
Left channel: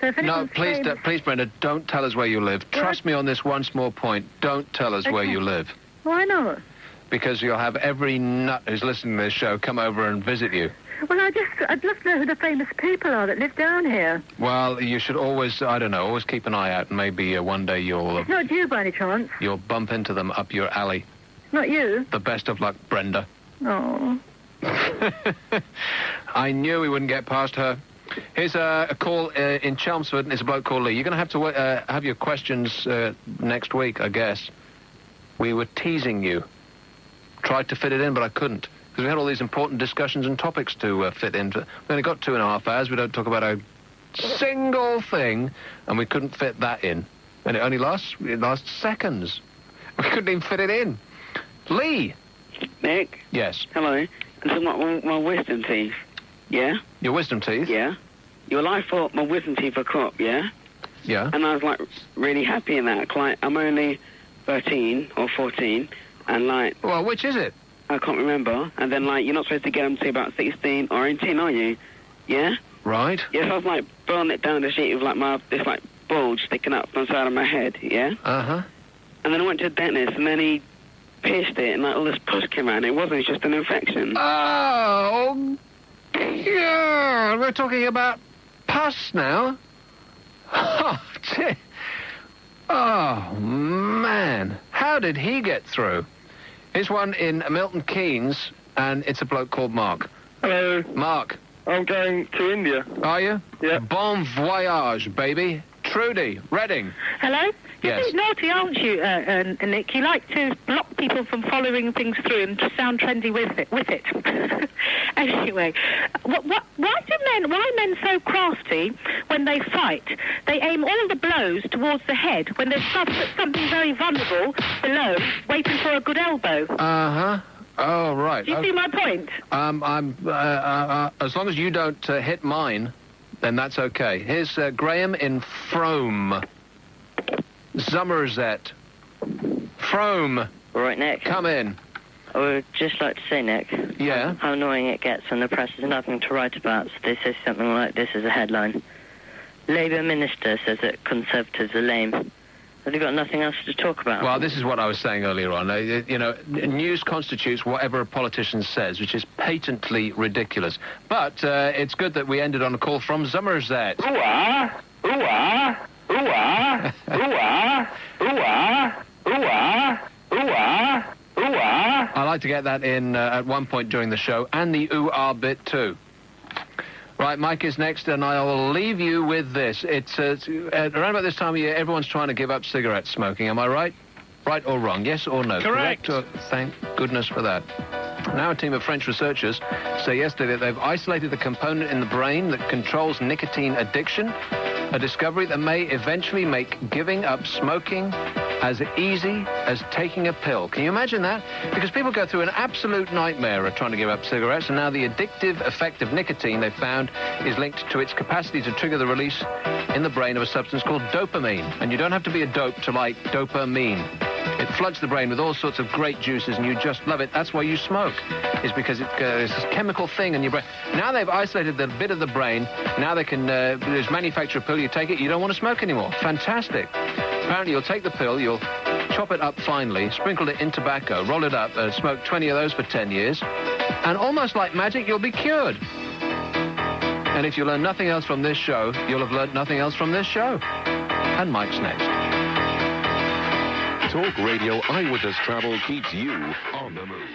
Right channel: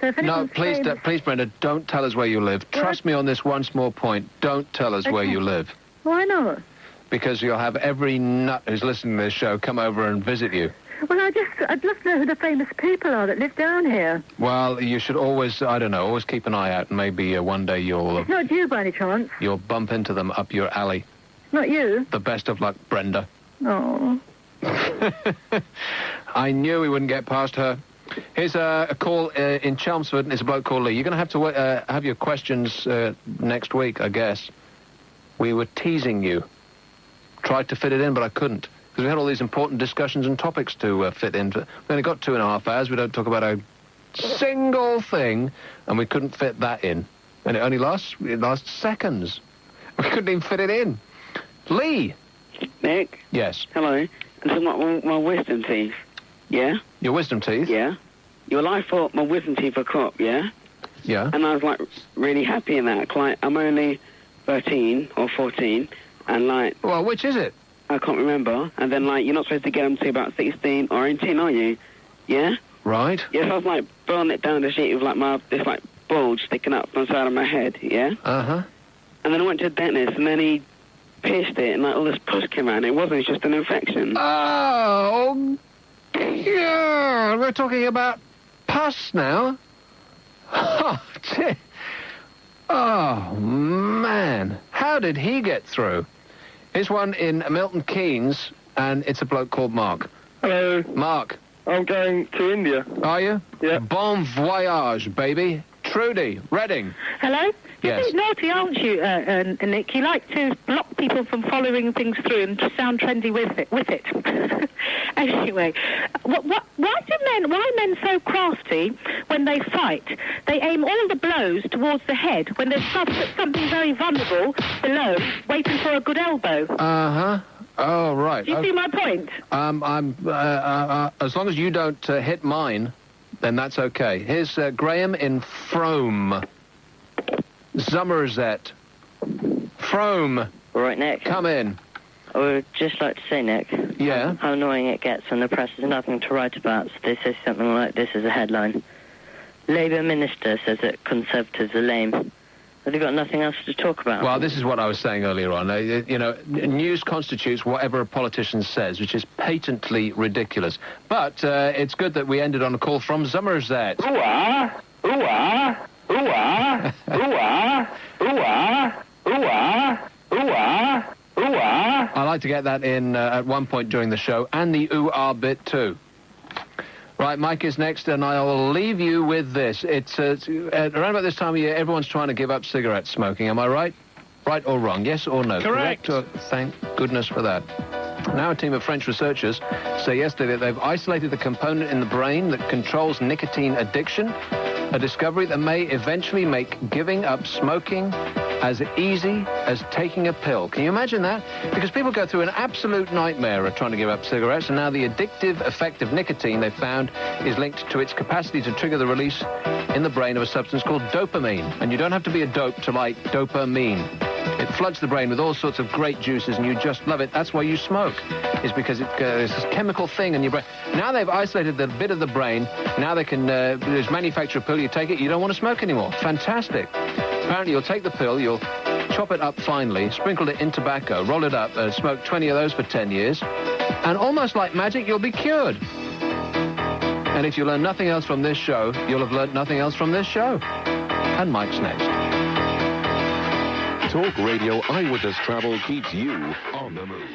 So if No, please, Brenda, don't tell us where you live. Trust me on this one small point. Don't tell us where you live. Why not? Because you'll have every nut who's listening to this show come over and visit you. Well, I'd love to know who the famous people are that live down here. Well, you should always keep an eye out. Maybe one day It's not you by any chance. you'll bump into them up your alley. It's not you. The best of luck, Brenda. Oh. I knew we wouldn't get past her. Here's a call in Chelmsford, and it's a bloke called Lee. You're going to have to have your questions next week, I guess. We were teasing you. Tried to fit it in, but I couldn't. Because we had all these important discussions and topics to fit into. We only got 2.5 hours. We don't talk about a single thing, and we couldn't fit that in. And it only lasts seconds. We couldn't even fit it in. Lee! Nick? Yes. Hello. And so my wisdom teeth, yeah? Your wisdom teeth? Yeah. Well, I thought my wisdom teeth were cropped, yeah? Yeah. And I was, like, really happy in that. Like, I'm only 13 or 14, and, like... Well, which is it? I can't remember. And then, like, you're not supposed to get them to about 16 or 18, are you? Yeah? Right. Yes, I was, like, blowing it down the sheet with, like, this, like, bulge sticking up from the side of my head, yeah? Uh-huh. And then I went to the dentist, and then he pierced it, and, like, all this pus came out, and it wasn't, just an infection. Oh, yeah, we're talking about pus now. Oh, dear. Oh, man. How did he get through? Here's one in Milton Keynes, and it's a bloke called Mark. Hello. Mark. I'm going to India. Are you? Yeah. Bon voyage, baby. Trudy, Reading. Hello? Yes. You're naughty, aren't you, Nick? You like to block people from following things through and to sound trendy with it. Anyway, why are men so crafty when they fight? They aim all the blows towards the head when there's something very vulnerable below, waiting for a good elbow. Uh-huh. Oh, right. Do you see my point? As long as you don't hit mine, then that's okay. Here's Graham in Frome. Somerset. Frome. All right, Nick. Come in. I would just like to say, Nick, yeah, how annoying it gets when the press has nothing to write about, so they say something like this as a headline. Labour minister says that Conservatives are lame. Have they got nothing else to talk about? Well, this is what I was saying earlier on. News constitutes whatever a politician says, which is patently ridiculous. But it's good that we ended on a call from Somerset. Ooh-ah! Ooh-ah! Ooh-ah! Ooh-ah! Ooh-ah! Ooh-ah! Ooh-ah! Ooh-ah! I like to get that in at one point during the show, and the ooh-ah bit too. Right, Mike is next, and I'll leave you with this. It's around about this time of year, everyone's trying to give up cigarette smoking. Am I right? Right or wrong? Yes or no? Correct. Thank goodness for that. Now a team of French researchers say yesterday that they've isolated the component in the brain that controls nicotine addiction, a discovery that may eventually make giving up smoking as easy as taking a pill. Can you imagine that? Because people go through an absolute nightmare of trying to give up cigarettes, and now the addictive effect of nicotine, they've found, is linked to its capacity to trigger the release in the brain of a substance called dopamine. And you don't have to be a dope to like dopamine. It floods the brain with all sorts of great juices, and you just love it. That's why you smoke. It's because it's this chemical thing in your brain. Now they've isolated the bit of the brain. Now they can manufacture a pill. You take it, you don't want to smoke anymore. Fantastic. Apparently, you'll take the pill, you'll chop it up finely, sprinkle it in tobacco, roll it up, smoke 20 of those for 10 years, and almost like magic, you'll be cured. And if you learn nothing else from this show, you'll have learned nothing else from this show. And Mike's next. Talk Radio Eyewitness Travel keeps you on the move.